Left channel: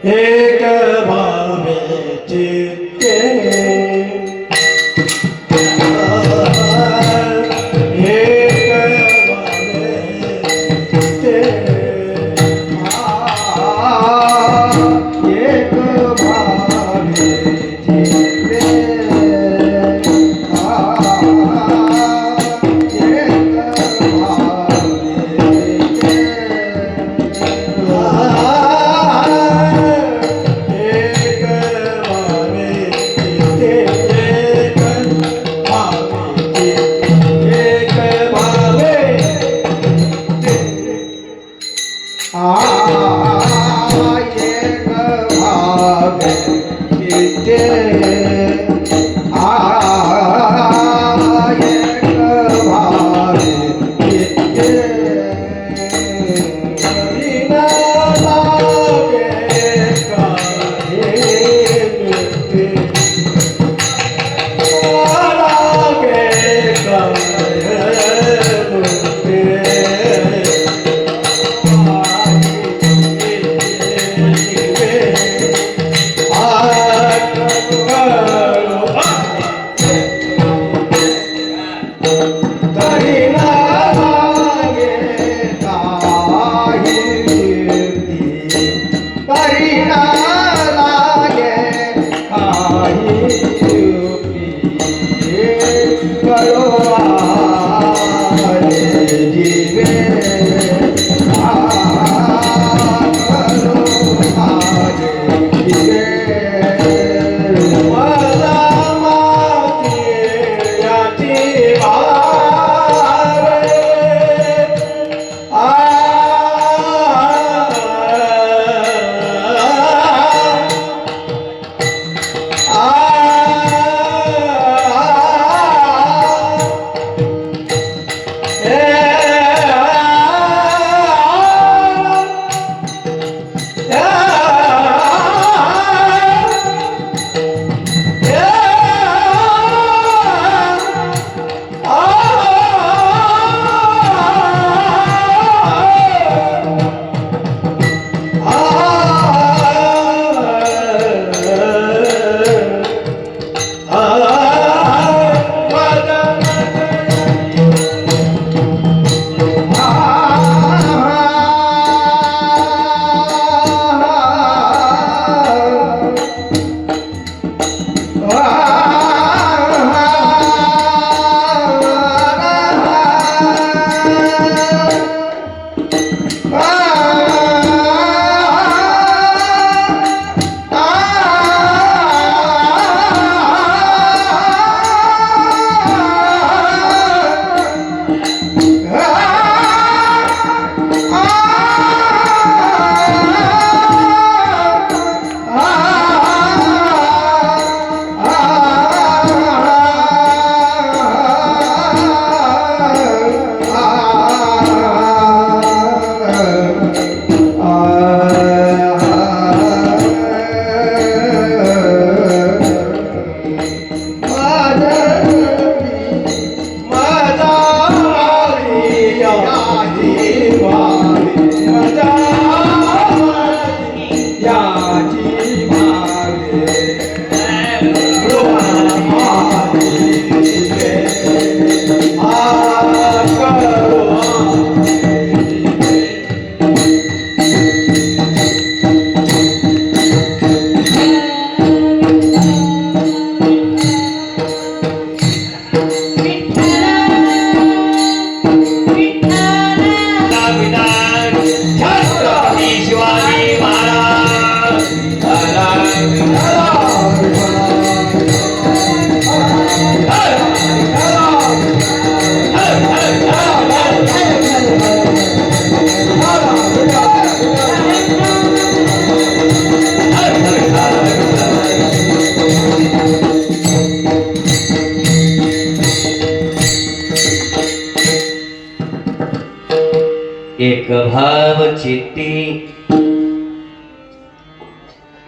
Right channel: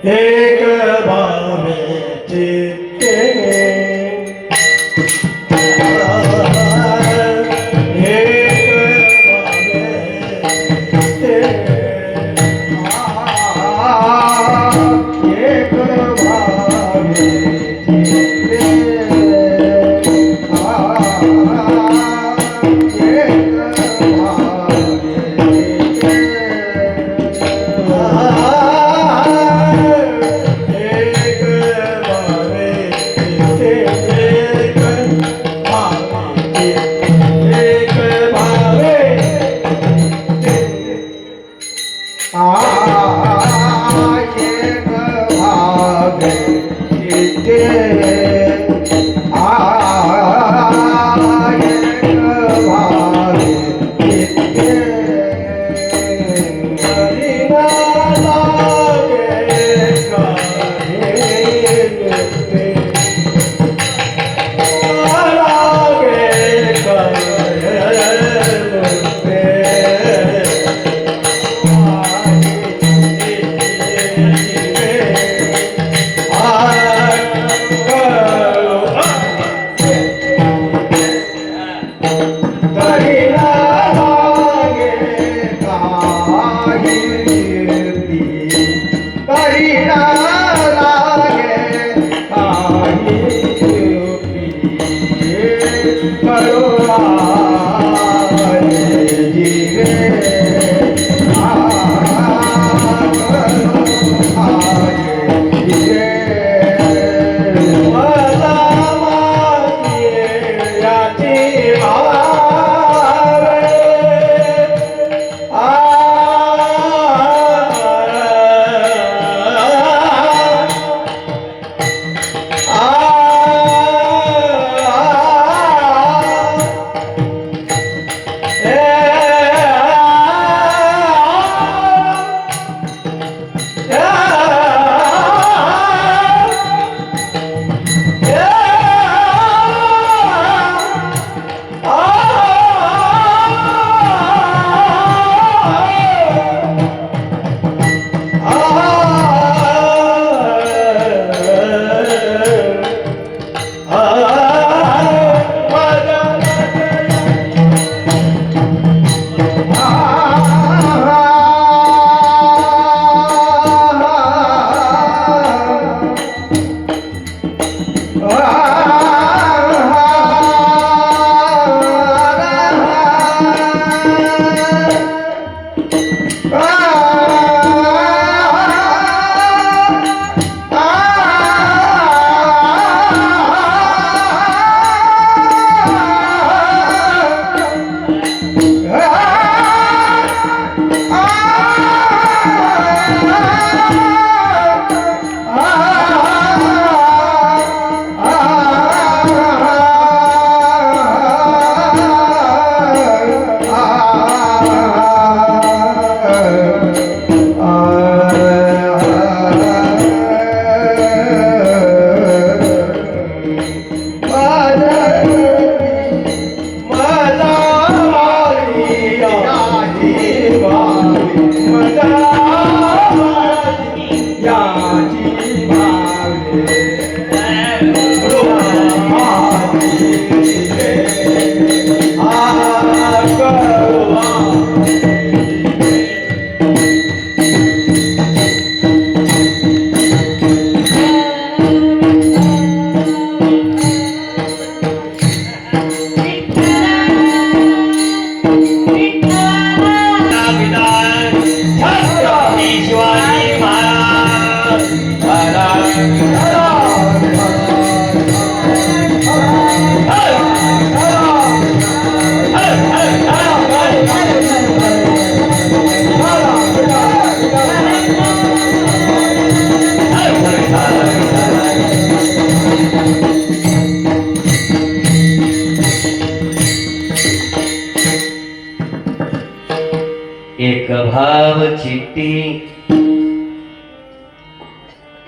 एक भावे चित्ते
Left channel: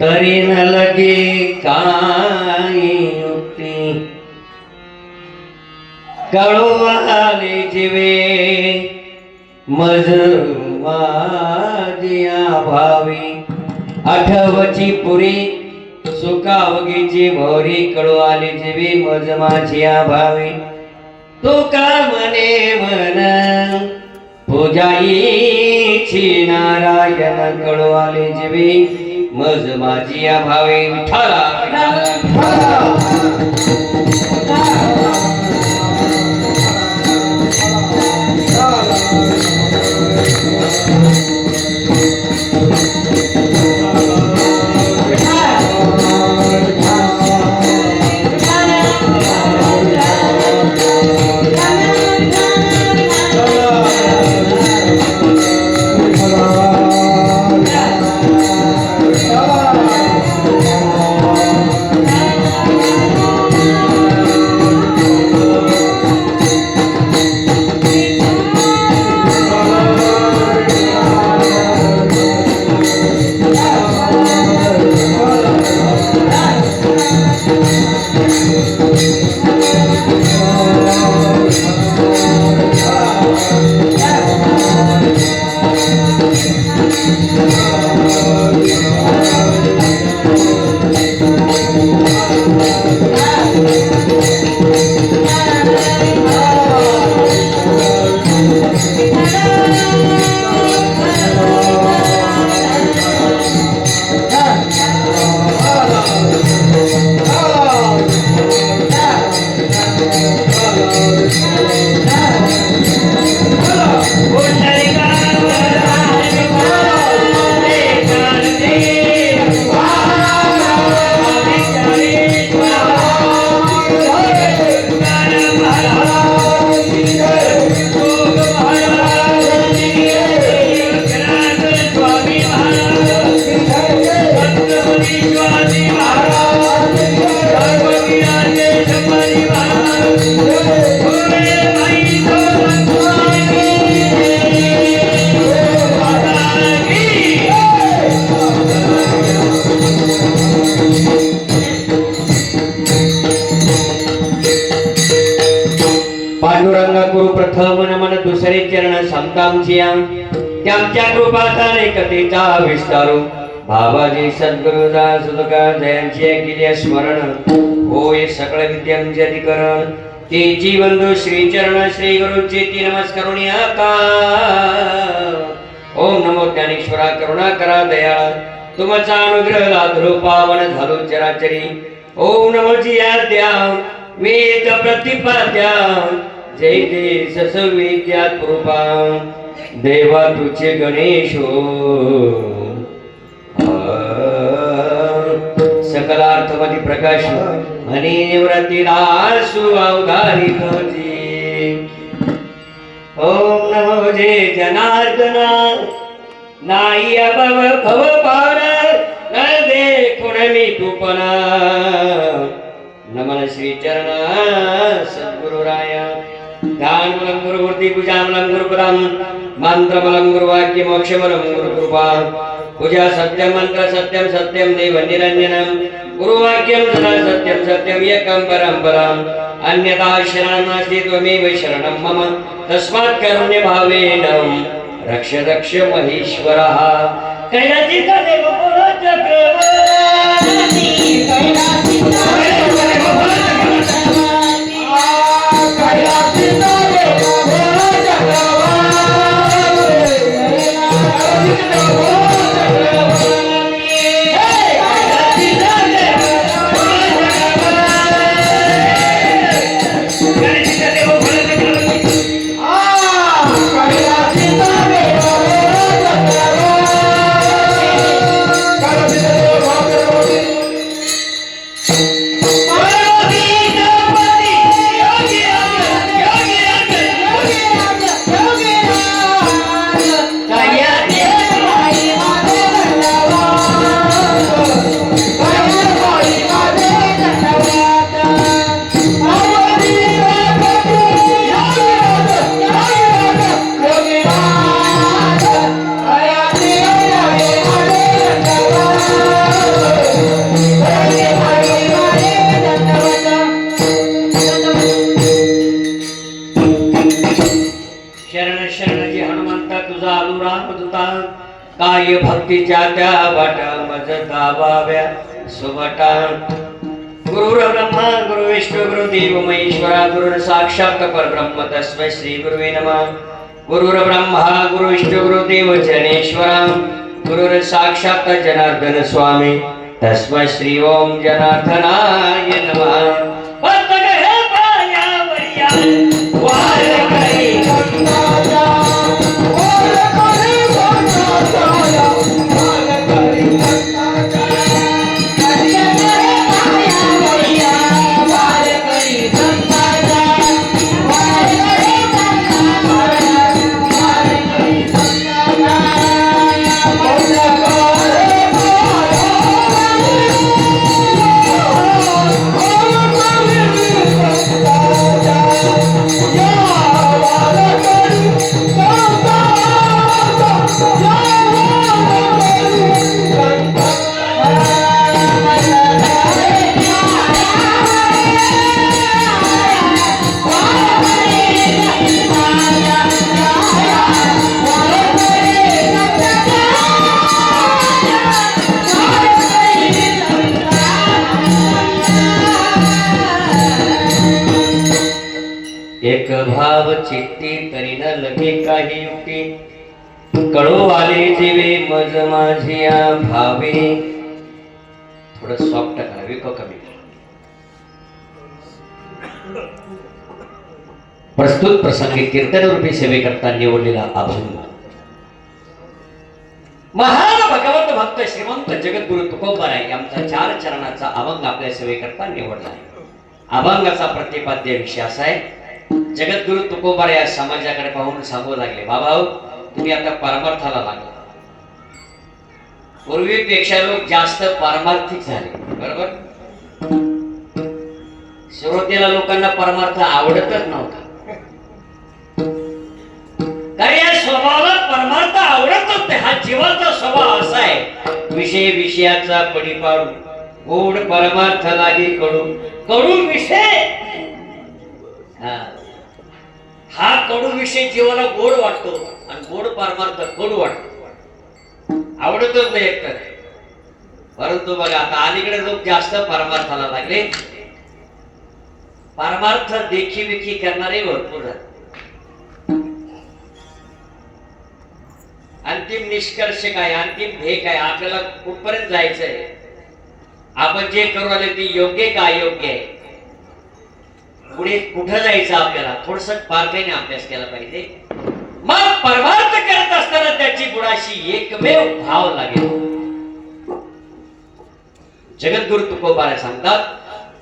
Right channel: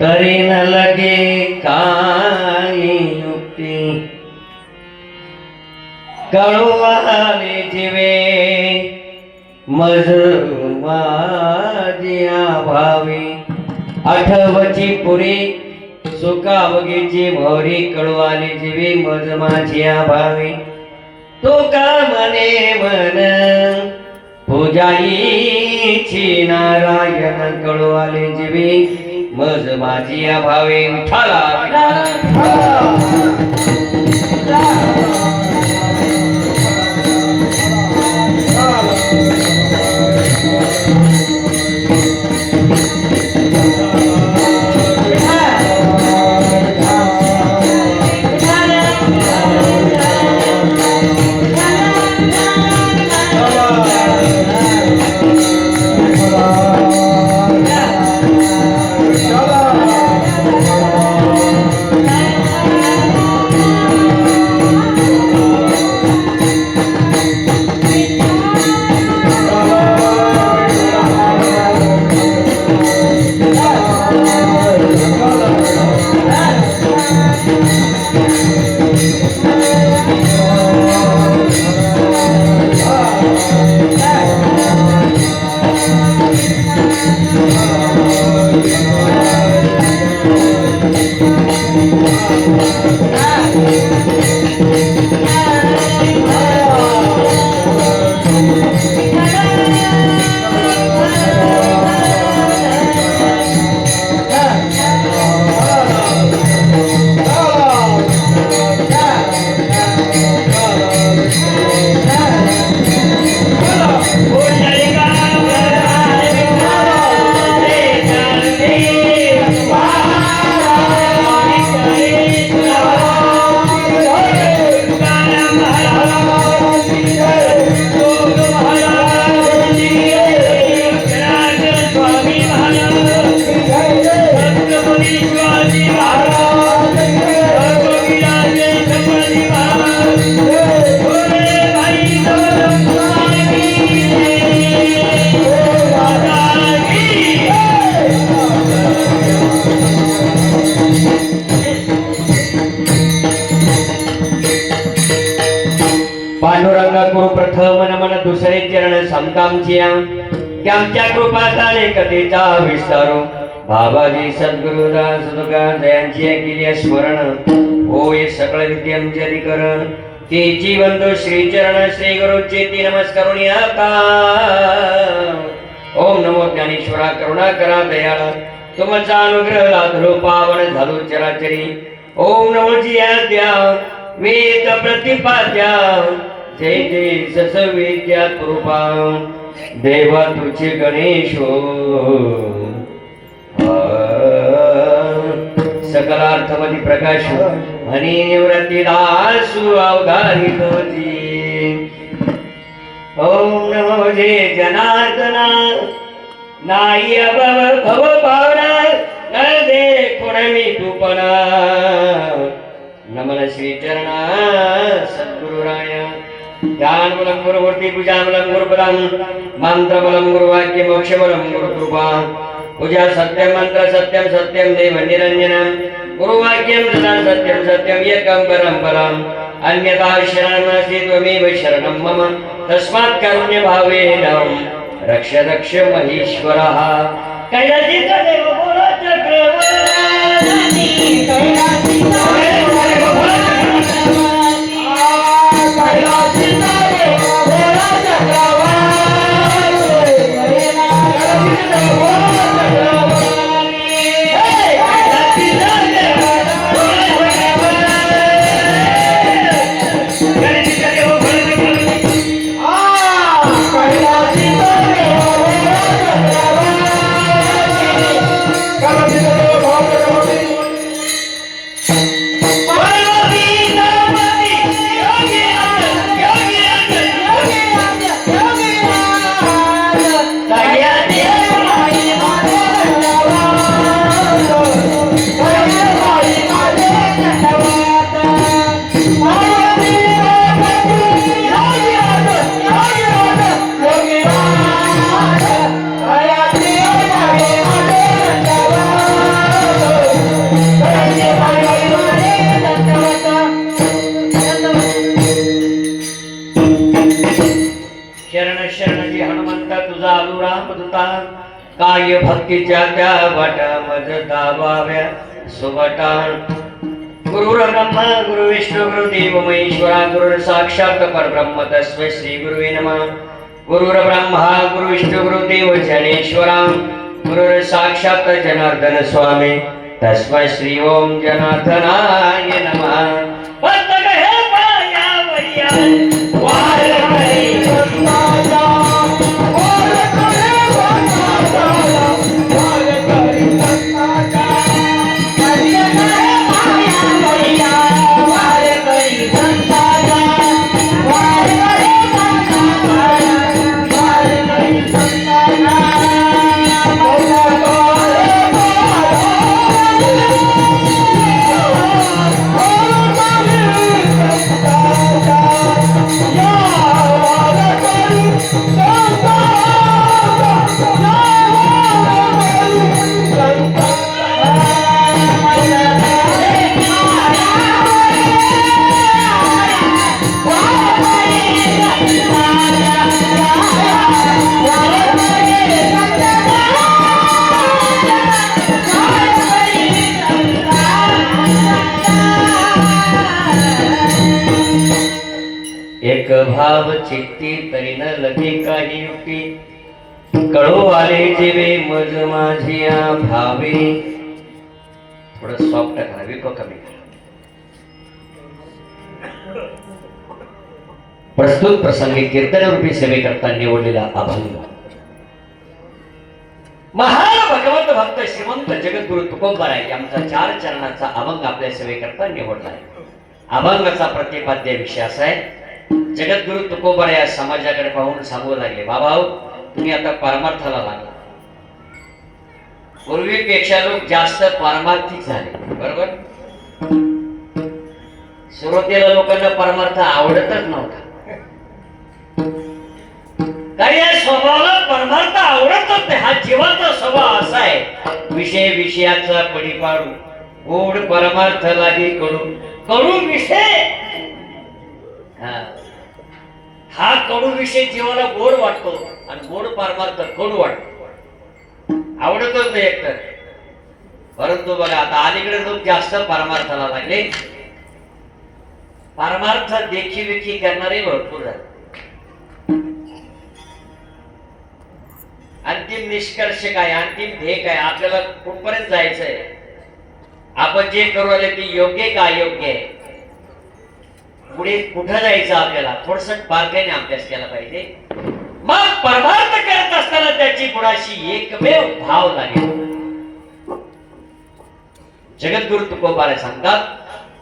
तरी न लगे काही युक्ती कळवाले जीवे मज माझ्या भावी आठवची पुरी सुखावगीची भोरी कळवाले जीवे मज माझ्या भावी तो का मने मन पूजाईची नारायण कळवाले जीवे मज माझ्या भावे विठाला पांडुरंग गुरु प्रथम मन दुसरे चरण समतामचिया त्यांच्या कृपाताने कथेचा विस्तारू बाबाजी सद्गुरुदास सुतकार जयांची केली स्मरण होय सकळ विद्यांचे अधिकरण ते जीवंत श्री चरण श्री गुरुचे ती नमस्कारून का ओम नमो ज्ञानेश्वरा करुणा करा दयाळ तुमचा अनुग्रह लादलो पावन झालो चराचरी ओम नमो जिया द्या वेद प्रतिपाद्या जय जय सस विद्या कृपा देवा तुझे गणेश सकलार्थमधी प्रकाश आणि निवृत्ती दासु अवधारित होती ओम नमो जय जनार्दना नाही अभव भव पावना न देखुण मी तुपना नमन श्री चरणा सद्गुरुराया ध्यानबलं गुरुमूर्ती पूजाबलं गुरुपदं मंत्रबलं गुरुवाक्य मोक्षबलं गुरुकृपा पूजा सत्यं मंत्र सत्यं सत्यं देव निरंजनं गुरुवाक्यं सदा सत्यं सत्यं एकं परं अन्यथा शरणं नास्ति त्वमेव शरणं मम तस्मात् कारुण्य भावेन रक्ष रक्ष महेश्वरः कैलासित देव बोलो चक्रवर्ती कैलासित देव त्या वाटा मज दाबाव्या सुबटा गुरुर्ब्रह्मा गुरुविष्णू गुरुदेव महेश्वरा गुरुर साक्षात परब्रह्म तस्मै श्री गुरुवे नमः गुरुर्ब्रह्मा गुरुविष्णू गुरुदेव जनेश्वरा गुरुर साक्षात जनार्दन स्वामी तस्मै श्री ओम जनार्दनाय नमः एक भाव चित्ती तरी न लगे काही युक्ती कळो आले जेवे मज माझिया भावे थोडं सॉफ्ट करावे का कमी प्रस्तुत प्रसंगी कीर्तन रूपी सेवे करता निवडलेला अभंग महान भगवत भक्त श्रीमंत जगद्गुरु तुकोबाराय यांचा 4 चरणाचा अभंग आपल्या सेवे करता निवडला आहे. अभंगाचा प्रतिपाद्य विषय असा आहे. जगद्गुरु तुकोबाराय या समाजाकडे पाहून सांगू लागले, बाबा तुम्ही आता परमार्थाला लागला. पूर्वीपेक्षा लोक जास्त पारमार्थिक झाले, बरोबर. सुरुवातीला लोकांना परमार्थ आवडतच नव्हता, कारण या स्वभावाला परमार्थ आवडतच नाही. हा जीवाचा स्वभाव असा आहे, विषय विषयाचा पडी पाडू, गोड परमार्थ लागे कडू, कडू विषय. हा कडू विषय जीवाला गोड वाटतो आणि गोड परमार्थ कडू वाटतो, आवडतच नाही एकतर. परंतु बघा आता अलीकडे लोक जास्त परमार्थाला लागले. परमार्थ देखी विखी करणारे भरपूर आहेत. अंतिम निष्कर्ष काय, अंतिम ध्येय काय, आपल्याला कुठपर्यंत जायचंय, आपण जे करू आले ते योग्य का अयोग्य आहे, पुढे कुठं जायचं आपल्याला थोडस बारकाईने अभ्यास केला पाहिजे. मग परमार्थ करत असताना त्याची पुढाशी एकमेव भाव लागेल. जगद्गुरु तुकोबाराय सांगतात,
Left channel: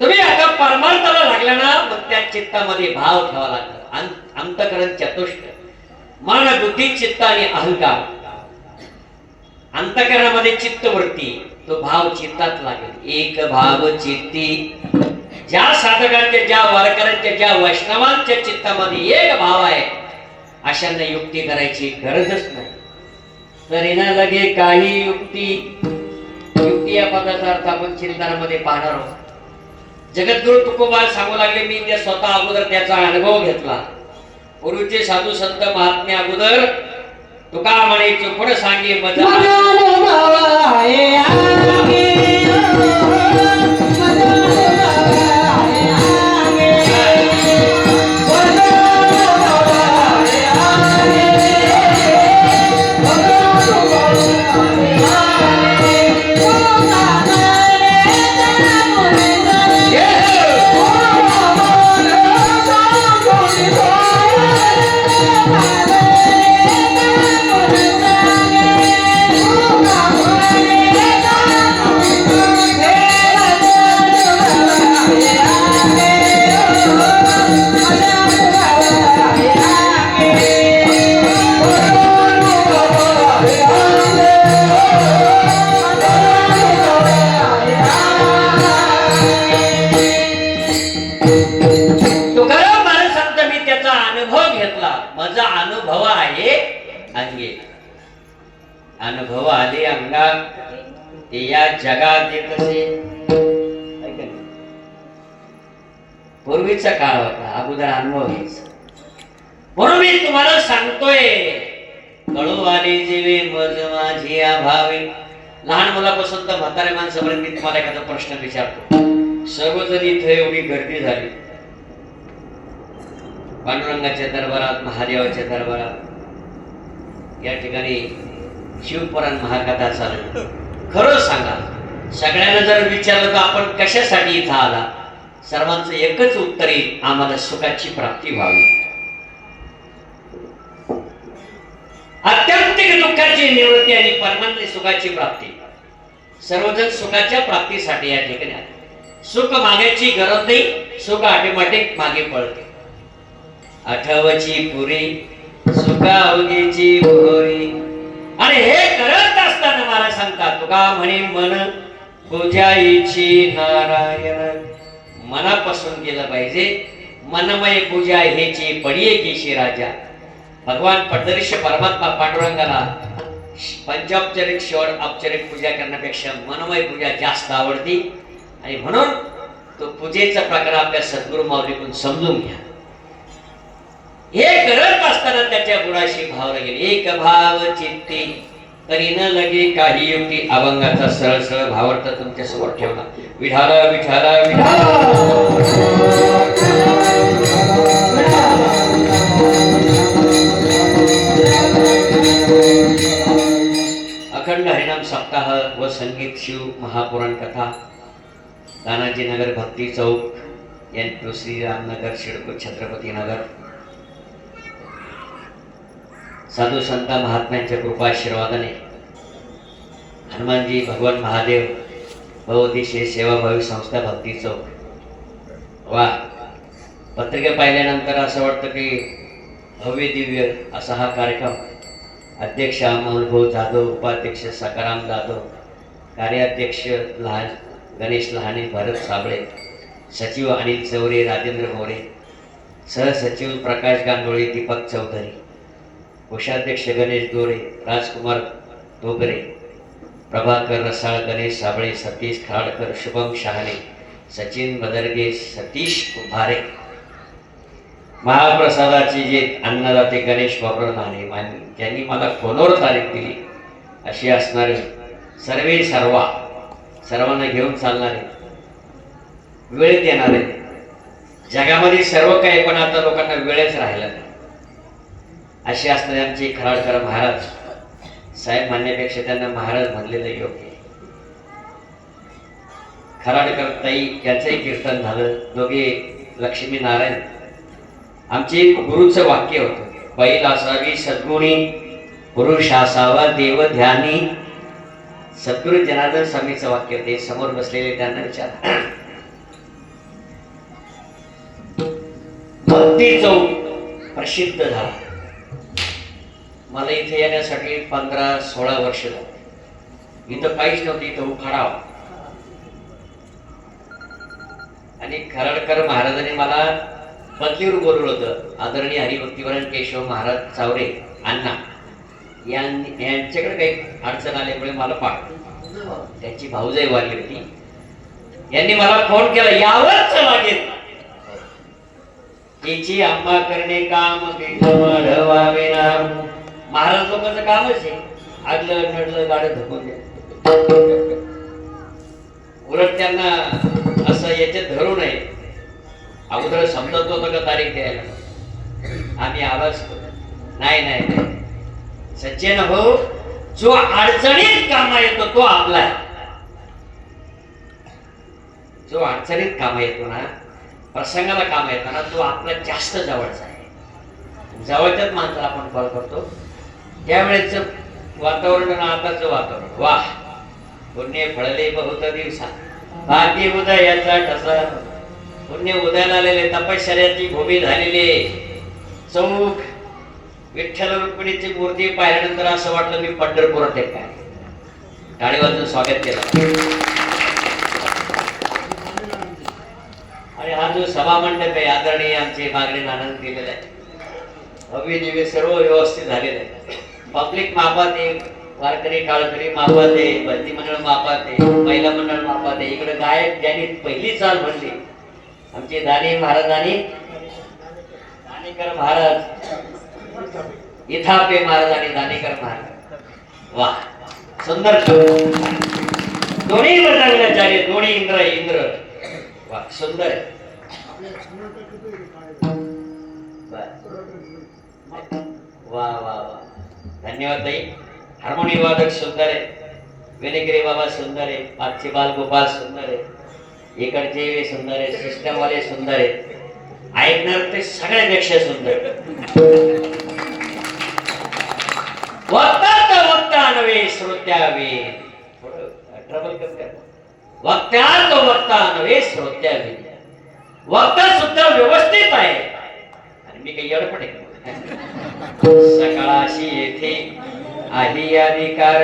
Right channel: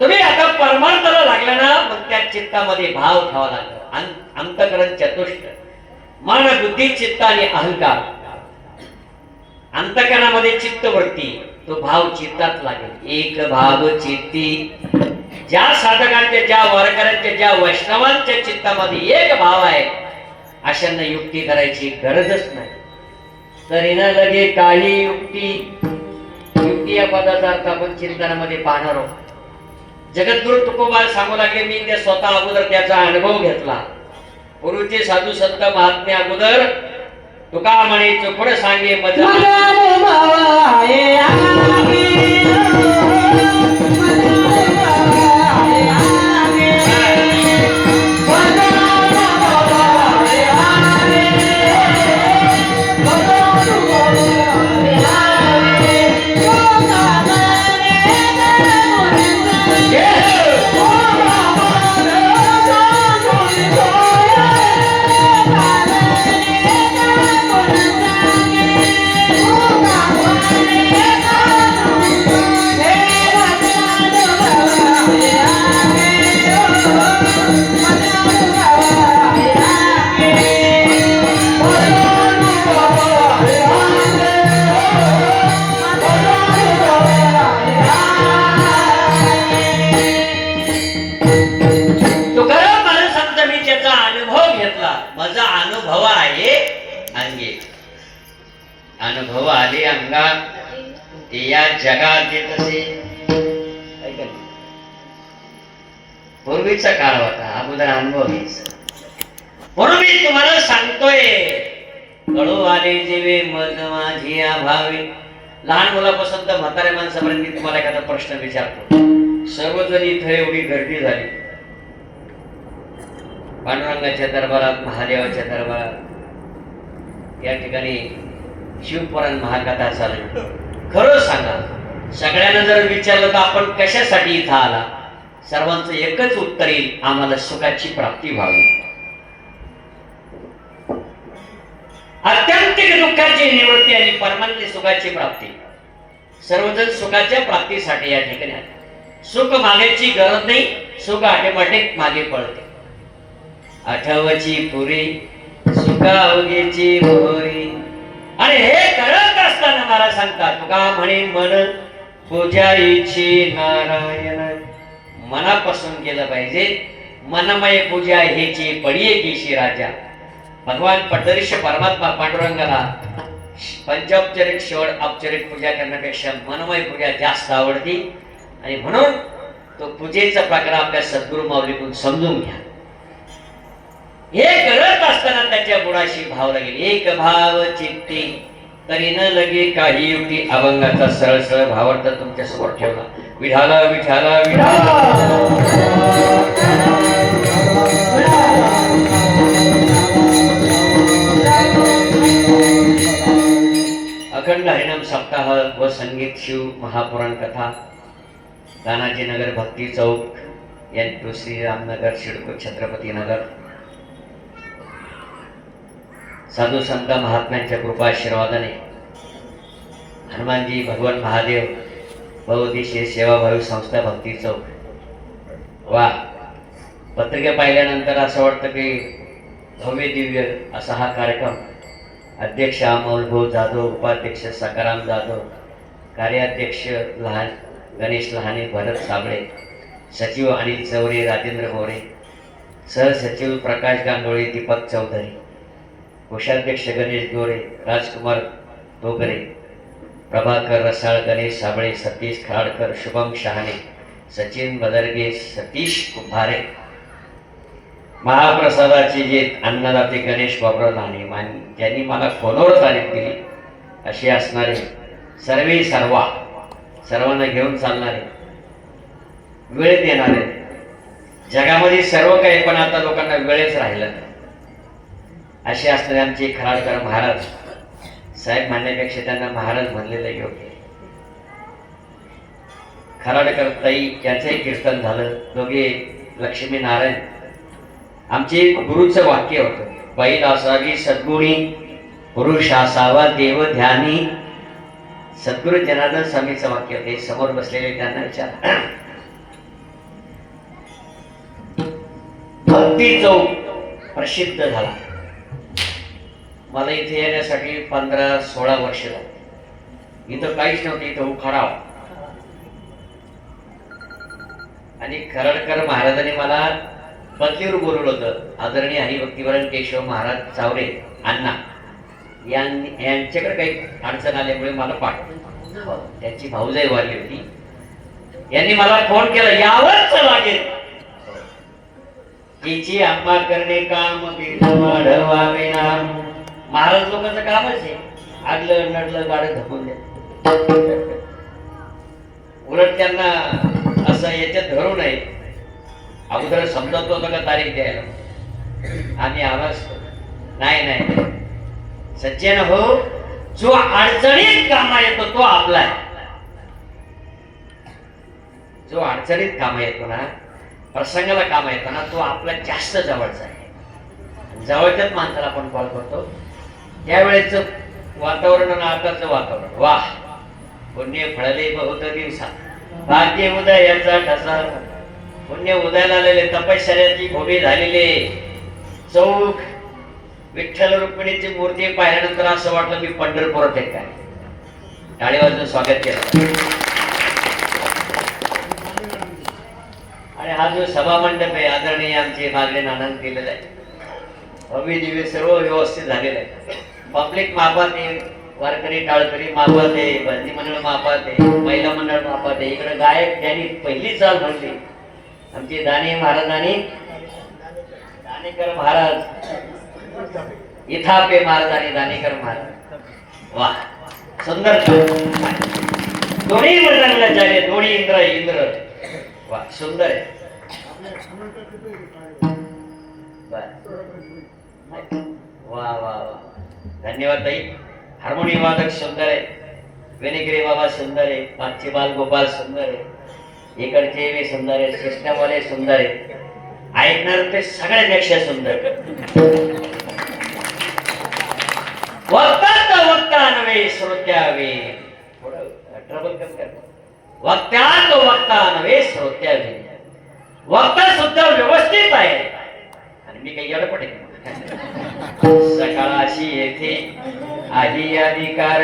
तुम्ही आता परमार्थाला लागला ना, मग त्या चित्तामध्ये भाव ठेवा लागला. अंतकरण चतुष्ट, मन बुद्धी चित्त आणि अहंकार. अंतकरणामध्ये चित्तवृत्ती, तो भाव चित्तात लागेल. एक भाव चित्ती. ज्या साधकांच्या, ज्या वारकऱ्यांच्या, ज्या वैष्णवांच्या चित्तामध्ये एक भाव आहे, अशांना युक्ती करायची गरजच नाही. तरी न लगे काही युक्ती. युक्ती या पदाचा अर्थ आपण चिंतनामध्ये पाहणार आहोत. जगद्गुरु तुकोबार सांगू लागले, मी त्या स्वतः अगोदर त्याचा अनुभव घेतला. पूर्वीचे साधू संत महात्मे अगोदर तुका म्हणे चोपड सांगे मजा माझा अनुभव आहे अंगे. अनुभव आले अंगात ते या जगात येत असे. पूर्वीचा काळ होता, अगोदर अनुभव घ्यायचा. म्हणून मी तुम्हाला सांगतोय, कळू आले जेवे मज माझी भावे लहान मुलापासून तर म्हाताऱ्या माणसापर्यंत मी तुम्हाला एखादा प्रश्न विचारतो. सर्वजण इथे एवढी गर्दी झाली पांडुरंगाच्या दरबारात, महादेवाच्या दरबारात, या ठिकाणी शिवपुराण महाकथा चालू. खरं सांगा, सगळ्यांना जर विचारलं तर आपण कशासाठी इथं आला, सर्वांचं एकच उत्तर येईल, आम्हाला सुखाची प्राप्ती व्हावी. अत्यंतिक दुःखाची निवृत्ती आणि परमानंद सुखाची प्राप्ती. सर्वजण सुखाच्या प्राप्तीसाठी या ठिकाणी आले. सुख मागायची गरज नाही, सुख ऑटोमॅटिक मागे पडते. आठवची पुरी सुखा अवघेची मोहरी. आणि हे करत असताना मला सांगता तुका म्हणे मन पूजायची नारायण. मनापासून केलं पाहिजे. मनमय पूजा हेची पडिये की राजा. भगवान पंढरीश परमात्मा पांडुरंगाला पंचौपचारिक शेवट औपचारिक पूजा करण्यापेक्षा मनमय पूजा जास्त आवडती. आणि म्हणून तो पूजेचा प्रकार आपल्या सद्गुरु माऊलीकडून समजून घ्या. हे करत असताना त्याच्या गुणाशी भाव लागेल. एक भाव चित्ती तरी न लगे काही युक्ती. अभंगाचा सरळ सरळ भावार्थ तुमच्या समोर ठेवला. विठाला विठाला विठाला. अखंड हरिनाम सप्ताह व संगीत शिव महापुराण कथा तानाजी नगर भक्ती चौक यांनी श्रीरामनगर शिडको छत्रपती नगर. साधू संत महात्म्यांच्या कृपाशीर्वादाने हनुमानजी भगवान महादेव बहुउद्देशीय सेवाभावी संस्था भक्ती चौक. वा, पत्रिका पाहिल्यानंतर असं वाटतं की भव्य दिव्य असा हा कार्यक्रम. अध्यक्ष अमोल भाऊ जाधव, उपाध्यक्ष सकाराम जाधव, कार्याध्यक्ष गणेश लहाने, भरत साबळे, सचिव अनिल चौरे, राजेंद्र मोरे, सहसचिव प्रकाश गांडोळे, दीपक चौधरी, कोषाध्यक्ष गणेश दोरे, राजकुमार दोगरे, प्रभाकर रसाळ, गणेश साबळे, सतीश खराडकर, शुभम शहाणे, सचिन बदरगे, सतीश कुंभारे. महाप्रसादाची जे अन्नदाते गणेश बाबुराव लहाने ज्यांनी मला फोनवर तारीख दिली अशी असणारे सर्वांना घेऊन चालणारे, वेळ देणारे. जगामध्ये सर्व काही, पण आता लोकांना वेळच राहिला नाही असे असणारे आमचे खराडकर महाराज साहेब. म्हणण्यापेक्षा त्यांना महाराज म्हणलेलं योग्य. खराडकर ताई यांचंही कीर्तन झालं. दोघे लक्ष्मी नारायण. आमचे गुरुचं वाक्य होतं, बैल असावी सद्गुणी, पुरुष असावा देव ध्यानी. सद्गुरु जनार्दन स्वामीचं वाक्य ते समोर बसलेले त्यांना विचार. भक्ती चौक प्रसिद्ध झाला. मला इथे येण्यासाठी 15-16 वर्ष झाली. इथं काहीच नव्हतं, इथं उखाडा. आणि खराडकर महाराजांनी मला बदलीवर बोलवलं होतं. आदरणीय हरिभक्तीवरण केशव महाराज चावरे अण्णा यांच्याकडे काही अडचण आल्यामुळे मला पाठवलं. त्यांची भाऊजाई वारली होती. यांनी मला फोन केला, यावंच लागेल. तिची आम्हा करणे काम वाढवावे ना. महाराज लोकांचं कामच आहे, आडलं नडलं गाडं धकून द्या. उलट त्यांना असं याच्यात धरू नये. अगोदर समजत होतं का तारीख द्यायला, आम्ही आवाज नाही. सज्जन हो, जो अडचणीत कामा येतो तो आपला आहे. जो अडचणीत कामा येतो ना, प्रसंगाला कामा येतो ना, तो आपला जास्त जवळचा आहे. जवळच्याच माणसाला आपण कॉल करतो. त्यावेळेच वातावरण आणि आताच वातावरण, वाह, पुण्य फळले बहुत दिवसा, भाग्य उदयाचा ठसा. पुण्य उदयाला आलेले, तपश्चर्याची भूमी झालेले चौक विठ्ठल रुक्मिणीची मूर्ती पाहिल्यानंतर असं वाटलं मी पंढरपुरात आहे काय. टाळी वाजून स्वागत केलं. आणि हा जो सभा मंडप आहे, आदरणीय आमचे मागणे आनंद केलेला आहे. भव्य दिव्य सर्व व्यवस्थित झालेलं आहे. पब्लिक मापात आहे, वारकरी टाळकरी मापात आहे, बंदी मंडळ मापात आहे, महिला मंडळ मापात आहे. इकडे गायक ज्यांनी पहिली चाल म्हणली आमचे दाने महाराजांनी, दानेकर महाराज, इथापे महाराज आणि दानेकर महाराज. वा, सुंदर दोन्ही मृदंगाचार्य दोन्ही इंद्र वा सुंदर आहे वा वा वा धन्यवाद ताई हार्मोनियम वादक सुंदर आहे वेनेगिरी बाबा सुंदर आहे पाचशे बाल गोपाल सुंदर आहे इकडचे सुंदर आहे सिस्टम वाले सुंदर आहे ऐकणार ते सगळ्यापेक्षा सुंदर वक्ता नव्हे श्रोत्यावे ट्रबल वक्त्यात वक्ता नव्हे श्रोत्यावे वक्ता सुद्धा व्यवस्थित आहे आणि मी काही अडपण आहे सकाळाशी येथे आधी अधिकार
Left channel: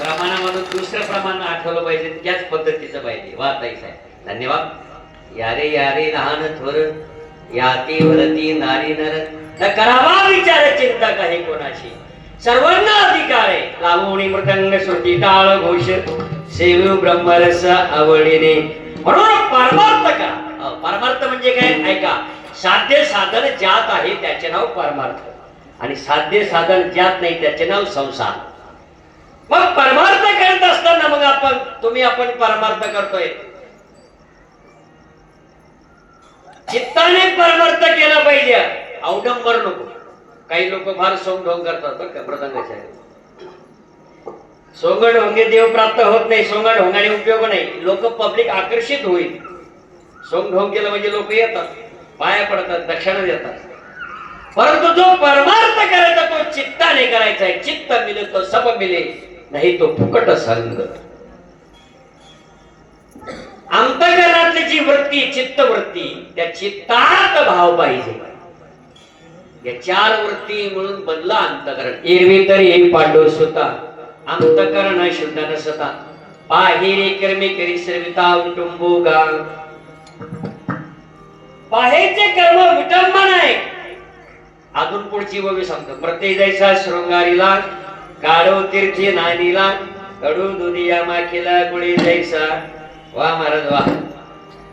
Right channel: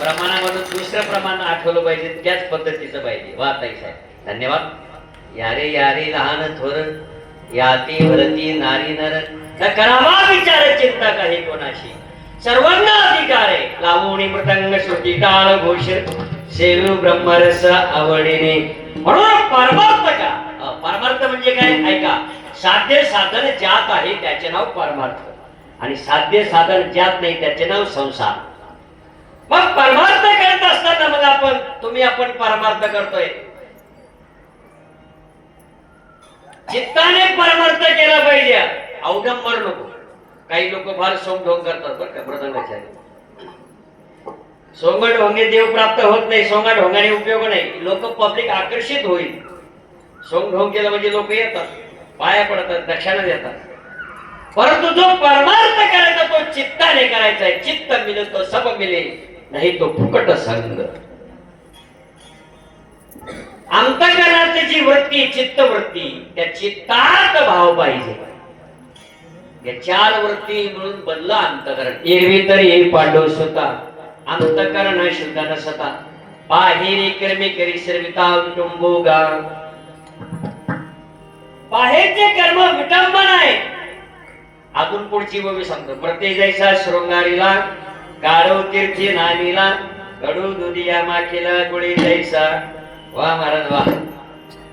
प्रमाणामधून दुसरं प्रमाण आठवलं पाहिजे त्याच पद्धतीचं पाहिजे वा ताई साहेब धन्यवाद यारे यारे लहान थोर याती वरती नारी नर न करावा विचार चिंता काही कोणाशी सर्वांना अधिकार आहे लावणी मृदंग श्रुती टाळ घोष सेवू ब्रह्मरस आवडीने म्हणून परमार्थ का परमार्थ म्हणजे काय ऐका साध्य साधन ज्यात आहे त्याचे नाव परमार्थ आणि साध्य साधन ज्यात नाही त्याचे नाव संसार मग परमार्थ करत असताना मग आपण परमार्थ करतोय चित्ताने परमार्थ केला पाहिजे अवडंबर नको काही लोक फार सोंगढोंग करतात बरं का मृदंगाचार्य सोंगढोंगे देव प्राप्त होत नाही सोंगढोंगाने उपयोग नाही लोक पब्लिक आकर्षित होईल सोंगढोंग केलं म्हणजे लोक येतात पाया पडतात दक्षिणा देतात परंतु जो परमार्थ करायचा तो चित्ताने करायचा आहे चित्त मिले तो सब मिले नाही तो फुकट संग अंतःकरणाची जी वृत्ती चित्त वृत्ती त्या चित्तात भाव पाहिजे या चार वृत्ती म्हणून बनला अंतःकरण एरवी तरी पांडव सुता अंतःकरण शुद्ध नसता बाहेरी कर्मे करी सर्विता विटुंबोगा बाहेरचे कर्म विटंबन आहे अजून पुढची गोवी सांगतो प्रत्येक जैसा शृंगारीला काढो तीर्थी नानीला कडू दुधिया माखीला गुळी जैसा वा महाराज वा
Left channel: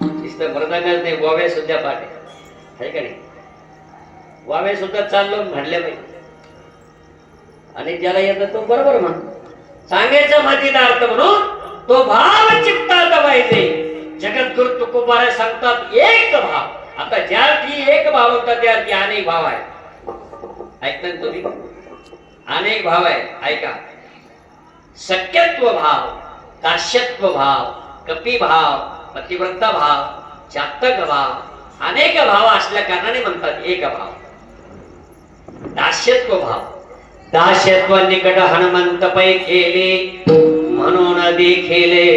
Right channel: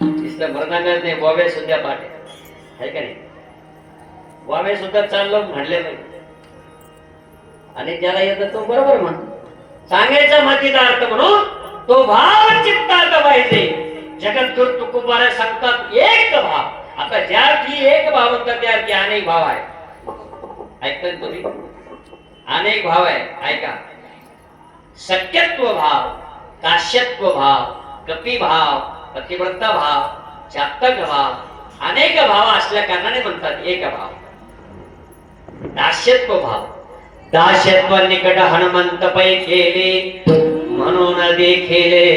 नुसतं मृदंगाच नाही वाव्या सुद्धा पाठ आहे का नाही वाव्या सुद्धा चाललो म्हणले पाहिजे आणि ज्याला येतं तो बरोबर म्हण सांगायचा मातीचा अर्थ म्हणून तो भाव चित्तात पाहिजे जगद्गुरु तुकोबारा सांगतात एक भाव आता ज्या अर्थी एक भाव होता त्या अर्थी अनेक भाव आहे ऐकताय तुम्ही अनेक भाव आहे ऐका सख्यत्व भाव दास्यत्व भाव कपी भाव पतिव्रता भाव जातक भाव अनेक भाव असल्या कारणाने म्हणतात एक भाव दास्यत्व भाव दास्यत्व निकट हनुमंत पै केले म्हणून देखिले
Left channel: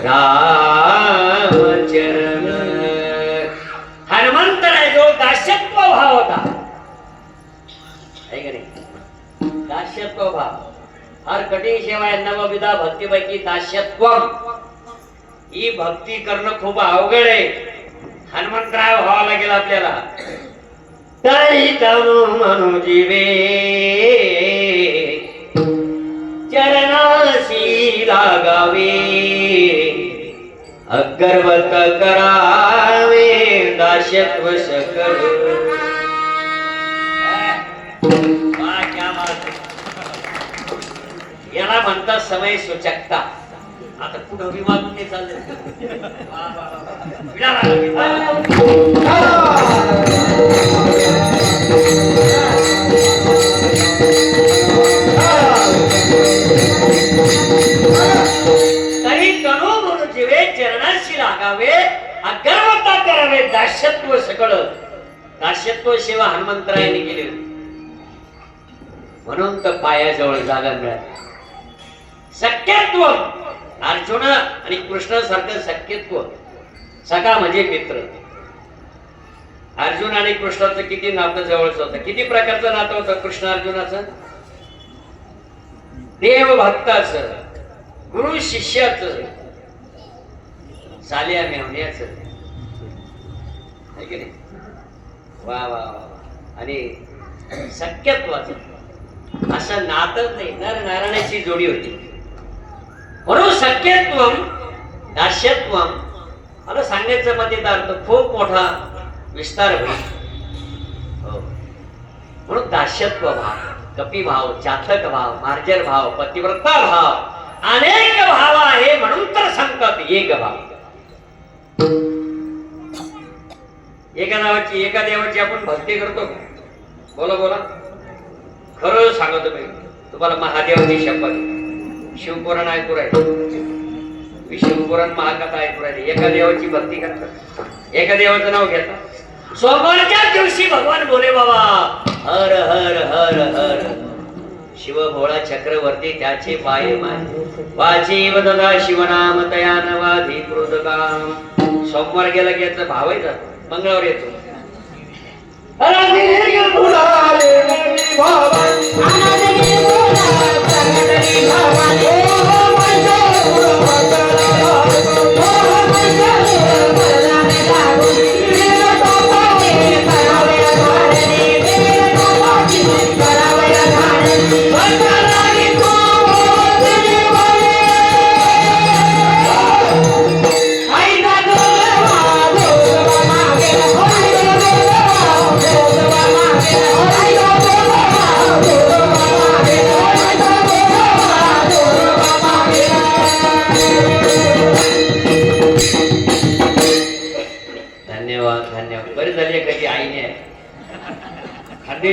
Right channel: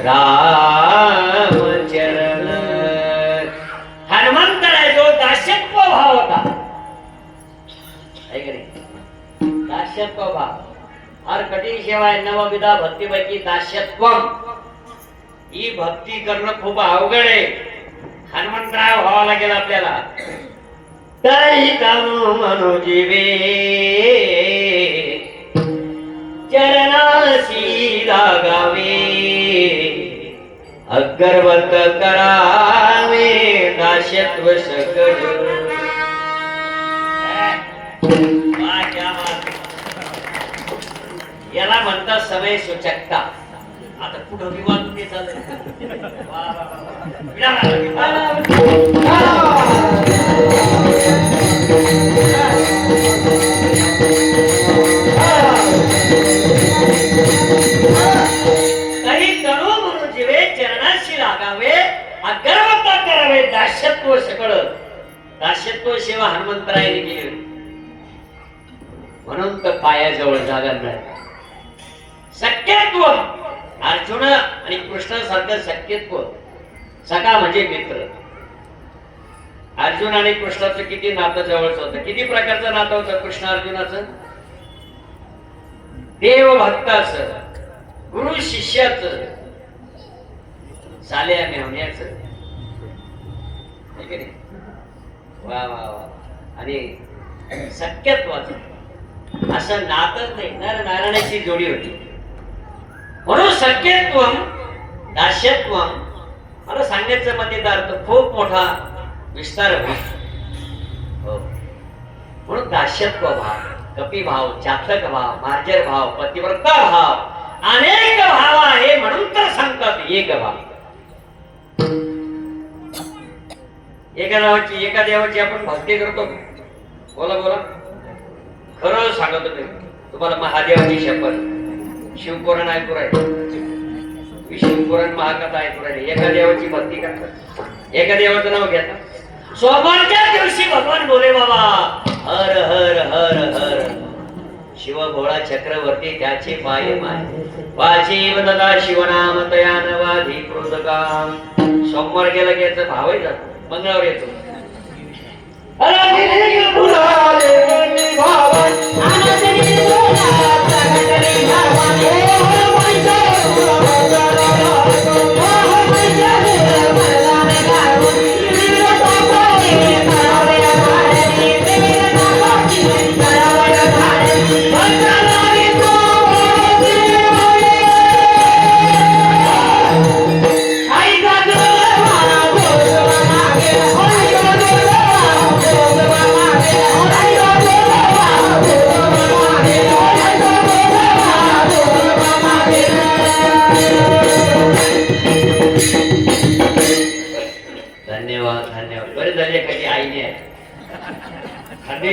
रामचरण हनुमंताने जो दास्यत्व भाव होता दास्यत्व भाव फार कठीण सेवा आहे नवविधा भक्तीपैकी दास्यत्वम ही भक्ती करणं खूप अवघड आहे हनुमंतराय व्हावा लागेल आपल्याला काही कानो मनोजीवे चरणाशी लागावे अगरवत करावे दास्यत्व सकळ. याला म्हणतात समय सूचकता. आता पुढं विवाद ते चाललंय. काही तणू म्हणून जीवे चरणाशी लागावे, अगरवता करावे दास्यत्व सकळ. दास्यत्व सेवा हनुमंतरायाने केली म्हणून तर पायाजवळ जागा मिळाली. सख्यत्व अर्जुन आणि कृष्ण सारखं सख्यत्व. सखा म्हणजे मित्र. अर्जुन आणि कृष्णाचं किती नातं जवळच होतं. किती प्रकारचं नातं होतं कृष्ण अर्जुनाचं. देव भक्ताचं, गुरु शिष्याचं, साल्या मेहण्याचं. वा वा वा. आणि सख्यत्वाचं असं नातच नाही, नर नारायणाची जोडी होती. म्हणून सख्यत्वम दास्यत्वम मला सांगण्याचा मध्ये अर्थ खूप मोठा विस्तार होईल. म्हणून दास्यत्व भाव, कपी भाव, चातक भाव, मार्जर भाव, पतिव्रता भाव, अनेक भाव आहे म्हणून तर सांगतात एक भाव. एका देवाची आपण भक्ती करतो. बोला बोला. खरं सांगतो मी तुम्हाला, महादेवाची शपथ. शिवपुराण ऐकू राहिले, शिवपुराण महाकथा ऐकू राहिले. एका देवाची भक्ती करतात, एका देवाचं नाव घेतात. सोमवारच्या दिवशी भगवान बोले बाबा हर हर हर हर. शिव भोळा चक्रवर्ती त्याचे पाय माय वाची वदता शिवनाम तया नवाधी कृतकाम. सोमवार गेला की याचा भावही जातो, मंगळवार येतो.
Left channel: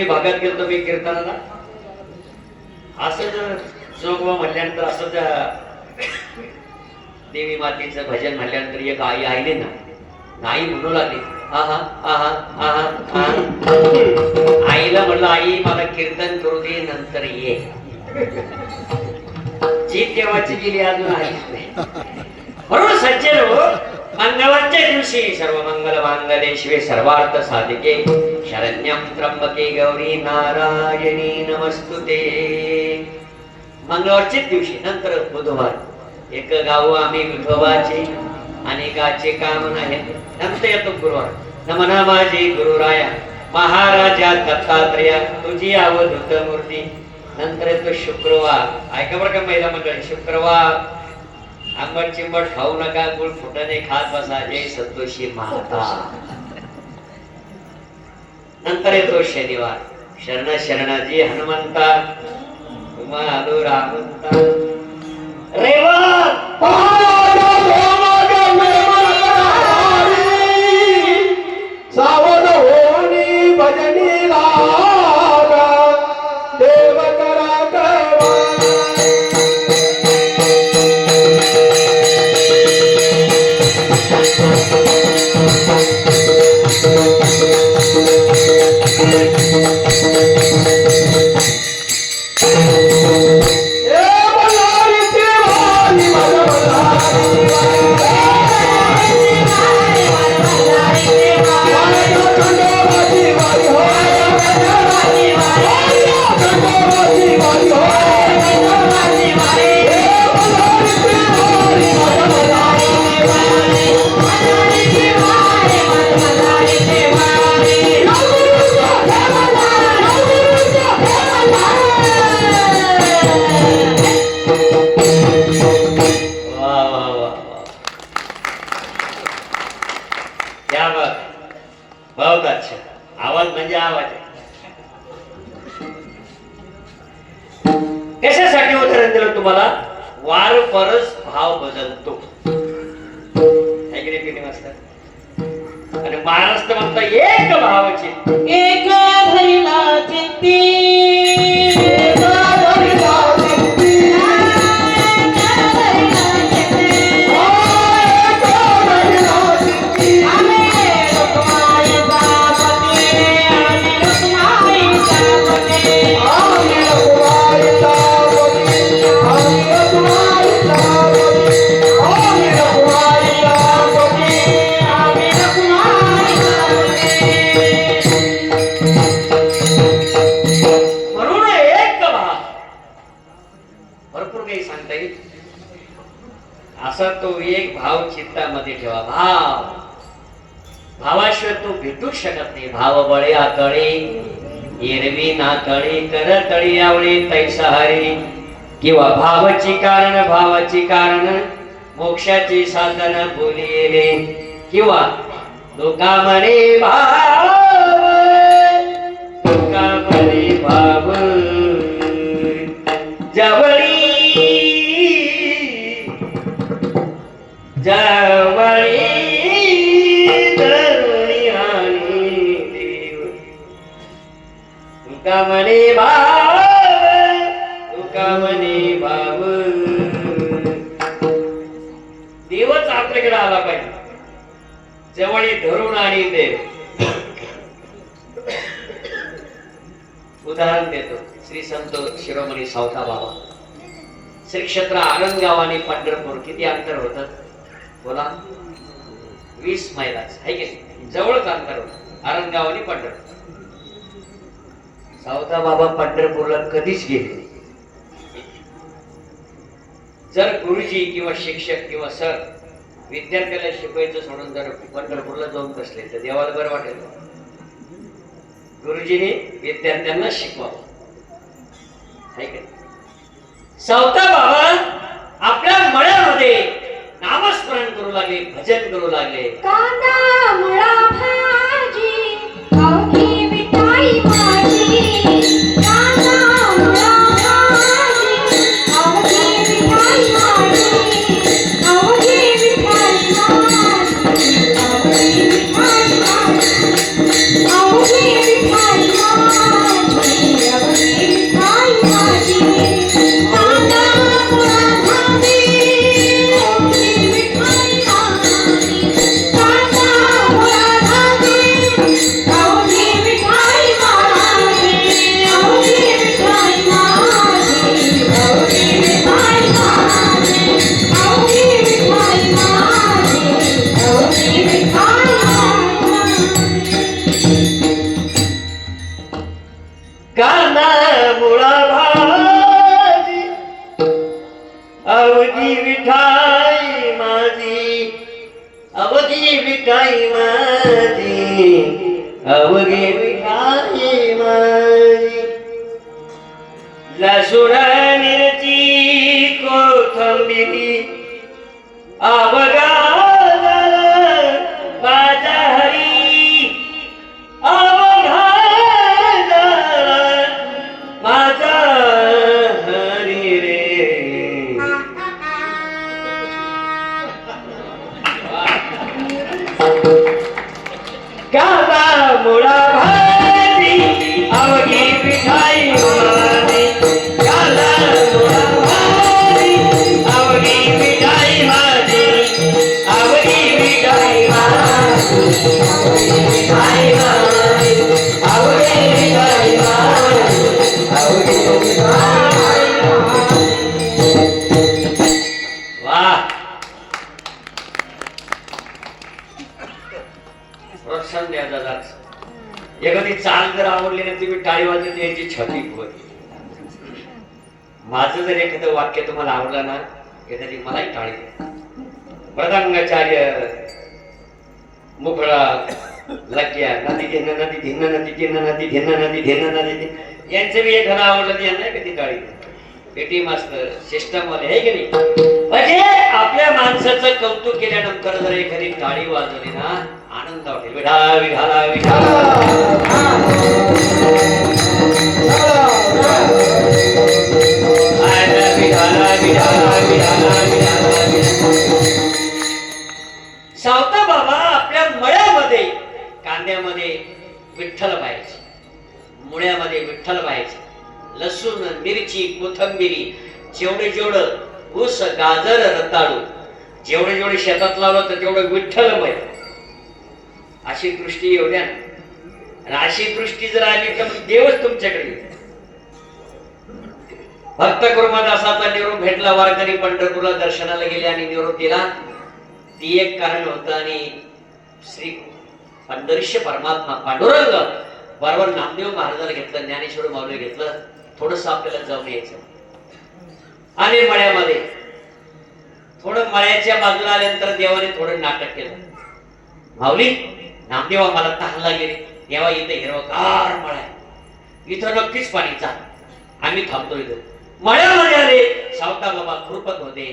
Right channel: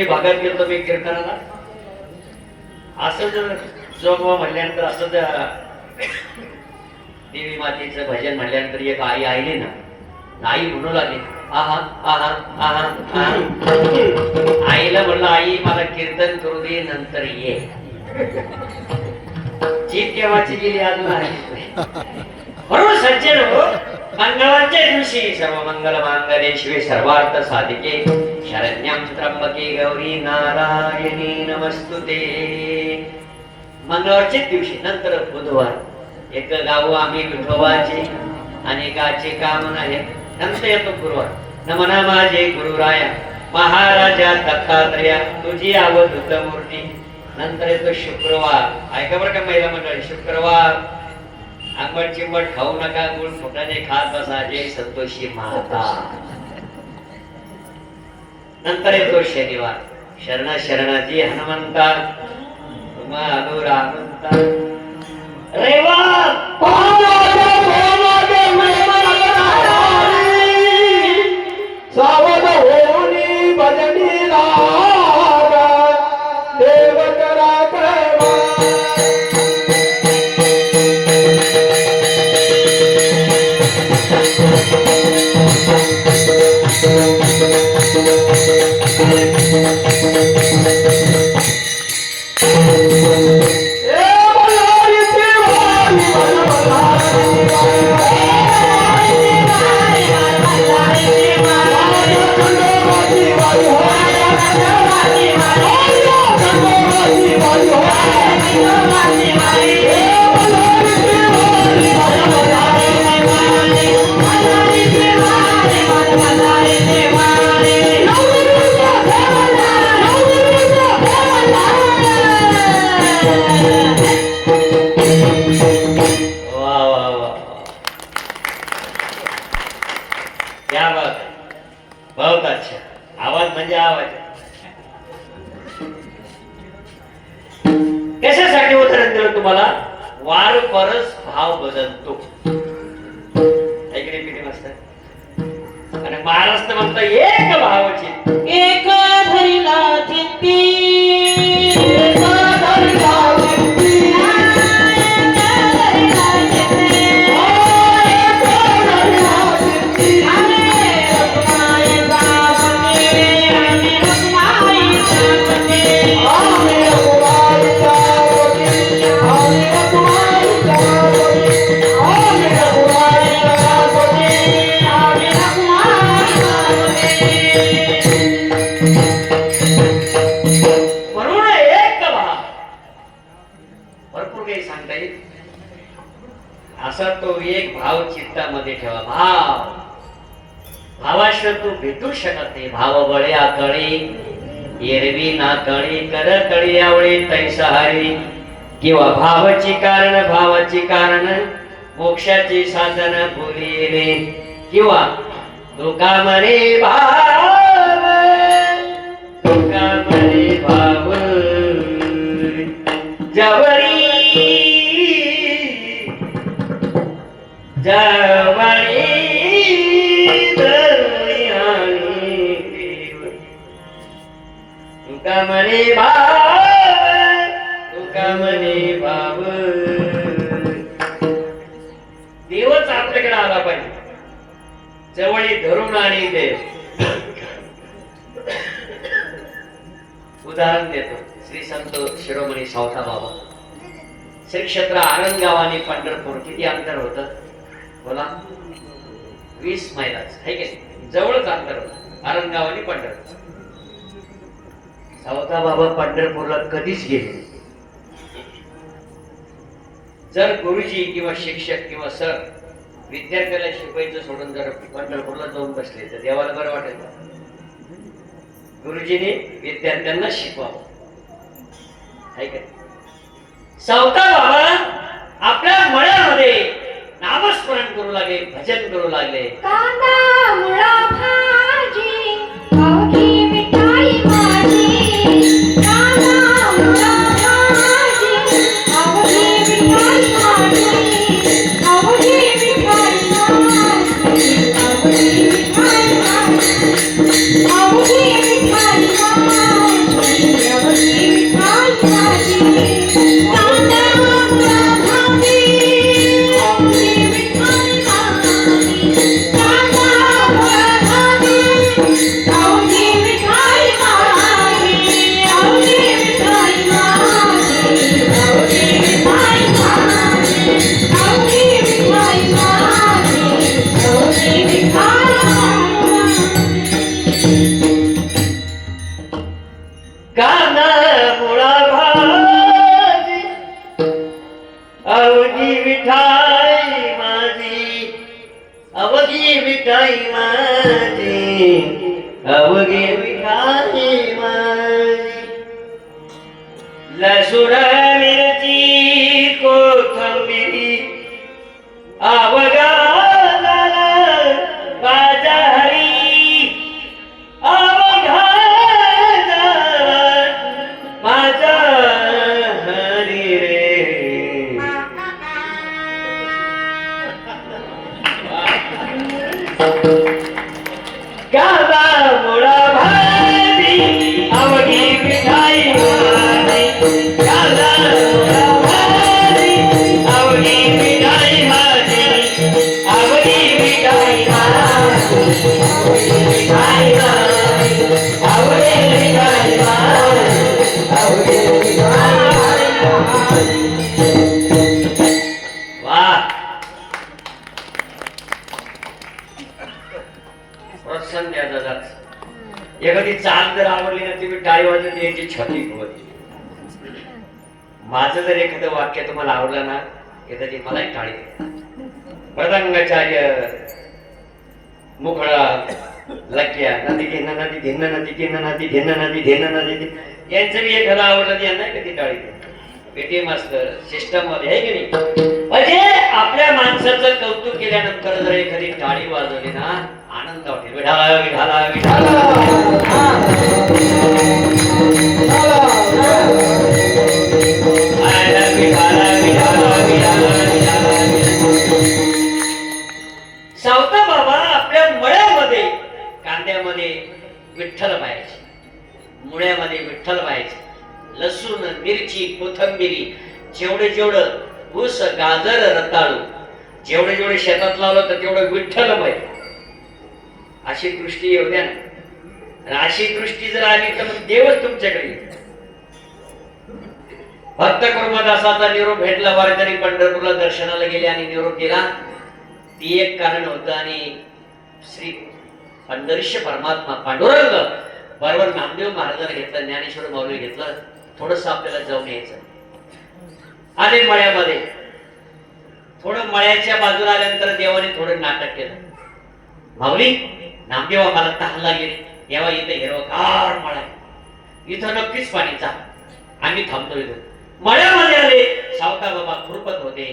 भागात गेलो मी कीर्तनाला. असं जर जोगवा म्हणल्यानंतर, असं जर देवी मातेचं भजन म्हणल्यानंतर एक आई आईली ना, आई म्हणू लागली आहा आहा आहा. आईला म्हणलं आई मला कीर्तन करू दे, नंतर ये. जीभ केव्हाची गेली अजून आली. म्हणून सज्जन हो, मंगळवारच्या दिवशी सर्व मंगल मांगल्ये शिवे सर्वार्थ साधिके शरण्यं त्र्यंबके गौरी नारायणी नमस्तुते. मंगळवारच्या दिवशी नंतर बुधवार एक गाव आम्ही विठोबाचे अनेकाचे काम नाही. नंतर येतो गुरुवार. नमना माझे गुरुराया महाराजा दत्तात्रया तुझी अवधूत मूर्ती. नंतर येतो शुक्रवार. ऐका बरं का महिला मंडळी, शुक्रवार आंबट चिंबट खाऊ नका, गुळ फुटाने खात बसा, जय संतोषी माता. नंतर येतो शनिवार. शरण शरणाजी हनुमंता उमा आलो रामंता. रविवार सावध होनी भजनी लागा देव करा आवाज म्हणजे आवाज आहे. कशासाठी उदाहरण दिलं तुम्हाला? वार परस भाव बदलतो. ऐकले किती वाजता? आणि महाराष्ट्र म्हणतो एक भावाची एक धरिला चित्ती म्हणून एक भाव. भरपूर काही सांगता येईल. असा तो एक भाव चित्तामध्ये ठेवा. भावाशिवाय तू भेटूच शकत नाही. भाव बळे आकळे एरवी ना कळी कर कळी आवळे तैसहारी, किंवा भावाची कारण मोक्षाची साधन बोली येणे, किंवा दुकामने भाव जवळी जवळी तुका म्हणे भाव देवच आपल्याकडे आला पाहिजे. जवळी धरून आणि देव. उदाहरण देतो. श्री संत शिरोमणी सावता बाबा, श्री क्षेत्र आरंगाव आणि पंढरपूर किती अंतर होतं बोला? 20 मैलाच आहे की नाही? जवळच अंतर होतं आरंगाव आणि पंढरपूर. सावता बाबा पंढरपूरला कधीच गेले. जर गुरुजी किंवा शिक्षक किंवा सर विद्यार्थ्याला शिकवायचं सोडून जर पंढरपूरला जाऊन बसले तर देवाला बरं वाटेल. गुरुजीने विद्यार्थ्यांना शिकवावं. सावता बाबा आपल्या मळ्यामध्ये नामस्मरण करू लागले, भजन करू लागले. कांदा मुळा भाजी अवघी विठाई माझी, कांदा मुळा भाजी अवघी विठाई माझी, अवघी विठाई माझी, अवघी विठाई माझी, अवघी विठाई माझी, अवघी विठाई माझी. कांदा मुळा भाजी अवघी विठाई माझी, कांदा मुळा भाजी अवघी विठाई माझी, अवघी विठाई माझी, अवघी विठाई माझी, अवघी विठाई माझी, अवघी विठाई कांदा मुळा भाजी अवघी विठाई माझी, अवघी विठाई माझी, अवघी विठाई माझी. लसूण मिरची कोथिंबिरी अवघा माझा हरी, अवघा माझा हरी रे. कांदा मुळा भाजी अवघी विठाई माझी, कांदा मुळा भाजी अवघी विठाई माझी, अवघी विठाई माझी, अवघी विठाई माझी, अवघी विठाई माझी, अवघी विठाई माझी. वाह. प्रोत्साहन द्या दादा. एखादी चाल जर आवडली ना तुम्ही टाळी वाजत याची छाती होती. माझं जर एखादं वाक्य तुम्हाला आवडलं ना एखादी मलाही टाळी द्या. मृदंगाचार्य मुखडा लक्या नदी घेणं नदी घेणं नदी घेणं नदी घेणं नदी घेणं नदी यांचं मी एखादं आवडलं तर यांना कधी टाळी द्या. पेटी मास्तर सिस्टम मध्ये आहे की नाही? म्हणजे आपल्या माणसाचं कौतुक केल्यानंतर जर एखादी टाळी वाजवली ना आनंद वाटेल. विठाला विठाला विठाला. सावता बाबा आपल्या मळ्यामध्ये कांद्यामध्ये विठ्ठल पाहायचे, मुळ्यामध्ये विठ्ठल पाहायचे, लसूण मिरची कोथंबिरी जेवढं ऊस गाजर रताळू जेवढे शेतात लावलं तर तेवढं विठ्ठल पाहिजे. अशी दृष्टी येऊ द्या ना. अशी दृष्टी जर आली तर मग देवच तुमच्याकडे येईल. भक्त कुर्मदासाचा निरोप भेटला. वारकरी पंढरपूरला दर्शनाला गेले आणि निरोप दिला. ती एक कारण होतं. आणि श्री पंढरीश परमात्मा पांडुरंग बरोबर नामदेव महाराजांना घेतलं, ज्ञानेश्वर माऊली घेतलं. थोडस आपल्याला जाऊन यायचं. आणि मळ्यामध्ये थोडं मळ्याच्या बाजूला आल्यानंतर देवाने थोडं नाटक केलं. माऊली नामदेवा मला तहान लागली रे. देवा इथे हिरवगार मळा आहे, इथं नक्कीच पाणी चाल. आम्ही थांबतो इथं. मळ्यामध्ये आले. सावता बाबा खुरपत होते,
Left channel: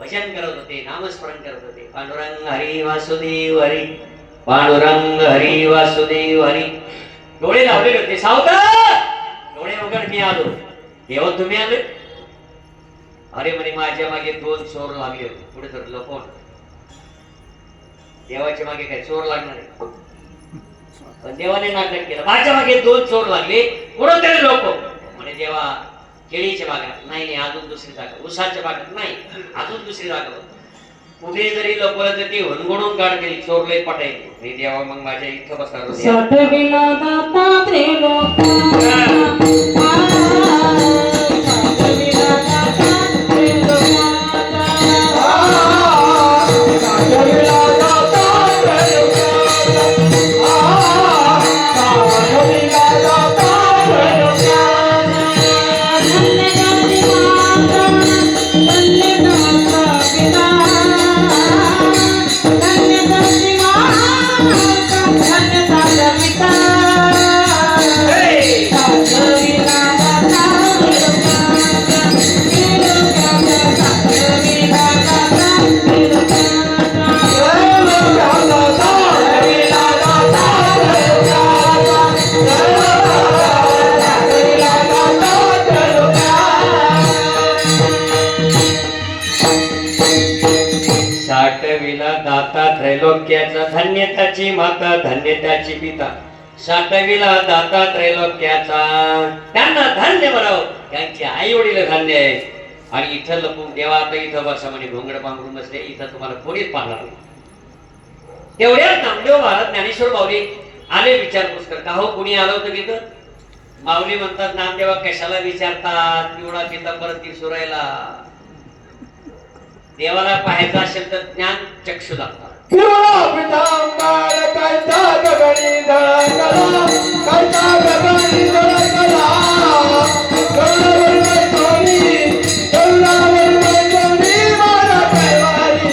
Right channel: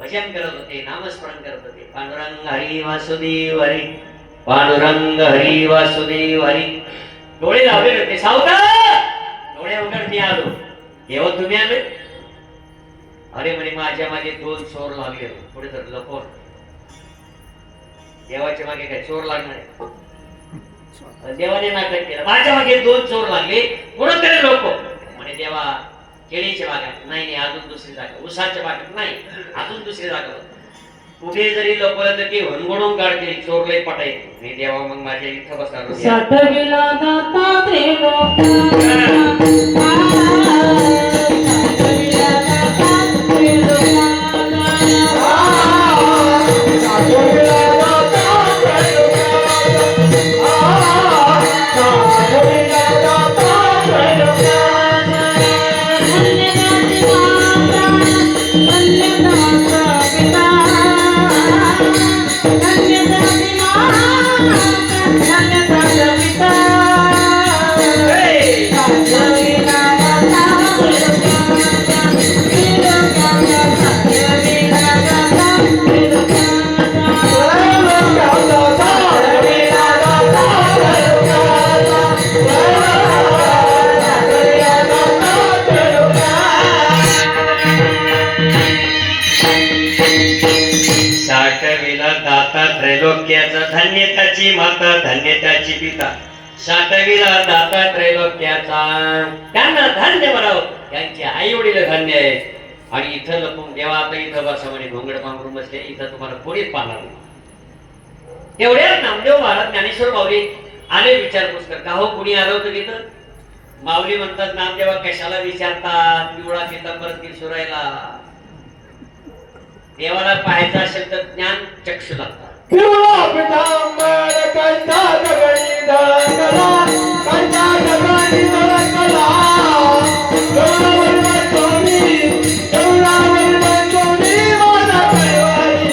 भजन करत होते, नामस्मरण करत होते. पांडुरंग हरी वासुदेव हरी, पांडुरंग हरी वासुदेव हरी. डोळे लावले होते. सावता डोळे वगैरे मी आलो. देवा तुम्ही आले? अरे म्हणे माझ्या मागे 2 चोर लागले. पुढे तर लपवून. देवाच्या मागे काय चोर लागणार आहे? देवाने नाटक केलं. माझ्या मागे 2 चोर लागले, कुठं तरी लोक म्हणे देवा केळीच्या बागात नाही, अजून दुसरी जागा, उसाच्या बागात नाही, अजून दुसरी जागा. कुठे जरी लपवलं तर ते हणगुणून काढते. चोर लय पटायचे. मी देवा मग माझ्या इथं बसणार. साठविला दाता त्रिलोका. त्रैलोक्याचा धन्य त्याची माता, धन्य त्याची पिता. साठविला दाता त्रैलोक्याचा. त्यांना धन्य म्हणावं. त्यांचे आई वडील धन्य आहे. आणि इथं लपून देवा आता इथं बसा म्हणे. घोंगड पांघरून बसले. इथं तुम्हाला कोणीच पाहणार नाही. तेवढ्यात नामदेव महाराज ज्ञानेश्वर माऊली आले विचारपूस कर. का हो कुणी आलं होतं तिथं? माऊली म्हणतात नामदेवा कशाला विचारतात, पिवळा पितांबर सुरायला. देवाला पाहायचं असेल तर ज्ञान चक्षु लागतात. पिवळा पितांबर कैसा गगनी धडकला, कैसा गगनी धडकला. डोळावर सोनी, डोळावर सोनी, माझा कैवारी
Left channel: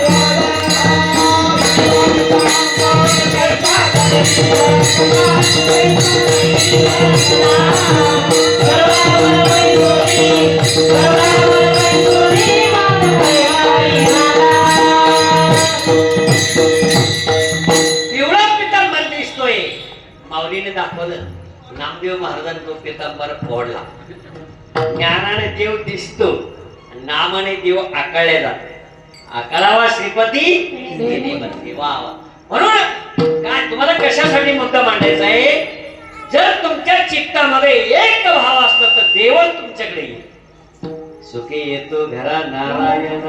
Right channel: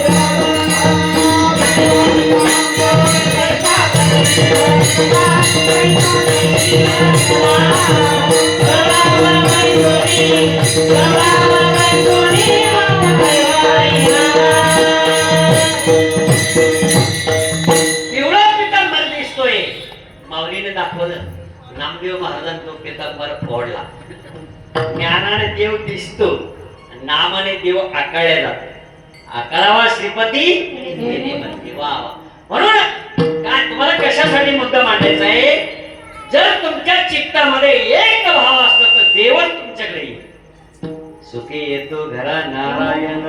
नामदेव महाराजांचा तो पितांबर फोडला. ज्ञानाने देव दिसतो, नामाने देव आकळले जातो. आकळावा श्रीपती वा. म्हणून काय तुम्हाला कशासाठी मुद्दा मांडायचा आहे? जर तुमच्या चित्तामध्ये एक भाव असला तर देवच तुमच्याकडे येईल. सुखी येतो घरा नारायण.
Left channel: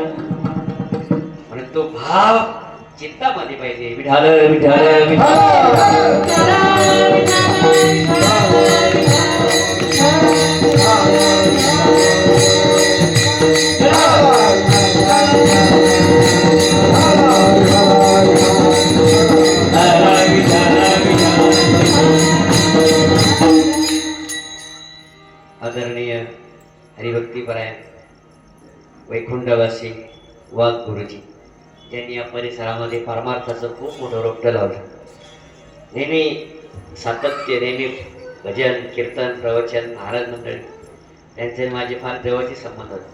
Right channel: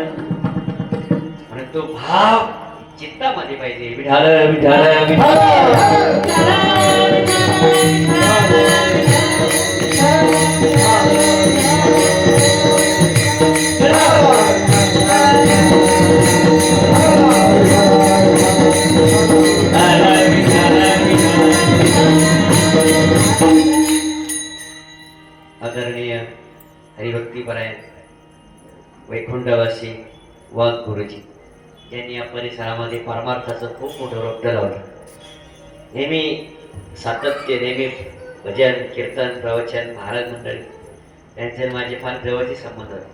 म्हणून तो भाव चित्तामध्ये पाहिजे. विठाल विठाल विठाल. आदरणीय हरिभक्तीपरायण वैकुंठवासी वाघ गुरुजी यांनी या परिसरामध्ये परमार्थाचं खूप मोठं रोपटं लावलं. नेहमी सातत्य, नेहमी भजन कीर्तन प्रवचन महाराज मंडळी यांचे माझे फार जवळचे संबंध होते.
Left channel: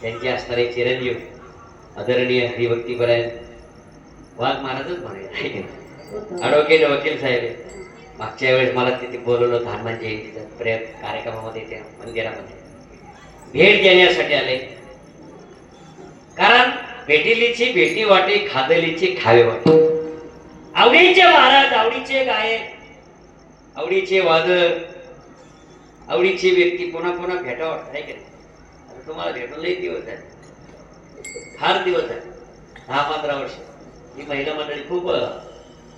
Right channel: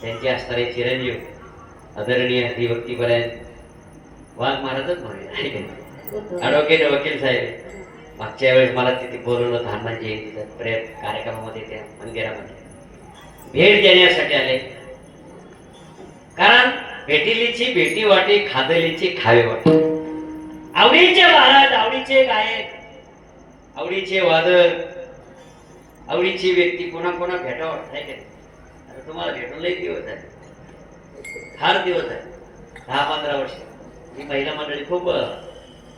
त्यांचे असणारे चिरंजीव आदरणीय हरिभक्तीपरायण वाघ महाराजच म्हणाले. ॲडव्होकेट वकील साहेब मागच्या वेळेस मला तिथे बोलवलं हनुमान जयंतीच्या कार्यक्रमामध्ये त्या मंदिरामध्ये भेट देण्यासाठी आले. कारण भेटिलीची भेटी वाटे खादलीची खावे वाटे. आवडीचे महाराज, आवडीचे गायक, आवडीचे वादक, आवडीची व्यक्ती कोणा कोणा भेटा वाटत. तुम्हाला भेटून लई दिवस आहे, फार दिवस आहे, 10-15 वर्ष. ही महिला मंडळी खूप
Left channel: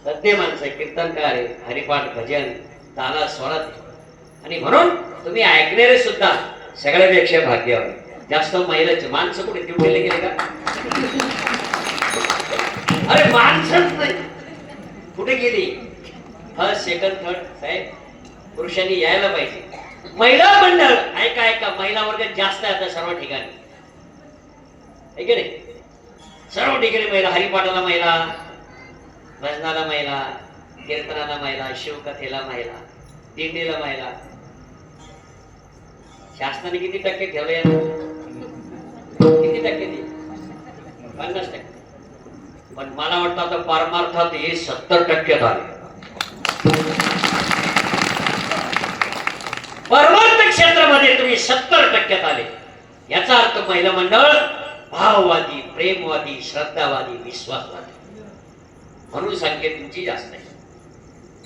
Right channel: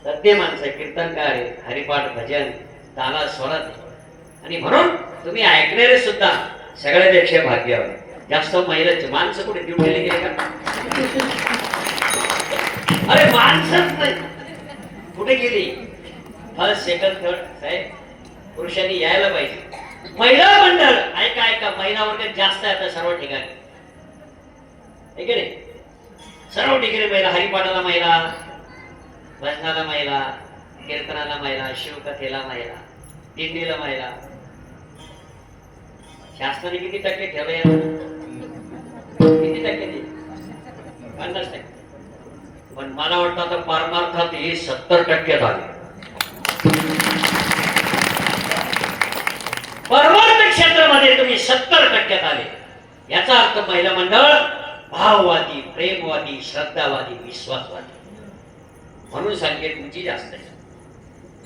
सत्य माणसं, कीर्तनकार आहे, हरिपाठ भजन ताला स्वरात, आणि म्हणून तुम्ही ऐकणारे सुद्धा सगळ्यापेक्षा भाग्यवान. जास्त महिलाचे माणसं कुठे देऊन गेले का? अरे माणसंच नाही, कुठे गेली? फर्स्ट सेकंड थर्ड साहेब पुरुषांनी यायला पाहिजे. महिला मंडळ ऐका, महिला वर्ग जास्त आहे आता सर्व ठिकाणी, आहे की नाही? सर्व ठिकाणी महिला, हरिपाठाला महिला, भजनाला महिला, कीर्तनाला महिला, शिवकथेला महिला, दिंडीला महिला. शासनाने किती टक्के ठेवले? किती टक्के दिले? 50%. पण मला वाटतं आता परमार्थात हे 70% झाले. परमार्थ क्षेत्रामध्ये तुम्ही 70% आले. याचा अर्थ महिला मंडळ भाववादी, प्रेमवादी, श्रद्धावादी, विश्वासवादी. म्हणून संख्या तुमची जास्त आहे.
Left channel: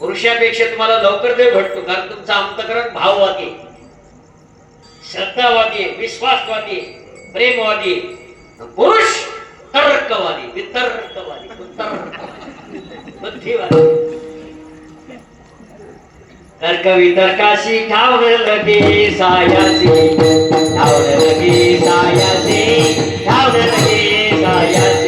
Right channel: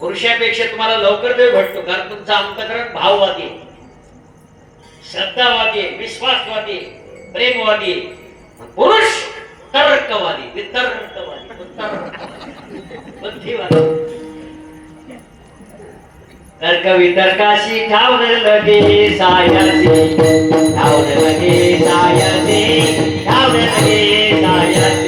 पुरुषापेक्षा तुम्हाला लवकर देव भेटतो, कारण तुमचं अंतःकरण भाववादी, श्रद्धावादी, विश्वासवादी, प्रेमवादी. पुरुष तर्कवादी, वितर्कवादी, बुद्धिवादी. तर्क वितर्काशी ठावले लगे सायासी, ठावले लगे सायासी, ठावले लगे सायासी.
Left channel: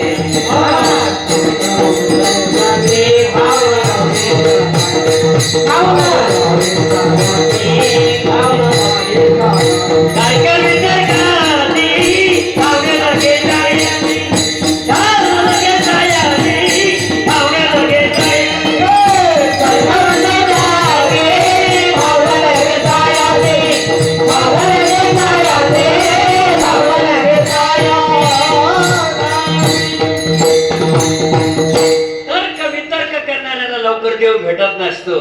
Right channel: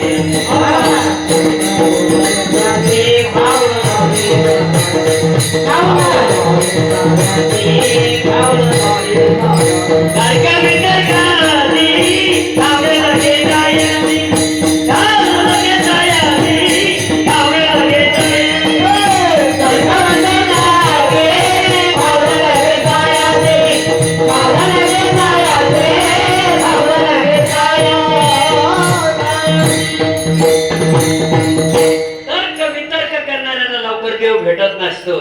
भेटत नसतो,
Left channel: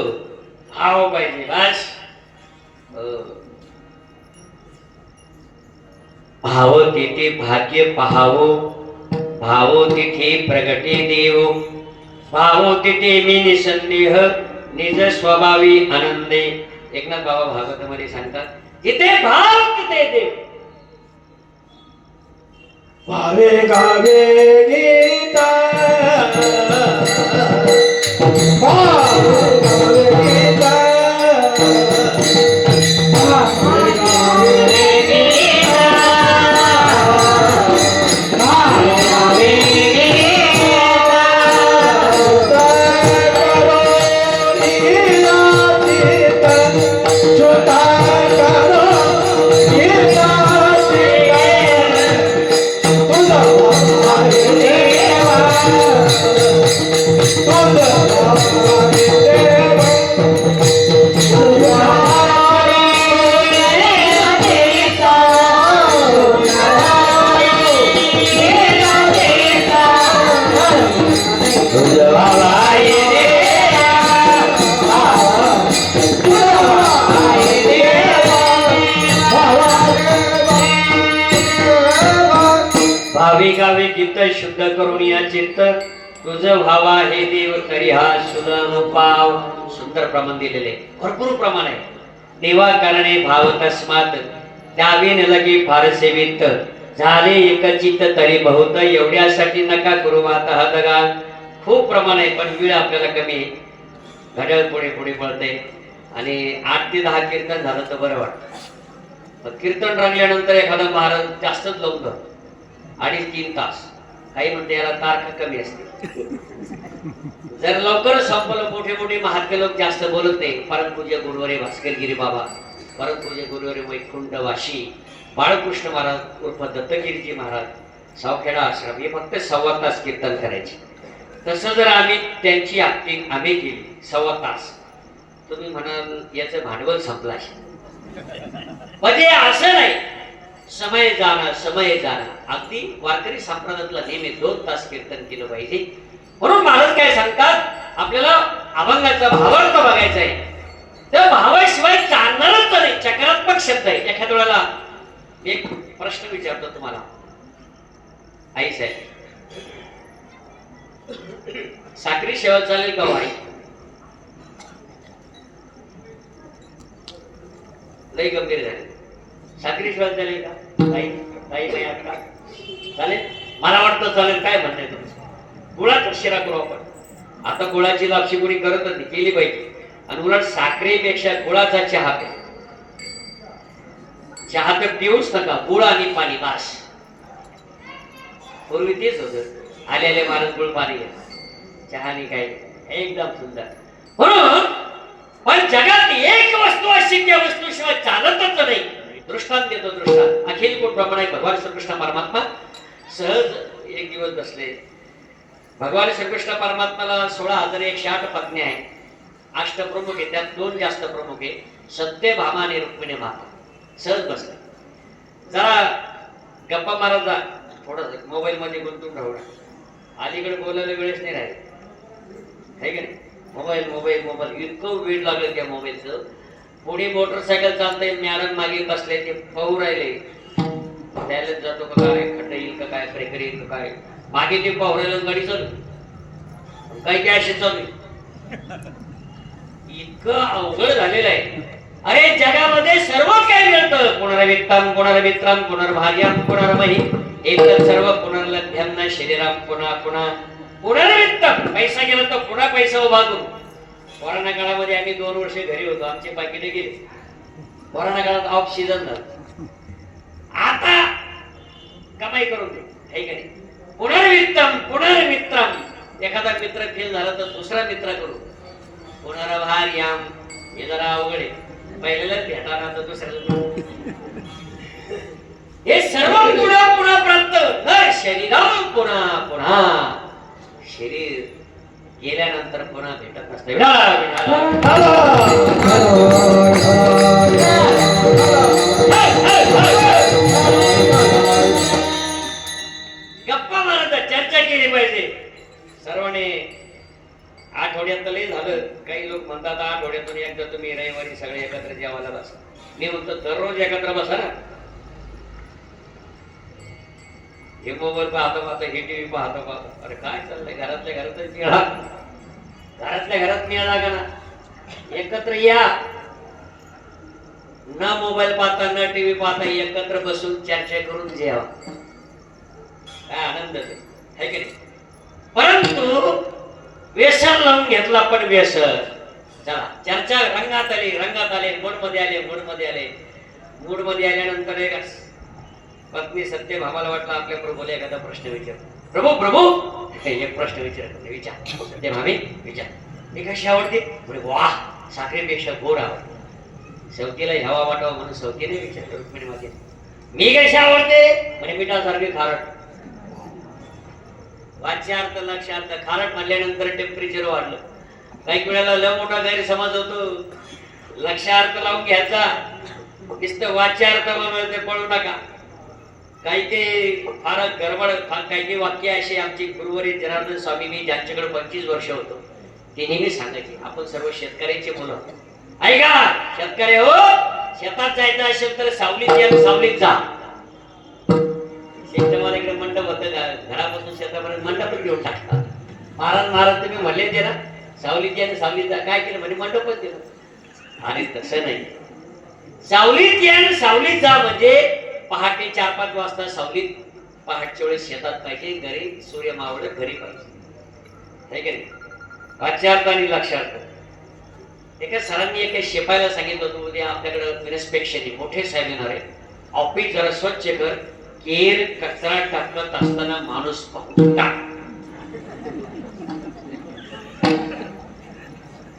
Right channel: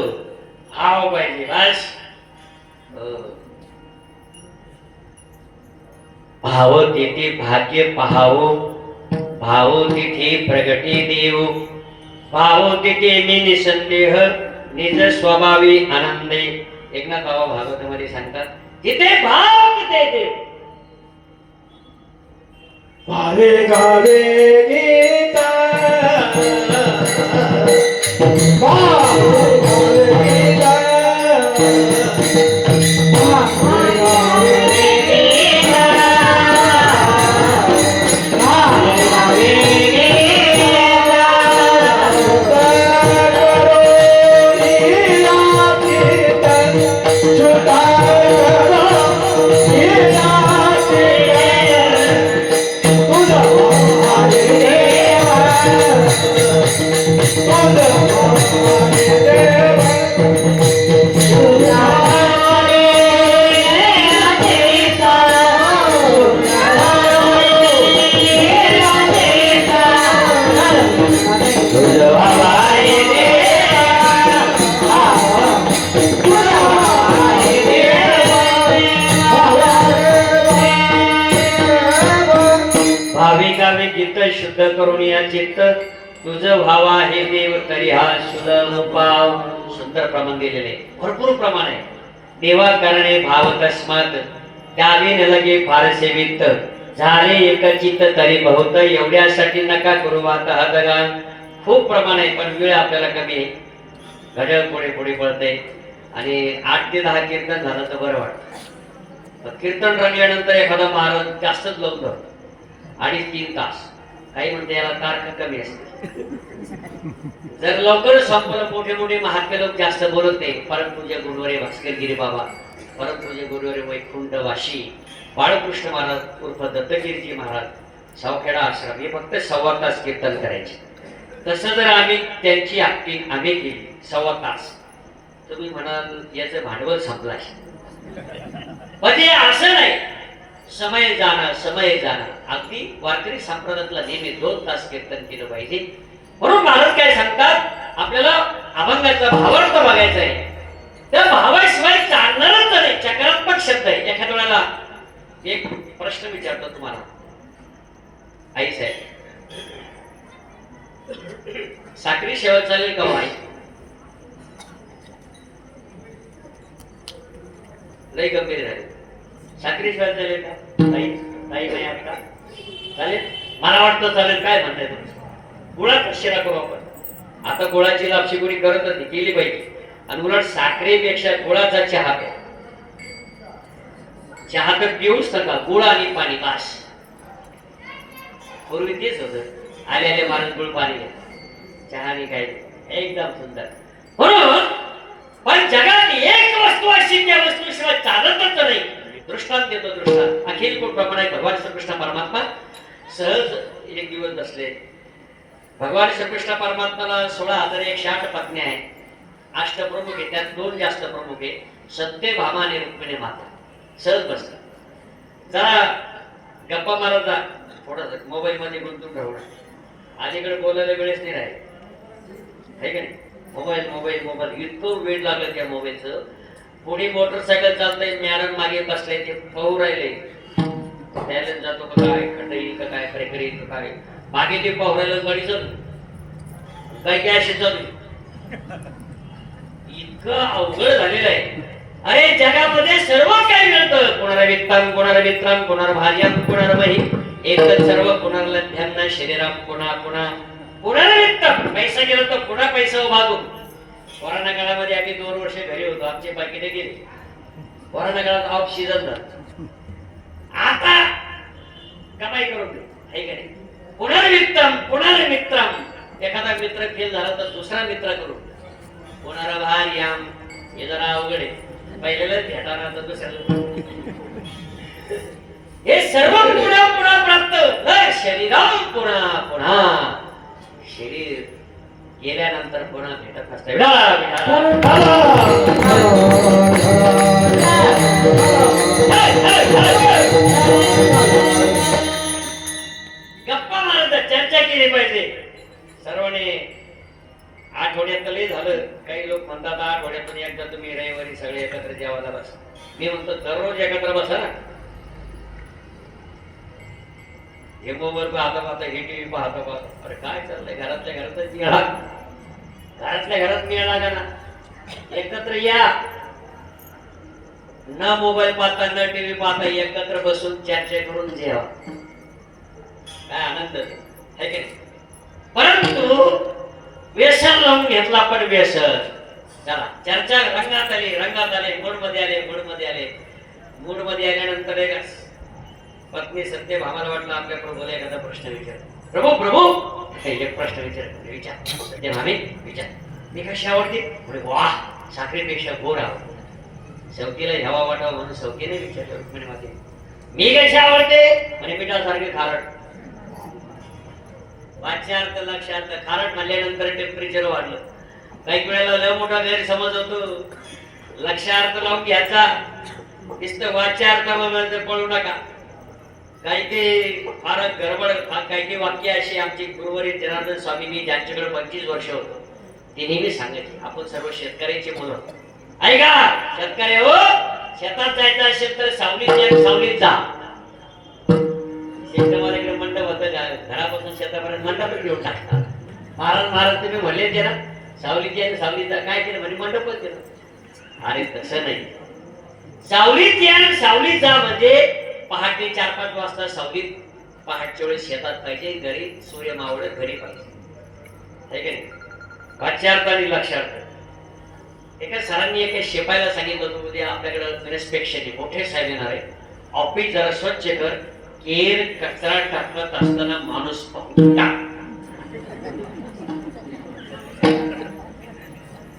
भाव पाहिजे बस. भाव तेथे भाग्य पाहावो, भावो तिथे प्रगटे देव, भावो तिथे मी निसंदेह निज स्वभावी आनंदे. एकनाथ बाबा भागवतामध्ये सांगतात, तिथे भाव तिथे देव. वारे गावे गीता, भाविकावे गीत शुद्ध करून या चित्त तुझ व्हावा हे देव तरी हा सुलभ पाव. सुंदर प्रमाण दिलेले, भरपूर प्रमाण आहे. देवा कारणे भाव तस्मात द्यावे न लगे फारसे वित्त, झाले एकचित्त तरी बहुत. एवढ्यासाठी नका करू आता हा दगा. खूप प्रमाण आहे, पण वेळ आपल्याला कमी आहे. घड्याळ पुढे पुढे पळते, आणि 8 ते 10 कीर्तन झालं तर बरं वाटतं. कीर्तन रंगल्यानंतर एखादा महाराज जास्तच लोक धरतो, 2.5-3 तास. काही म्हणते याला तारखा कमी असते. जर लवकर संपलं, मोठे मोठे महात्मे लोक जास्त बोलत नाही. परमपूज्य गुरुवारे भास्करगिरी बाबा, परमपूज्य गुरुवारे वैकुंठ वाशी बाळकृष्ण महाराज उर्फ दत्तगिरीजी महाराज, सावखेडा आश्रम, हे फक्त 1.25 तास कीर्तन करायचे. तसं जर आम्ही त्यांची ऍक्टिंग आम्ही केली 1.25 तास, तुम्ही म्हणाल याचं भांडवल संपलं असेल. म्हणजे असं नाही, समय जाणं. अगदी वारकरी संप्रदायातला नेहमी 2 तास कीर्तन केलं पाहिजे. म्हणून महाराज काय सांगतात, आपल्याला अभंगाचा भावार्थ बघायचा आहे. त्या भावाशिवाय चालणारच नाही. चक्रात्मक शब्द आहे. एखाद्या वेळेला एक प्रश्न विचारतो तुम्हाला, आई साहेब, साखरी शेवा चालेल का आई? लई गंभीर झाले. साखरी शेवा चालेल का? नाही नाही आता चालेल, मला वाटतं चालेल. काय म्हणताय तुमचं? गुळाचा शिरा करू आपण. आता गुळाची लापशी कोणी करत नाही, केली पाहिजे. आणि उलट साखरेपेक्षा गुळाचा चहा प्या. चहा तर पिऊच नका, गुळ आणि पाणी बास. पूर्वी तेच होत, आले आले माणूस गुळ पाणी घ्या, चहा नाही काय, एकदम सुंदर. म्हणून पण जगात एक वस्तू अशी त्या वस्तूशिवाय चालतच नाही. दृष्टांत देतो. दृष्टांत अखिल कोट प्रमाणे भगवान श्रीकृष्ण परमात्मा सहज एक दिवस बसले. भगवान श्रीकृष्ण परमात्माला 16,108 पत्नी आहेत, अष्टप्रमुख आहे. त्यात 2 जास्त प्रमुख आहे, सत्यभामा आणि रुक्मिणी माता. सहज बसला. जरा गप्पा मारत जा, थोडं मोबाईल मध्ये गुंतून राहू. अलीकडे बोलायला वेळच नाही राहील, आहे का नाही? मोबाईल मोबाईल मोबाईल इतकं वेळ लागलं त्या मोबाईलचं. पुढे मोटरसायकल चालतंय, मॅडम मागे बसले, ते पाहू राहिले त्याला जातो का काय, खंडई का काय, प्रेकरी का काय, मागे ते पाहू राहिलं. गाडी चालू काय काय अशी चालू. इतकं अवघड झालेलं आहे. अरे जगामध्ये सर्व काही मिळतं. कोणाला वित्ताम, कोणाला मित्राम, कोणाला भाज्याम, कोणाला मही, एकच सर्व पुनर्लभ्यांना शरीराम, पुन्हा पुन्हा कोणाला वित्तम. पैसा गेला तर पुन्हा पैसा उभा करू. कोरोना काळामध्ये आम्ही 2 वर्ष घरी होतो, आमचे पाकिटे गेले. कोरोना काळात ऑफ सीझन झालं. आता कमाई करून दे, आहे का नाही? पुनर्वित्तम पुनर्मित्रम. एखादा मित्र फेल झाला तर दुसरा मित्र करू. पुनर्भार्याम, हे जरा अवघड आहे. पहिल्यालाच भेटाना तर दुसऱ्याला. हे सर्व पुन्हा पुन्हा प्राप्त न शरीराम पुन्हा पुन्हा. शरीर गेल्यानंतर पुन्हा भेटत नसते. गप्पा मारत चर्चा केली पाहिजे सर्वांनी. आठवड्यात लय झालं. काही लोक म्हणतात आठवड्यातून एकदा तुम्ही रविवारी सगळे एकत्र जेवायला बसा. मी म्हणतो दररोज एकत्र बसा ना. हे मोबाईल पाहता पाहता, हे टीव्ही पाहता पाहता, अरे काय चाललंय? घरातल्या घरातच मिळा, घरातल्या घरात मिळा का ना. एकत्र या ना, मोबाईल पाहता ना टीव्ही पाहता, एकत्र बसून चर्चा करून जेवा. काय आनंद आहे की नाही? परंतु व्यसन लावून घेतला. पण व्यसन चला चर्चा रंगात आली, रंगात आले, मूड मध्ये आले, मूड मध्ये आले. मूड मध्ये आल्यानंतर एक पत्नी सत्यभामाला वाटलं आपल्याकडे बोला, एखादा प्रश्न विचार. प्रभू प्रभू एक प्रश्न विचार. सत्यभामे विचार, मी कशी आवडते? म्हणजे वा, साखरेपेक्षा गोड आवडते. सौकीला ह्यावा वाटावा म्हणून सौकीने विचारलं रुक्मिणीमध्ये. मी कशी आवडते? म्हणजे मिठासारखी खारट. वाच्यार्थ लक्षार्थ. खारट म्हणल्यानंतर टेम्परेचर वाढलं. काही वेळेला लय मोठा गैरसमज होतो. लक्षार्थ लावून घ्यायचा, नुसतं वाच्यार्थ मिळते, पळू नका. काही काही फार गडबड. काही काही वाक्य अशी आमची गुरुवारी जनार्दन स्वामींनी, ज्यांच्याकडे 25 वर्ष होतो, ते नेहमी सांगायचे, आपण सर्व शेतकऱ्याचे मुलं. ऐका शेतकरी हो, शेतात जायचं असेल तर सावलीत या, सावलीत जा. शेतमालाकडे मंडप होतं, घरापासून शेतापर्यंत मंडपच घेऊन टाकतात. महाराज तुम्ही म्हणले ते ना, सावलीत या सावलीत जा. काय केलं म्हणजे मंडपच दिलं. अरे तसं नाही. सावलीत या सावलीत जा म्हणजे पहाटे 4-5 वाजता सावलीत, पहाटच्या वेळेस शेतात पाहिजे, घरी सूर्य मावळत घरी पाहिजे. वाच्यार्थ आणि लक्षार्थ. एका सरांनी एका शिपायाला सांगितलं होतं, उद्या आपल्याकडे इन्स्पेक्शन मोठे साहेब येणार आहे, ऑफिस जरा स्वच्छ कर. केर कचरा टाकत असताना माणूस पाहून टाक.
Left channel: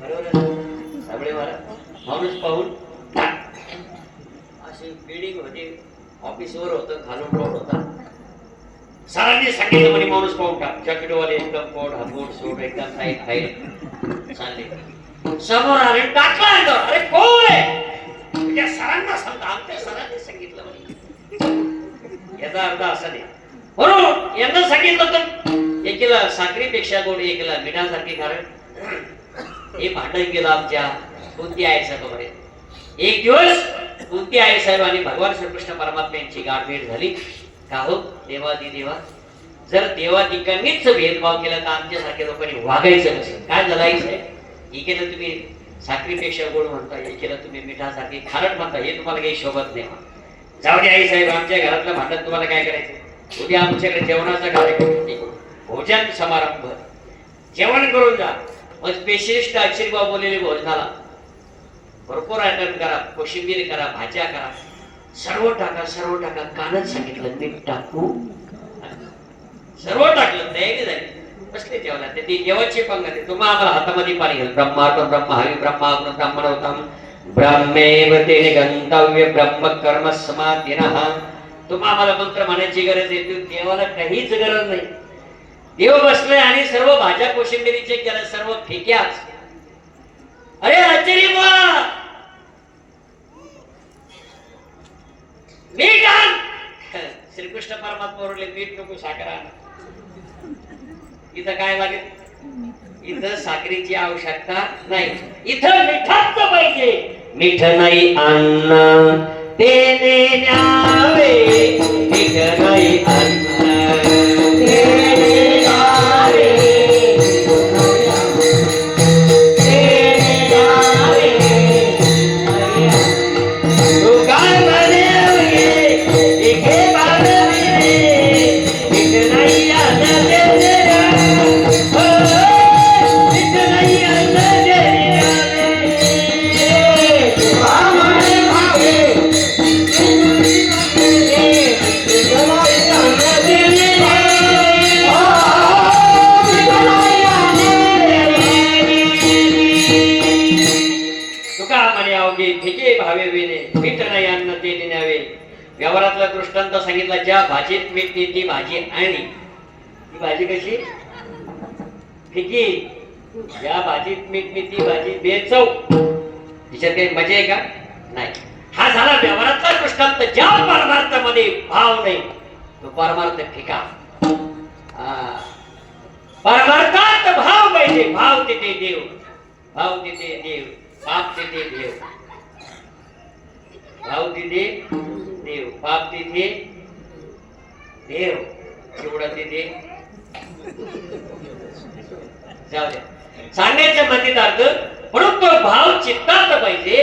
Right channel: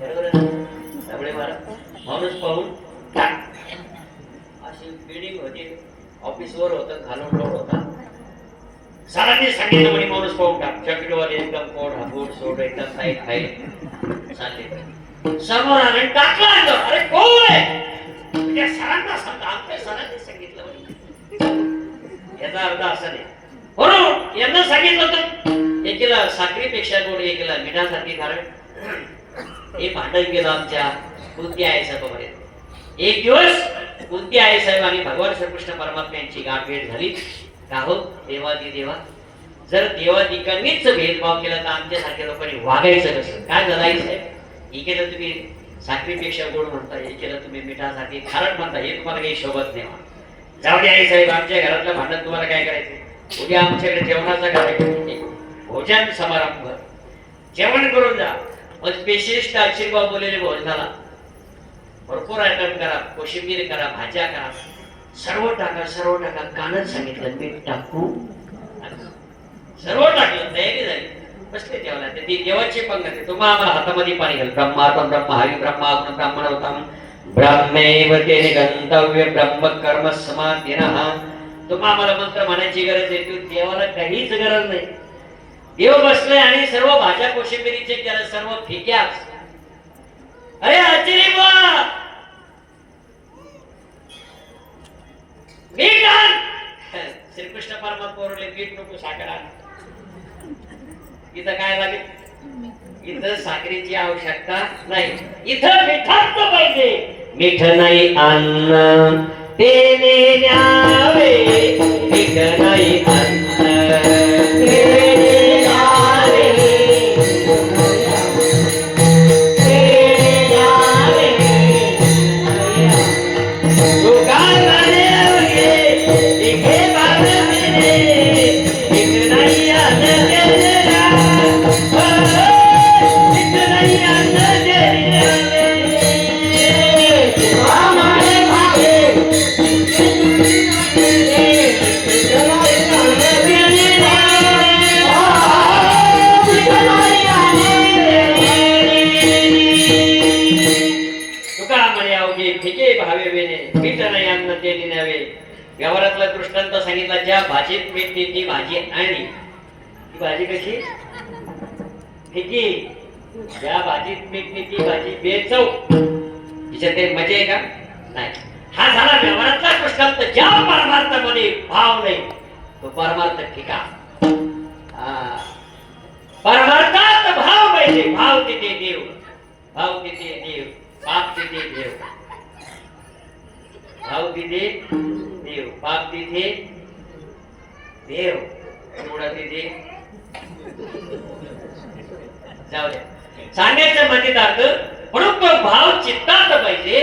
बरोबर त्यामुळे माणूस पाहून टाक. अशी बिल्डिंग होती, ऑफिस वर होतं, घालून रोड होता. सरांनी सांगितलं म्हणे माणूस पाहून टाक. चॉकलेटवाले एकदम कोड हातोड सोड एकदम टाईट फाईट चालले. समोर आले, टाकला. अरे कोण आहे? त्या सरांना सांगता, आमच्या सरांनी सांगितलं म्हणे. याचा अर्थ असा नाही. बरोबर यांना सांगितलं तर एकीला साखरेपेक्षा गोड, एकीला मिठासारखी खारट. हे भांडण गेलं आमच्या कुंती आई साहेबांमध्ये. एक दिवस कुंती आई साहेब आणि भगवान श्रीकृष्ण परमात्मा यांची गाठभेट झाली. का हो देवादी देवा, जर देवादिकांनीच भेदभाव केला तर आमच्यासारख्या लोकांनी वागायचं कसं? काय झालं आई साहेब? हे केलं तुम्ही साखरेपेक्षा गोड म्हणता, हे केलं तुम्ही मिठासाठी खारट म्हणता, हे तुम्हाला काही शोभत नाही. जाऊ दे आई साहेब, आमच्या घरातलं भांडण तुम्हाला काय करायचं? उद्या आमच्याकडे जेवणाचा कार्यक्रम, भोजन समारंभ, जेवण करून जा. मग स्पेशलिस्ट आशीर्वाद बोललेले भोजनाला भरपूर आयटम करा, कोशिंबीर करा, भाज्या करा, सर्व टाका, सर्व टाका. कानच सांगितलं मीठ टाकू, सर्व टाकलं, तयारी झाली, बसले जेवणा. ते देवाची पंगत. तुम्हाला आम्हाला हातामध्ये पाणी घाल. ब्रह्मार्पण ब्रह्म हरी ब्रह्मा ब्राह्मण होता ब्रह्मेव तेने गंतव्य ब्रह्म कर्म समाधिनः. तुम्हाला आम्हाला मंत्र म्हणायची गरज आहे, देवाला काहीच गरज नाही. देव बसले आणि सर्व भाज्या कोशिंबिरीचे केलं, सर्व फिक्याच. अरे आचार्य बुवा, मीठ आण. श्रीकृष्ण परमात्मा बोलले मीठ नको, साखर आण. इथं काय लागेल? इथं साखरेची आवश्यकता नाही, इथं मिठाच पाहिजे. मीठ नाही अन्न तेने न्यावे, मीठ नाही अन्न तेने न्यावे, तू काय म्हणे इथे बाळ मिळे, मीठ नाही अन्न तेने न्यावे, मीठ नाही अन्न तेने न्यावे. फिके भावे वेणे, मीठ नाही अन्न ते न्यावे. व्यवहारातला दृष्टांत सांगितला. ज्या भाजीत मीठ ती भाजी आणि ती भाजी कशी फिकी, ज्या भाजीत मीठ ती भाजी बेचव. तिच्यात काही मजा आहे का? नाही. हा झाला व्यवहारातला दृष्टांत. ज्या परमार्थामध्ये भाव नाही तो परमार्थ फिका. परमार्थात भाव पाहिजे. भाव तिथे देव, भाव तिथे देव, पाप तिथे देव, भाव तिथे देव, पाप तिथे देव, एवढा तिथे जाऊ द्या. सांगायचं मतितार्थ म्हणून तो भाव चित्तात पाहिजे.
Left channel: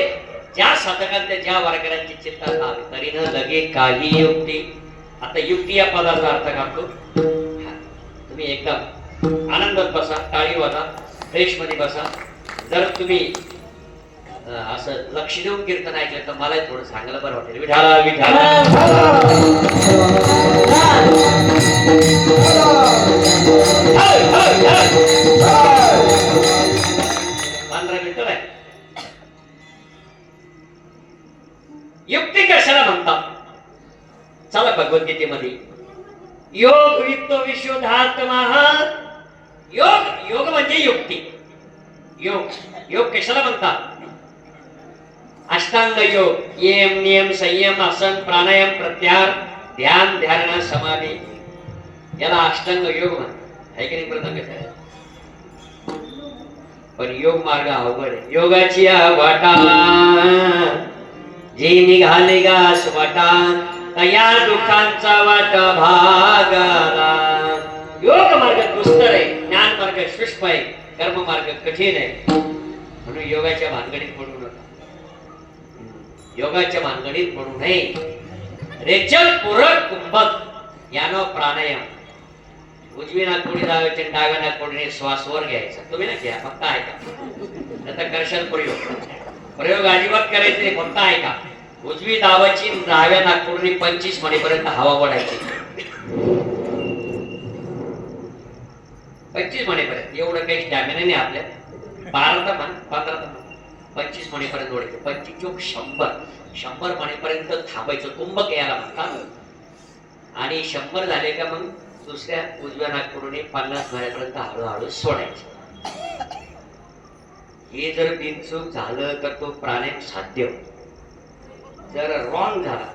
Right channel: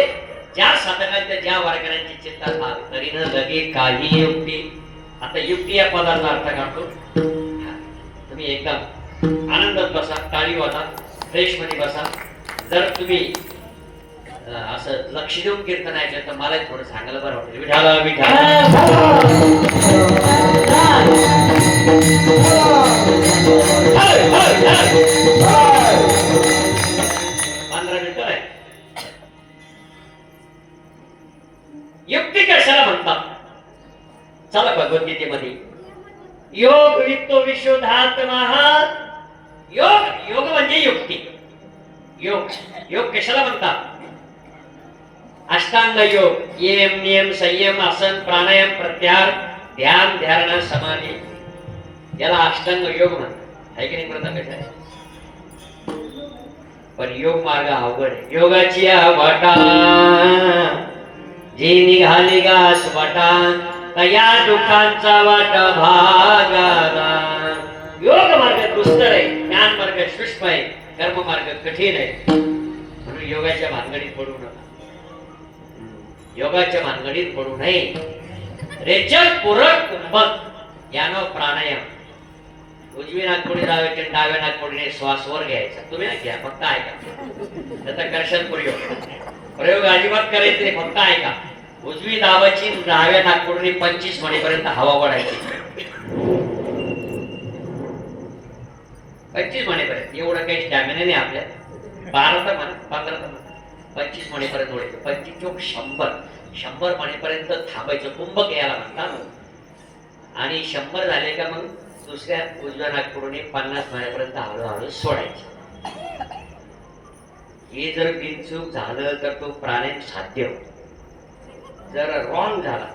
ज्या साधकांच्या ज्या वारकऱ्यांची चित्तात आले तरी न लगे काही युक्ती. आता युक्ती या पदाचा अर्थ काढतो. तुम्ही एकदम आनंदात बसा, टाळी वाजा, फ्रेश मध्ये बसा. जर तुम्ही असं लक्ष देऊन कीर्तन ऐकलं तर मला थोडं सांगायला बरं वाटेल. विठाला विठाला 15 मिनिटं आहे. युक्ती कशाला म्हणतात? चला भगवद्गीतेमध्ये योग वित्तो विशुद्धात्मा. योग, योग म्हणजे युक्ती. योग, योग कशाला म्हणतात? अष्टांग योग, यम नियम संयम आसन प्राणायाम प्रत्याहार ध्यान धारणा समाधी, याला अष्टांग योग म्हणतात. आहे की नाही? प्रथम आहे. पण योग मार्ग अवघड आहे. योगाची वाटा जी निघाली गास वाटा, या दुःखांचा वाटा भागाला. योग मार्ग दुस्तर आहे, ज्ञान मार्ग शुष्क आहे, कर्म मार्ग कठीण आहे. म्हणून योगाच्या भानगडीत पडू नका. योगाच्या भानगडीत पडू नये. रेचक पूरक कुंभक यानो प्राणायाम. उजवी नागपुडी लावायची, डाव्या नागपुडीने श्वास वर घ्यायचा. तुम्ही नाही घ्या, फक्त ऐका. त्याचा कर्षण प्रयोग अजिबात करायचे नाही, फक्त ऐका. उजवी दाबाची, डाव्या नागपुडीने 25 मणीपर्यंत हवा ओढायची. 25 मणीपर्यंत. एवढं काही स्टॅमिना नाही आपल्या. 12 तर म्हणा, 15 तर म्हणा, 25 मणीपर्यंत ओढायचं. 25 चोक 100 मणीपर्यंत थांबायचं. कुंभक याला म्हणतात. आणि 100 झाले का मग दुसऱ्या उजव्या नागपुडीने 50 मणीपर्यंत हळूहळू सोडायचं. हे जर बिनचूक झालं तर तो प्राणायाम साध्य होतो. जर रॉंग झाला,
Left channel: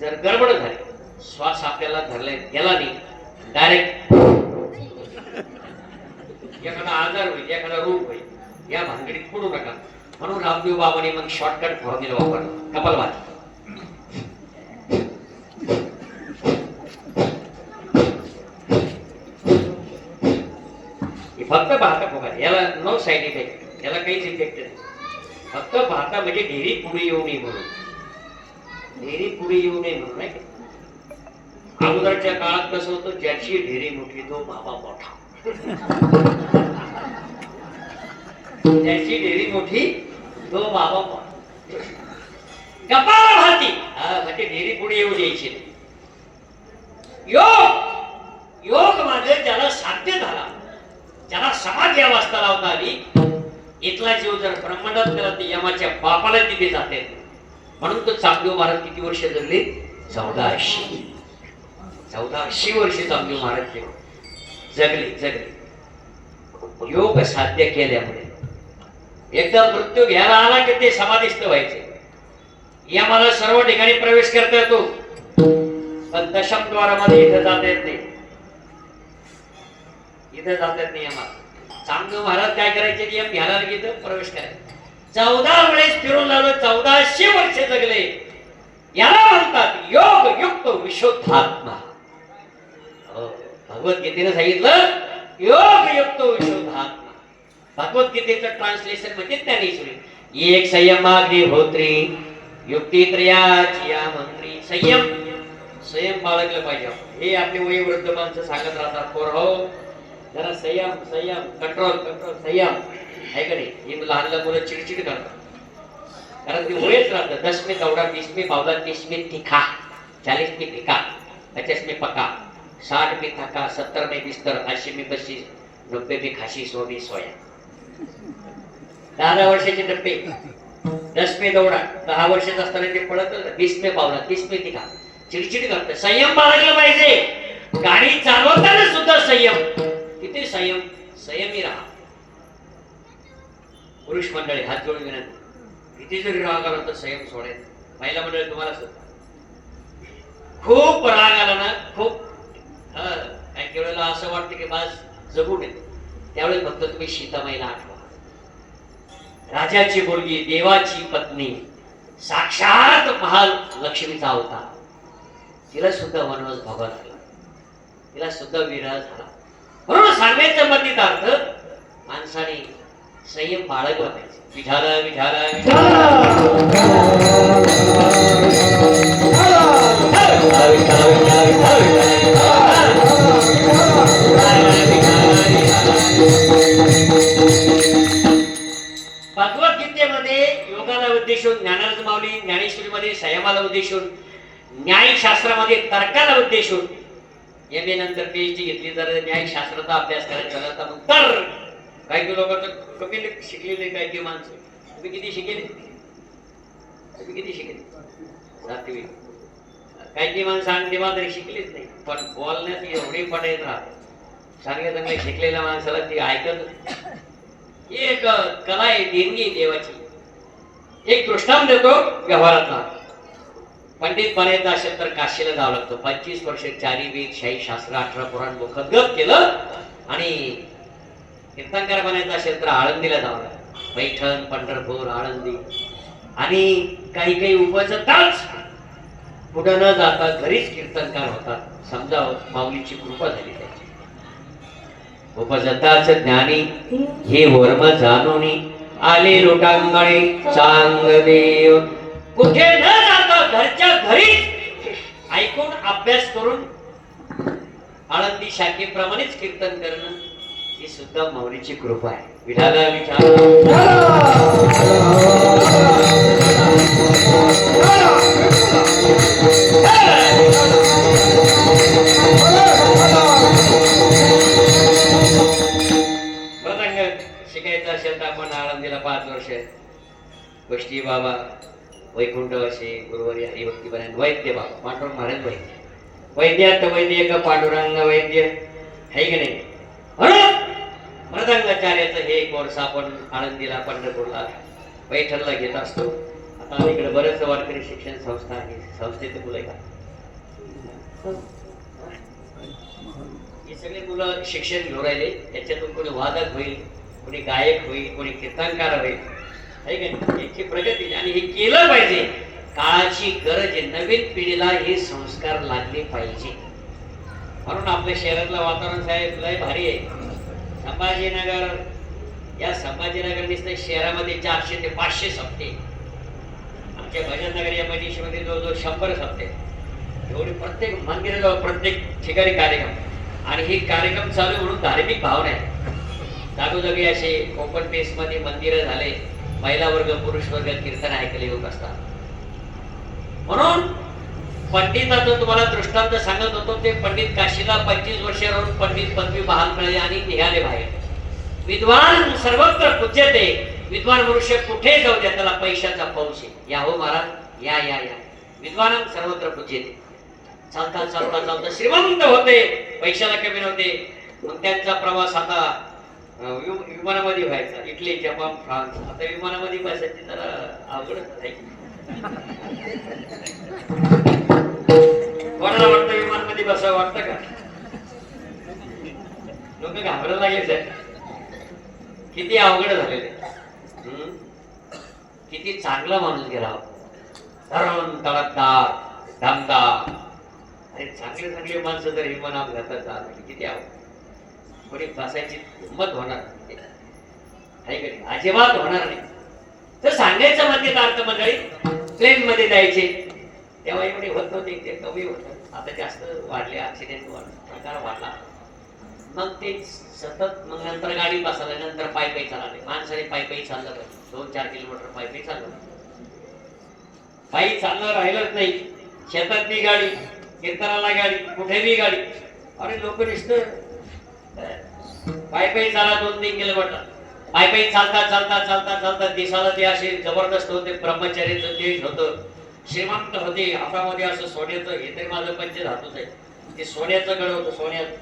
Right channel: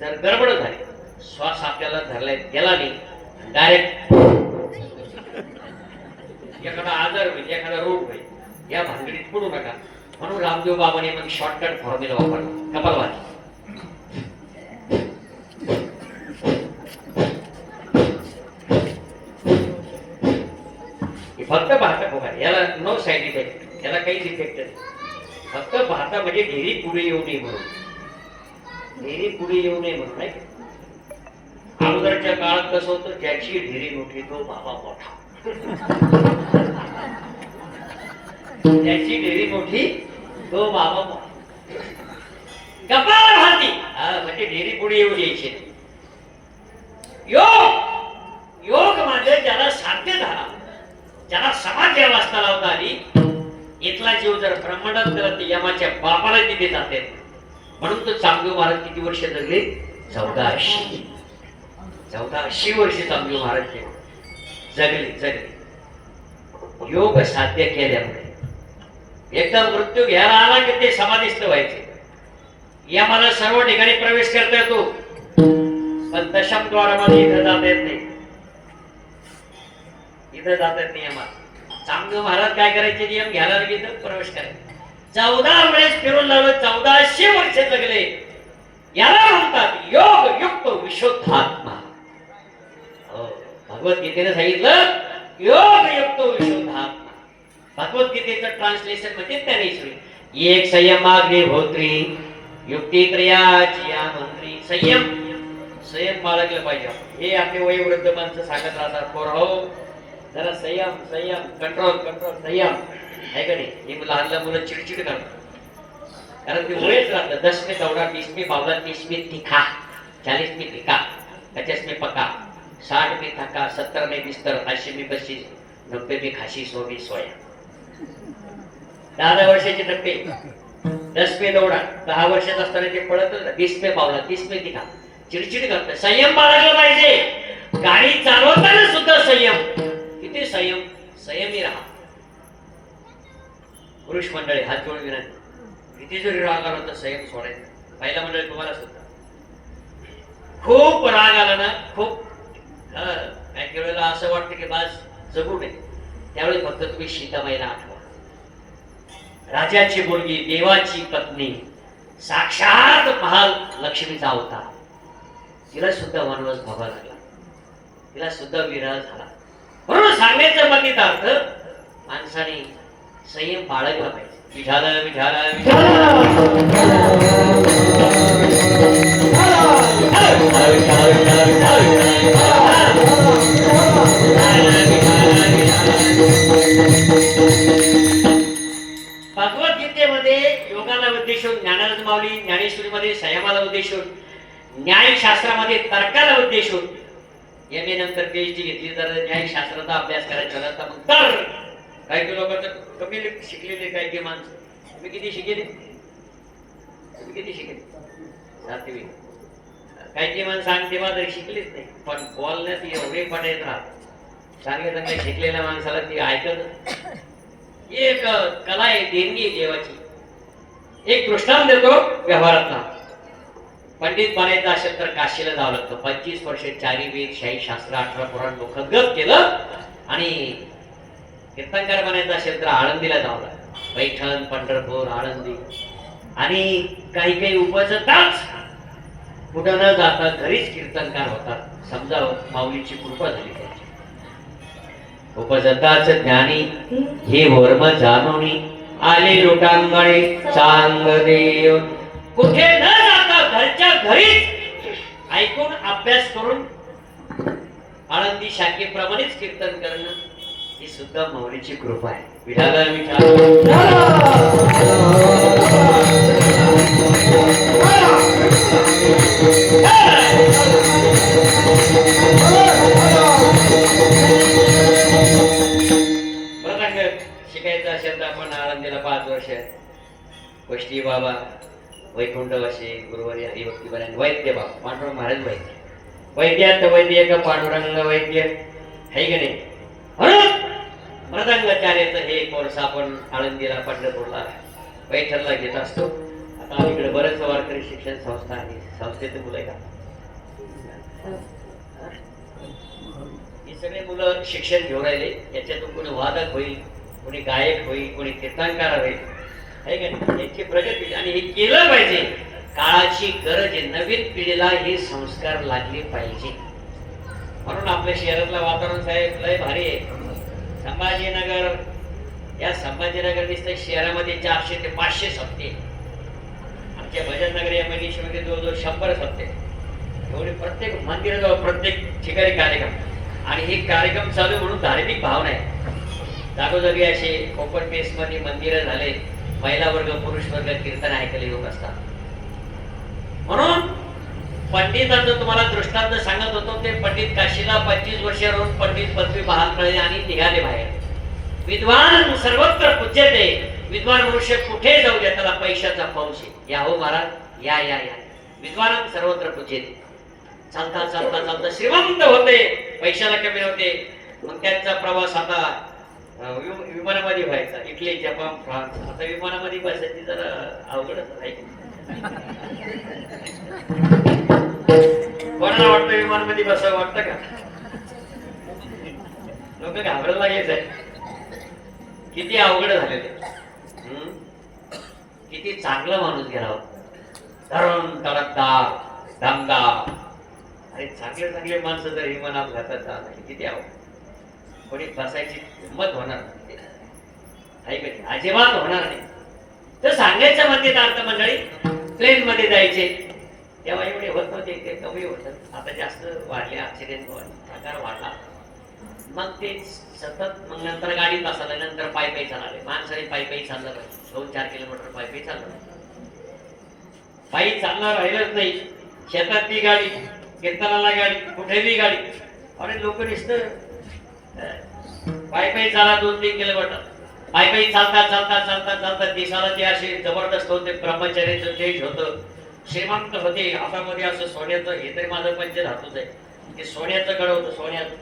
जर गडबड झाली, श्वास आपल्याला धरला गेला नाही, डायरेक्ट एखादा आजार होईल, एखादा रोग होईल, या भानगडीत पडू नका म्हणून रामदेव बाबाने मग शॉर्टकट फॉर्म्युला वापरला कपालभाती. फक्त भाता फुगा याला नो साईड इफेक्ट, याला काहीच इफेक्ट नाही. फक्त भाता म्हणजे ढेरी पुढे येऊ नये म्हणून, ढेरी पुढे येऊ नये म्हणून नाही. अगोदरच्या काळात कसं होतं, ज्याची ढेरी मोठी तो बाबा मोठा, ज्याची ढेरी मोठी तो बाबा मोठा. कपालभाती म्हणजे ढेरी पुढे येऊ द्यायची. योग योग म्हणजे ज्याला साध्य झाला, ज्याला समाधी अवस्था लावता आली, इथला जीव जर ब्रह्मांडात गेला तर यमाच्या बापाला तिथे जाते. म्हणून तो चांगदेव महाराज किती वर्ष जगले? 1480 वर्ष चांगदेव महाराज जगले. योग साध्य केल्यामुळे एकदा मृत्यू घ्यायला आला की ते समाधीस्थ व्हायचे. यमाला सर्व ठिकाणी प्रवेश करता येतो, पण दशम द्वारामध्ये इथं जाता येत नाही, इथं जाता येत नाही. यमा चांगदेव महाराज काय करायचे, नियम घ्यायला गेलं प्रवेश करायचे. 14 वेळेस फिरून लावलं, 1400 वर्ष जगले. याला म्हणतात योग युक्त विशुद्धात्मा. भगवद्गीतेने सांगितलं योग युक्त विशुद्धात्मा. भगवद्गीतेचं ट्रान्सलेशन म्हणजे ज्ञानेश्वरी. एक संयमाग्निहोत्री युक्ती त्रयाची या मंत्री. संयम बाळगलं पाहिजे. हे आपले वयोवृद्ध माणसं सांगत राहतात, पोरहो जरा संयम कंट्रोल संयम आहे का नाही. हे लहान लहान मुलं चिडचिड करतात, कारण ते वयच राहतं. 10 में दौड़ा, 20 में पावला, 30 में तीखा, 40 में फिका, 50 में पका, 60 में थका, 70 में बिस्तर, 80 में बशीर, 90 में खाशी, 100 में सोया. 10 वर्षाचे टप्पे. 10 में दौड़ा 10 वर्षात असताना ते पळत, 20 में पावला, 30 में तीखा, चिडचिड करतं. संयम बाळगला पाहिजे. गाडी चालवताना सुद्धा संयम. किती संयमी राहा. पुरुष मंडळी हात जोडून विनंती, किती जरी राग आला तर संयम सोडायचा. महिला मंडळी तुम्हाला सुद्धा खूप राग आला ना, खूप काही वेळेला असं वाटतं की बस जगू नये, त्यावेळी फक्त तुम्ही सीतामाईला आठवा. राजाची मुलगी, देवाची पत्नी, साक्षात महालक्ष्मीचा अवतार. तिला सुद्धा वनवास भोगावा लागला, तिला सुद्धा विरह झाला. म्हणून सांगण्याचा मतीत अर्थ, माणसाने संयम बाळगला पाहिजे. विठाला विठाला भगवद्गीतेमध्ये योगाला उद्देशून, ज्ञानाला माऊली ज्ञानेश्वरीमध्ये संयमाला उद्देशून, न्यायशास्त्रामध्ये तर्काला उद्देशून. एम.ए. नंतर PhD घेतली तर न्यायशास्त्राचा अभ्यास करायचा तर मग तर काही लोक तर कमी शिकलेले, काही माणसं. तुम्ही किती शिकले? काही माणसं सांगते मात्र शिकलीच नाही, पण बोलण्यात एवढे पडायत राहत. सांगितलं शिकलेल्या माणसाला ती ऐकत. एक कला आहे, देणगी देवाची. एक दृष्टांत देतो व्यवहारातला. पंडित बनायचं असेल तर काशीला जावं लागतं. 25 वर्ष 4 वेद, 6 शास्त्र, 18 पुराण मुखगत केलं. आणि कीर्तनकार बनायचं असेल तर आळंदीला जावं लागतं. पैठण, पंढरपूर, आळंदी. आणि काही उपजताच कुठं न जाता घरीच कीर्तनकार होतात. समजा माऊलीची कृपा झाली त्याची. उपजताच ज्ञानी हे वर्म जाणोनी आले लोटांगणे चांगदेव. कुठे न जाता घरच्या घरीच ऐकून अभ्यास करून आळंदी शाखेप्रमाणेच कीर्तन करणं ही सुद्धा माऊलीची कृपा आहे. विठाला मृदंग शिकायचं असेल तर आपण आळंदीला 5 वर्ष गोष्टी बाबा वैकुंठवासी गुरुवारी हरिभक्ती बनायला वैद्य बाबा पांडुरंग महाराज वैद्यात वैद्य का पांडुरंग वैद्य है की नाही. म्हणून मृदंगाचार्याचं हे कोर्स आपण आळंदीला, पंढरपूरला, पैठणला घेत असतो. आता इकडे बरेच वारकरी शिक्षण संस्था आहे. संस्थेचे मुलं आहे का? हे सगळे मुलं शिक्षण घेऊन राहिले. त्याच्यातून कोणी वादक होईल कोणी गायक होईल, कोणी कीर्तनकार होईल, आहे का नाही? याची प्रगती आणि हे केलं पाहिजे. काळाची गरज आहे, नवीन पिढीला हे संस्कार लागले पाहिजे. म्हणून आपल्या शहरातलं वातावरण साहेब लय भारी आहे. संभाजीनगर, या संभाजीनगर दिसतं शहरामध्ये 400 ते 500 सप्ते, आमच्या भजननगर या मनीषमध्ये जवळजवळ 100 सप्ते, एवढे प्रत्येक मंदिराजवळ प्रत्येक ठिकाणी कार्यक्रम. आणि हे कार्यक्रम चालू म्हणून धार्मिक भावना आहे. जागोजागी असे ओपन पेस मध्ये मंदिरं झाले, महिला वर्ग पुरुष वर्ग कीर्तन ऐकायला येऊन असतात. म्हणून पंडिताचं तुम्हाला दृष्टांत सांगत होतो, ते पंडित काशीला 25 वर्ष राहून पंडित पदवी बहाल कळले आणि निघाले बाहेर. विद्वान सर्वत्र पूज्यते, विद्वान मनुष्य कुठे जाऊ द्या त्याला पैशाचा पाऊस आहे. या हो महाराज, या या या, विद्वान सर्वत्र पूज्यते. चालता चालता चालता श्रीमंत होते, पैशाला कमी नव्हते. मग त्यांचा प्रवास आता विमानामध्ये व्हायचा, इटली जपान फ्रान्स. आता विमानामध्ये बसायची जरा अवघडच आहे. कोणाला वाटतं विमानामध्ये बसावं वाटतं का? लोक घाबरायला लागायचं. किती अवघड झालेले, किती चांगला माणूस गेला, तरुण तडकदार दमदार. अरे चांगले चांगले माणसं जर विमानात घातात किती आवड, कोणी बसायची हिंमत होणार नाही, अजिबात होणार नाही. तर सांगायचं म्हणजे अर्थ मंडळी, प्लेन मध्ये जायचे तेव्हा एवढे होत नव्हते, ते कमी होत. आता जास्त वाढले, ऍक्सिडेंट प्रकार वाढला. मग ते सतत, मग नंतर गाडी बसवलं, नंतर पायी पायी चालले. माणसाने पायी पायी चाललं पाहिजे, 2-4 किलोमीटर पायी पायी चाललं. पायी चालणं राहिलंच नाही. शेतातली गाडी, कीर्तनाला गाडी, कुठेही गाडी. अरे लोक नुसतं पायी पायी चाला 2-3 किलोमीटर. पायी पायी चालता चालता चालता चालता दिसाला ते असे जबरदस्त होते, ब्रह्मचार्याचं तेज होतं, श्रीमंत होते. हातामध्ये असं सोन्याचं, हे तरी माझं पंचधातूच आहे, ते सोन्याचं गड होतं, सोन्याचं.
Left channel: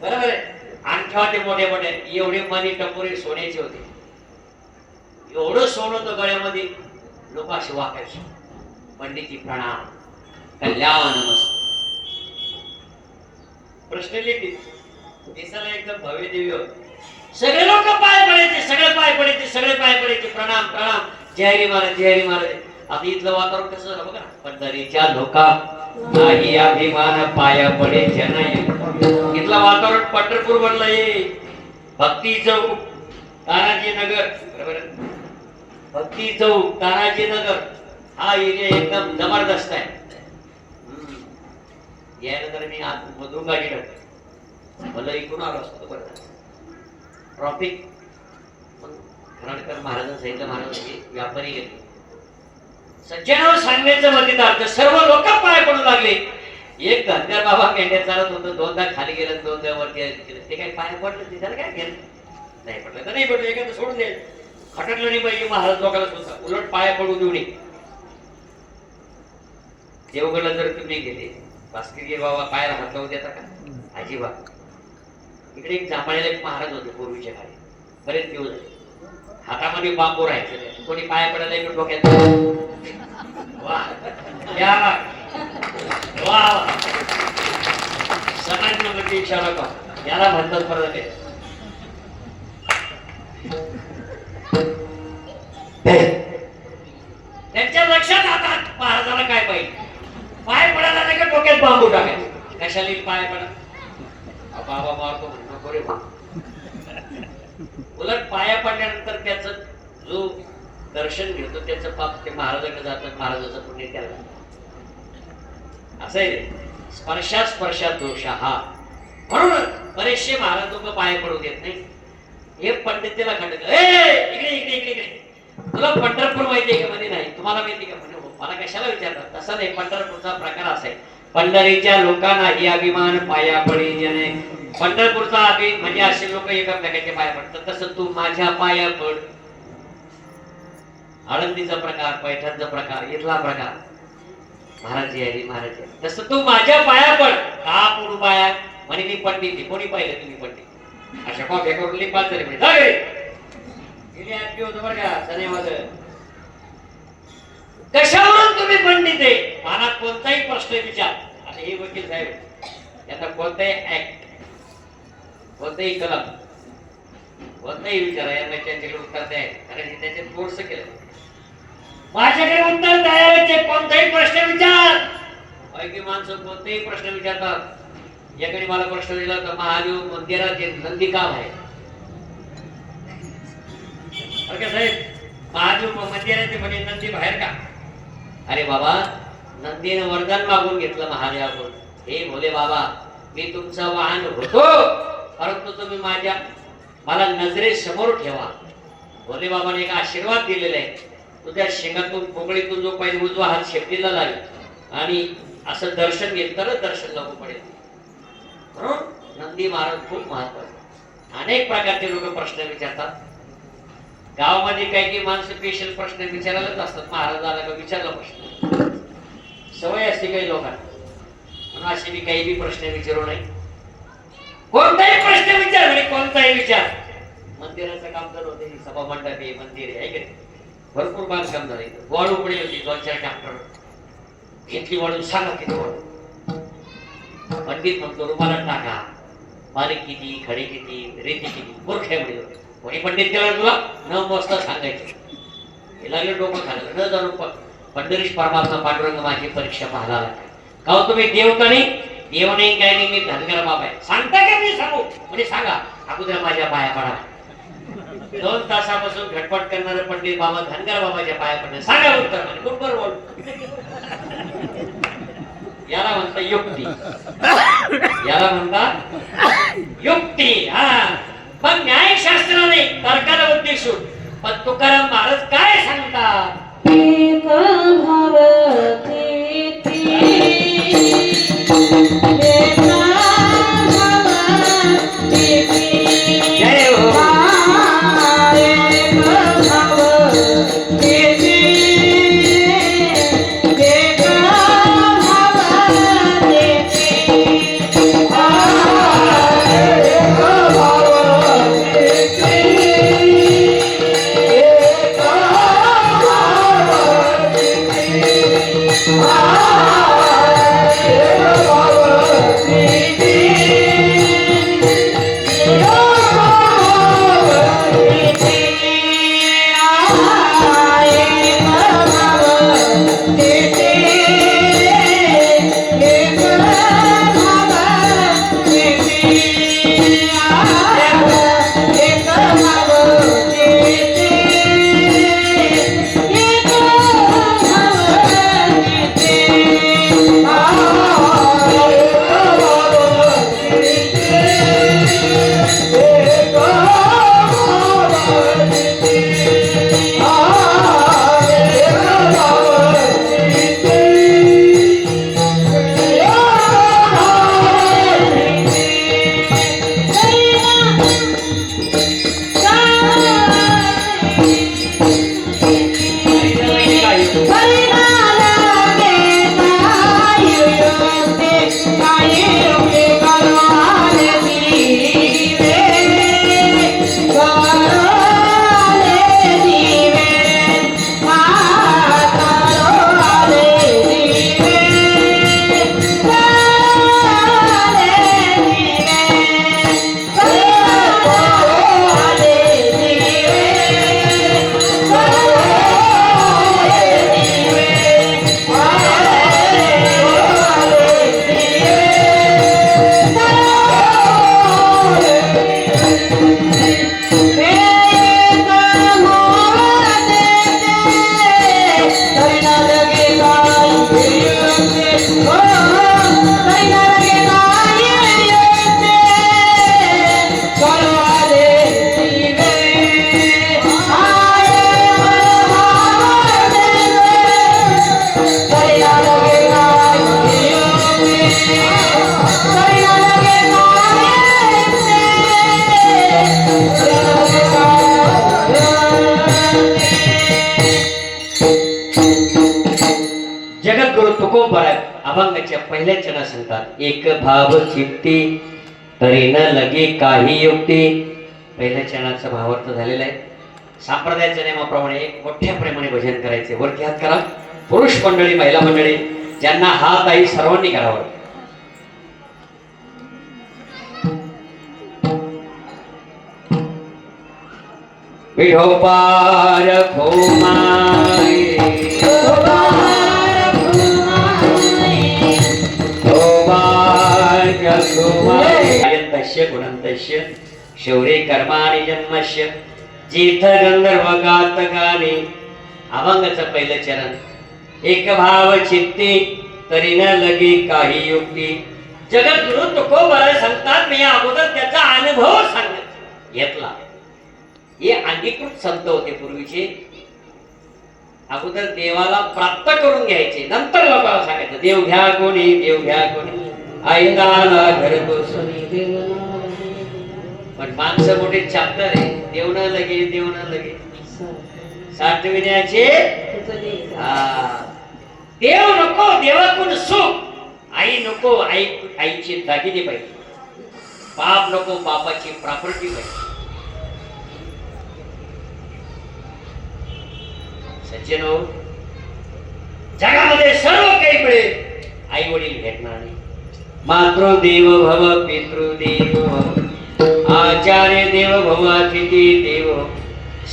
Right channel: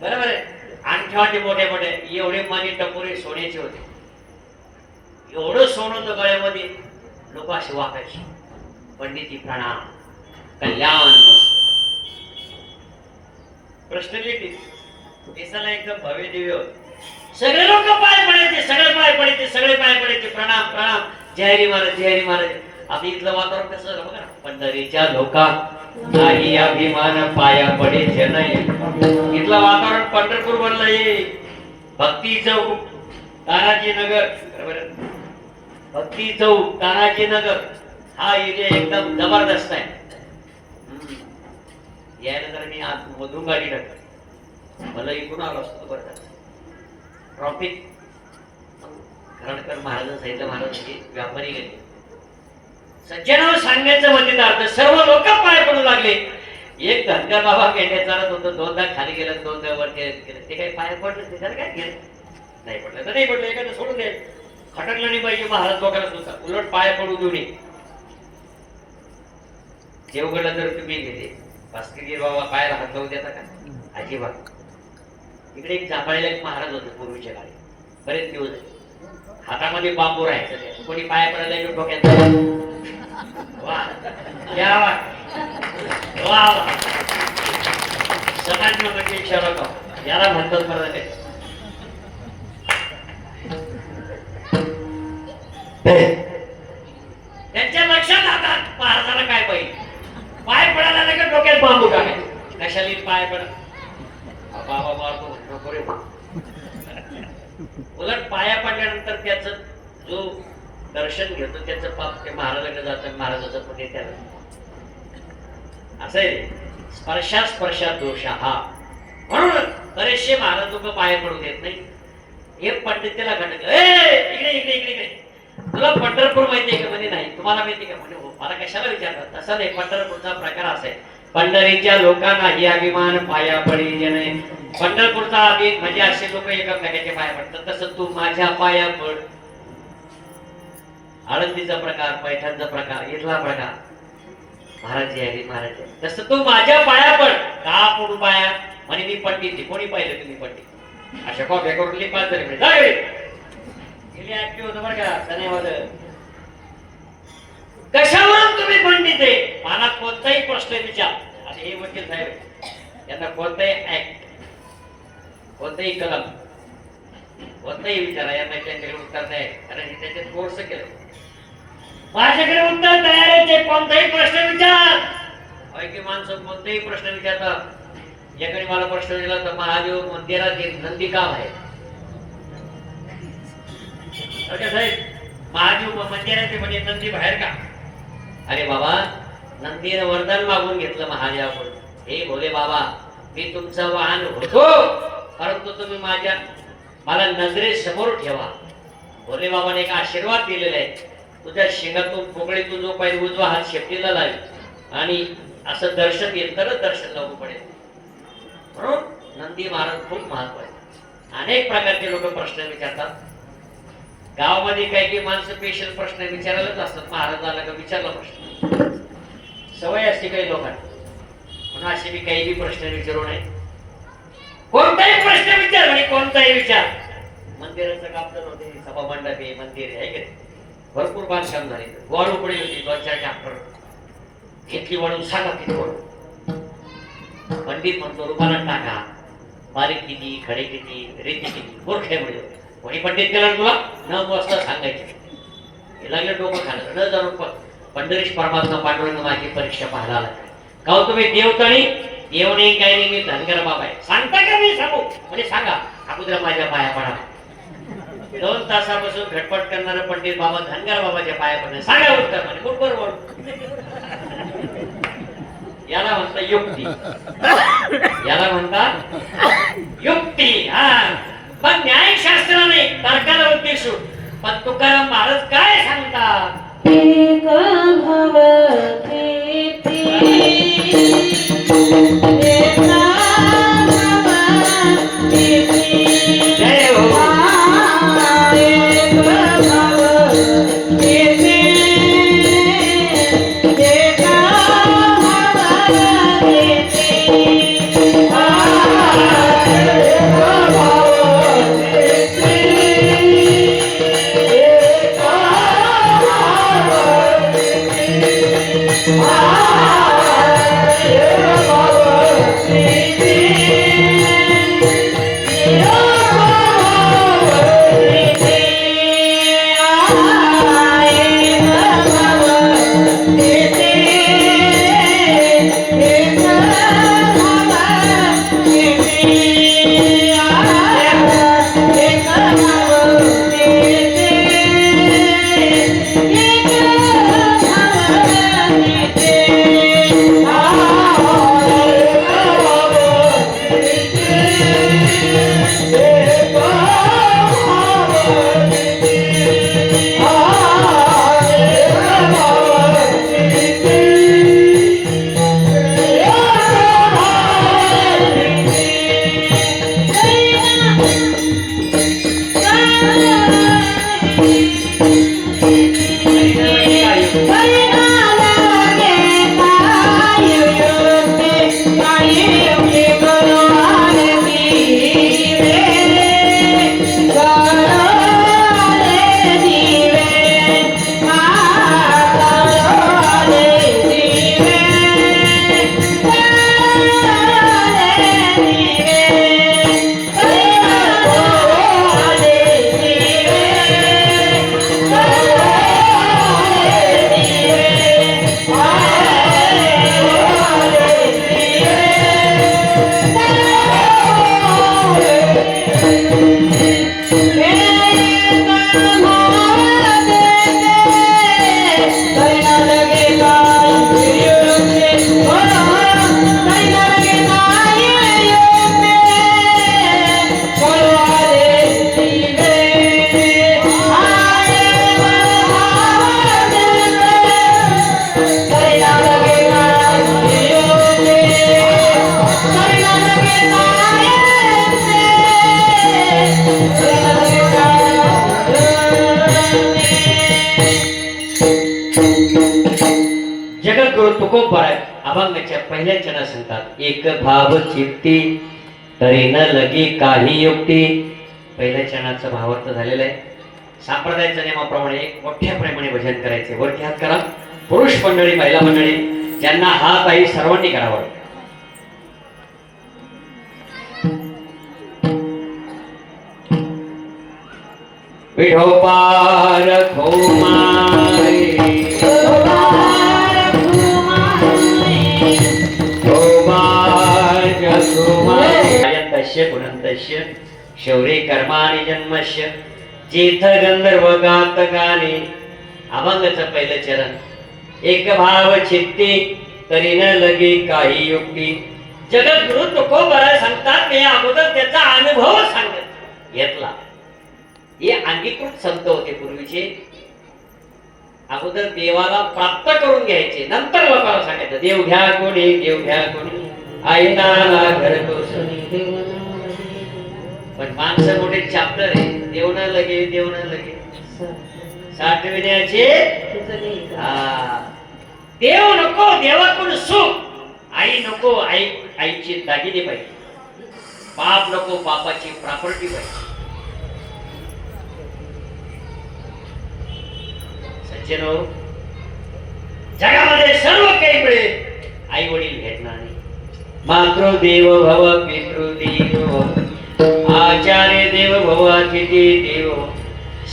बरोबर आहे. आणखी ते मोठे मोठे एवढे मनी टपोरे सोन्याचे होते. एवढं सोनं होतं गळ्यामध्ये. लोक असे वाकायचे, पंडिती प्रणाम, कल्याण नमस्ते. प्रश्न लिहिते, दिसायला एकदम भव्य दिव्य होते. सगळे लोक पाय पडायचे, सगळे पाय पडायचे, सगळे पाय पडायचे, प्रणाम प्रणाम, जय हरी महाराज, जय हरी महाराज. आता इथलं वातावरण कसं झालं बघा. पंढरीच्या लोका नाही अभिमान पाया पडायचे नाही. इथलं वातावरण पंढरपूर बनलंय. भक्ती चौक, तानाजी नगर, बरोबर, भक्ती चौक, तानाजी नगर हा एरिया एकदम जबरदस्त आहे. यायला जर मी आज मधून गाडी टाकतो, मला इकडून आलो असतो बरं. ट्रॉफिक खरणकर महाराजांना सांगितलं, महाराजांची व्यापारी गेले. सज्जनावर सांगायचं म्हणजे अर्थ, सर्व लोक पाय पडू लागले. एक धनगर बाबा मेंढ्या चालत होतं, 2दा खाली गेलं, 2दा वरती गेलं. ते काही पाय पडलं त्याला काय गेलं, नाही पडलं तर नाही पडलं, एखादं सोडून दे. खटकलं नाही पाहिजे महाराज लोकांना सुद्धा, उलट पाय पडू देऊ नये. देवगडला जर तुम्ही गेले, वास्तविक बाबा पायाला हात लावू देता का? अजिबात. इकडे एक जांभळीला एक महाराज होते पूर्वीच्या काळी, बरेच दिवस झाले. हातामध्ये बांबू राहायचं, कोणी पाया पडायला एक डोक्यात. वा क्या वा, समाज म्हणजे इच्छा नको, याला म्हणतात परत. त्यांच्या लक्षात हातात महाराजाला काय पाहिजे, पाय पडायला नाही का डोक्यात बांबू टाकायचं. कशाला पाय पडा, बाबा मारतो म्हणतो रे. उलट पाया पडल्यानंतर त्याच जो दर्शन घेतो त्याचं पाप ते महाराजांकडे जातं, महाराजाचं पुण्य त्याला. असं आहे, स्पर्शात दोष हा. म्हणून बरेचसे महाराज लोक पाय पडू देत नाही. हे पंडितीला खंड, इकडे इकडे इकडे इकडे, तुला पंढरपूर माहितीये का? म्हणजे नाही. तुम्हाला माहिती का? म्हणजे हो. मला कशाला विचारतात? तसं नाही, पंढरपूरचा प्रकार असा आहे. पंढरीच्या लोकांना हे अभिमान पाया पडे नाही. पंढरपूरचा म्हणजे असे लोक एकमेकांच्या पाया पडतात. तसं तू माझ्या पाया पड. आळंदीचा प्रकार, पैठणचा प्रकार, इथला प्रकार, महाराज हरी महाराज. तसं तू माझ्या पाया पड. का पडू पाया? म्हणे मी पंडित आहे. कोणी पाहिलं तुम्ही पंडित? अशा कॉप्या करून लिपाच तरी होतं बरं का सनेवाद. कशावरून तुम्ही पंडित आहे? मनात कोणताही प्रश्न विचार. आणि हे वकील साहेब, त्यांना कोणताही ऍक्ट, कोणताही कलम कोणताही विचारा यांना त्यांच्याकडे उत्तर द्या कारण हे त्याच्यात कोर्स केलं माझ्याकडे उत्तर तयार आहे ते कोणताही प्रश्न विचार पैकी माणसं कोणताही प्रश्न विचारतात याकडे मला प्रश्न दिला तर महादेव मंदिरात जे नंदी काम आहे साहेब महादेव मंदिराचे म्हणजे नंदी बाहेर का अरे बाबा नंदीने वरदान मागून घेतलं महादेवाकडून हे भोले बाबा मी तुमचा वाहन होतो परंतु तुम्ही मला नजरेसमोर ठेवा भोले बाबाने एक आशीर्वाद दिलेला आहे तुझ्या शिंगातून पोकळीतून जो पाहिजे उजवा हात शेपटीला लावेल आणि असं दर्शन येईल तरच दर्शन लागू पडेल म्हणून नंदी महाराज खूप महत्व आहे अनेक प्रकारचे लोक प्रश्न विचारतात गावामध्ये काही माणसं स्पेशल प्रश्न विचारायलाच असतात महाराजाला का विचारला प्रश्न सवय असते काही लोकांना म्हणून असे मी काही प्रश्न विचारू नये कोणताही प्रश्न विचार आणि कोणताही विचार मंदिराचं काम चालू होते सभा मंडप आहे मंदिर आहे का भरपूर बांधकाम झाले वाढू पडली होती 2-4 ट्रॅक्टर घेतली वाढून सांगा किती वाढू पंडित म्हणतो रुमाला टाका बारीक किती खडे किती रेती किती मूर्ख आहे म्हणजे कोणी पंडित केला तुला न मोजता सांगायचं हे लागलं डोकं खाल्लं न जाणून पंढरीश परमात्मा पांडुरंग माझी परीक्षा पाहायला आला का हो तुम्ही देवतणी देव नाही काय नाही मी धनगर बाबा आहे सांगता का मी सांगू म्हणजे सांगा अगोदर माझ्या पाया पडा 2 तासापासून घटपट करणारे पंडित बाबा धनगर बाबाच्या पाया पडणार सांगा उत्तर म्हणजे बरोबर बोल याला म्हणता युक्ती याला म्हणतात युक्ती हा पण न्यायशास्त्राने तर्काला उद्देशून पण तुकाराम महाराज काय सांगतात एक भवती जय हो जगद्गुरु तुकोबाराय अभंगाच्या पहिल्या चरणात सांगतात एक भाव चित्ती तरी न लगे काही युक्ती पहिल्या चरणाचा भावार्थ झालेला आहे संप्रदायाच्या नियमाप्रमाणे मोठ्या प्रेमाने भजन करायचे वरती हात करा पुरुष मंडळी महिला मंडळी ज्यांना हात आहे सर्वांनी करावा विठोबार खोमाई अयन्तस्य गुणन्तस्य शौर्ये कर्माणि जन्मस्य तीर्थ गंधर्व गातकाने. अभंगाचं पहिलं चरण. एक भाव चित्ती तरी न लगे काही युक्ती. जगद्गुरु तुकोबरा सांगतात मी अगोदर त्याचा अनुभव सांगत घेतला. हे अंगीकृत संत होते पूर्वीचे. अगोदर देवाला प्राप्त करून घ्यायचे, नंतर लोकांना सांगायचं देव घ्या कोणी, देव घ्या कोणी, ऐकाला घर कोसणी. पण माणसं मोठे चॅप्टर आहे. देव न लगे, देव न लगे साठविण्याचे. देव नको, देवाकडून सुख. आई नको, आईची दागिने पाहिजे. पाप नको, पापाची प्रॉपर्टी पाहिजे. सज्जन हो, जगामध्ये सर्व काही मिळेल, आई वडील भेटणार नाही. मातृदेव भव, पितृदेव भव, आचार्य देव भव, अतिथी देव.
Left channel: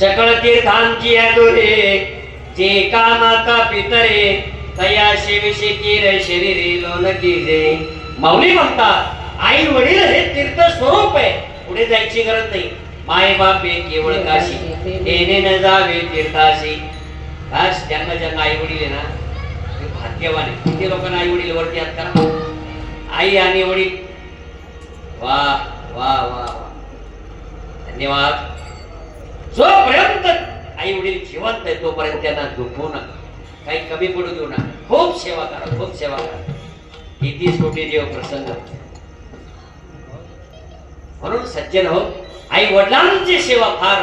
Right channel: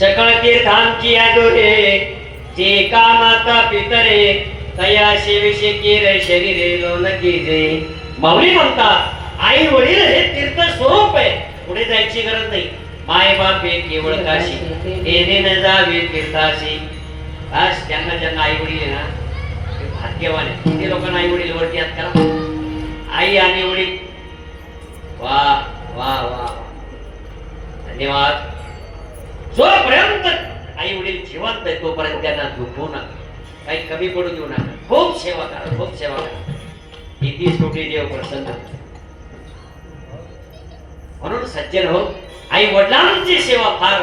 सकळ तीर्थांची आदोरे, जे का माता पितरे, तया सेवेशी केर शरीरे लोलकी दे. माऊली म्हणतात आई वडील हे तीर्थ स्वरूप आहे, पुढे जायची गरज नाही. माय बाप हे केवळ काशी, येणे न जावे तीर्थाशी. बस त्यांना ज्यांना आई वडील आहे ना ते भाग्यवान आहे. किती लोकांना आई वडील वरती हात करा. आई आणि वडील, वा वा वा, धन्यवाद. जोपर्यंत आई वडील जिवंत आहे तोपर्यंत त्यांना दुखवू नका, काही कमी पडू देऊ नका. खूप सेवा करा, खूप सेवा करा. किती कोटी देव प्रसन्न. म्हणून सज्जन हो, आई वडिलांची सेवा फार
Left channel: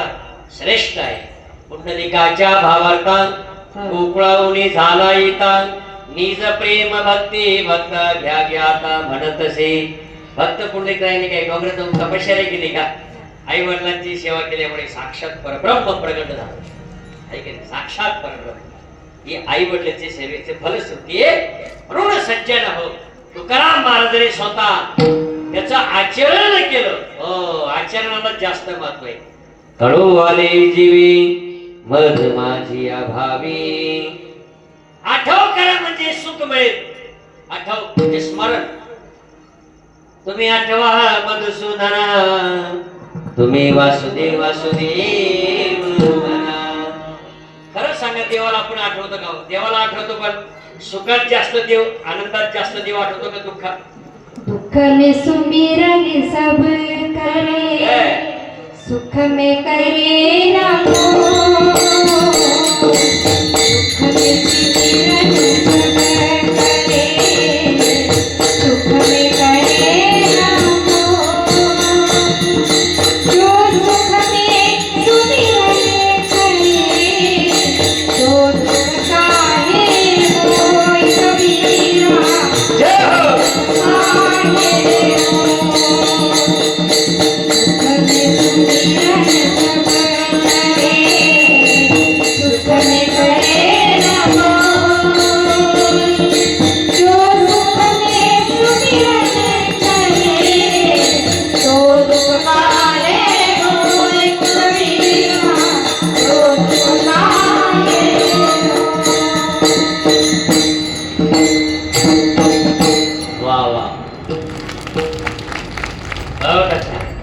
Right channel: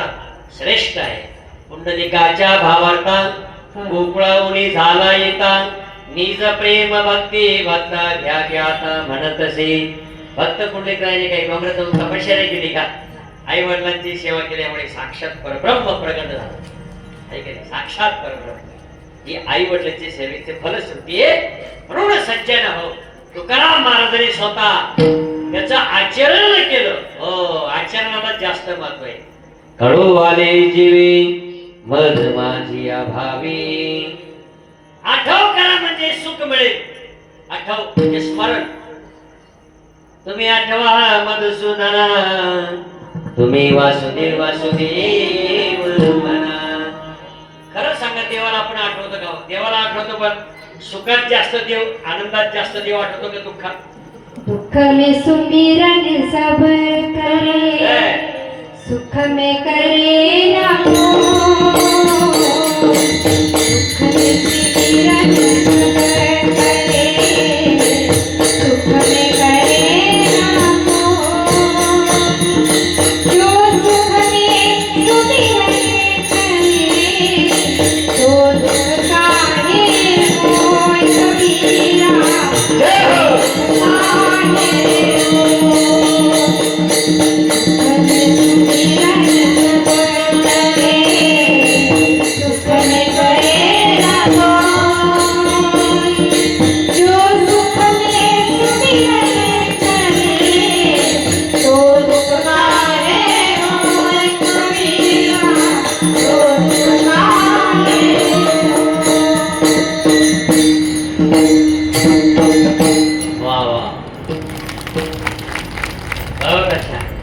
श्रेष्ठ आहे. पुंडलिकाच्या भावार्था गोकुळाहुनी झाला येता, निज प्रेम भक्ती भक्ता घ्या घ्याता म्हणतसे. भक्त पुंडलिकाने काही डोंगरात जाऊन तपश्चर्या केली का? आई वडिलांची सेवा केल्यामुळे साक्षात परब्रह्म प्रगट झाला. साक्षात परब्रह्म ही आई वडिलांची सेवेचे फलश्रुती आहे. म्हणून सज्जन हो, तुकाराम महाराजांनी स्वतः त्याचं आचरण केलं. हो, आचरणाला जास्त महत्व आहे. कडू आले जीवी मध माझी अभावी. आठव करा म्हणजे सुख मिळेल. आठव म्हणजे स्मरण. तुम्ही आठवा मधुसूदना, तुम्ही वासुदेव वासुदेव म्हणा. खरं सांगा, देवाला आपण आठवतो का? देवाला आठवतो, पण सुखात जास्त देव, आनंदात जास्त देव आठवतो का दुःखात? दुख में सुमिरन सब करे, सुख में करे रामो. दुख में सुमिरन सब करे, सुख में करे रामो. जो सुख में सुमिरन करे, तो दुख काहे होय कबीरा. जय हो.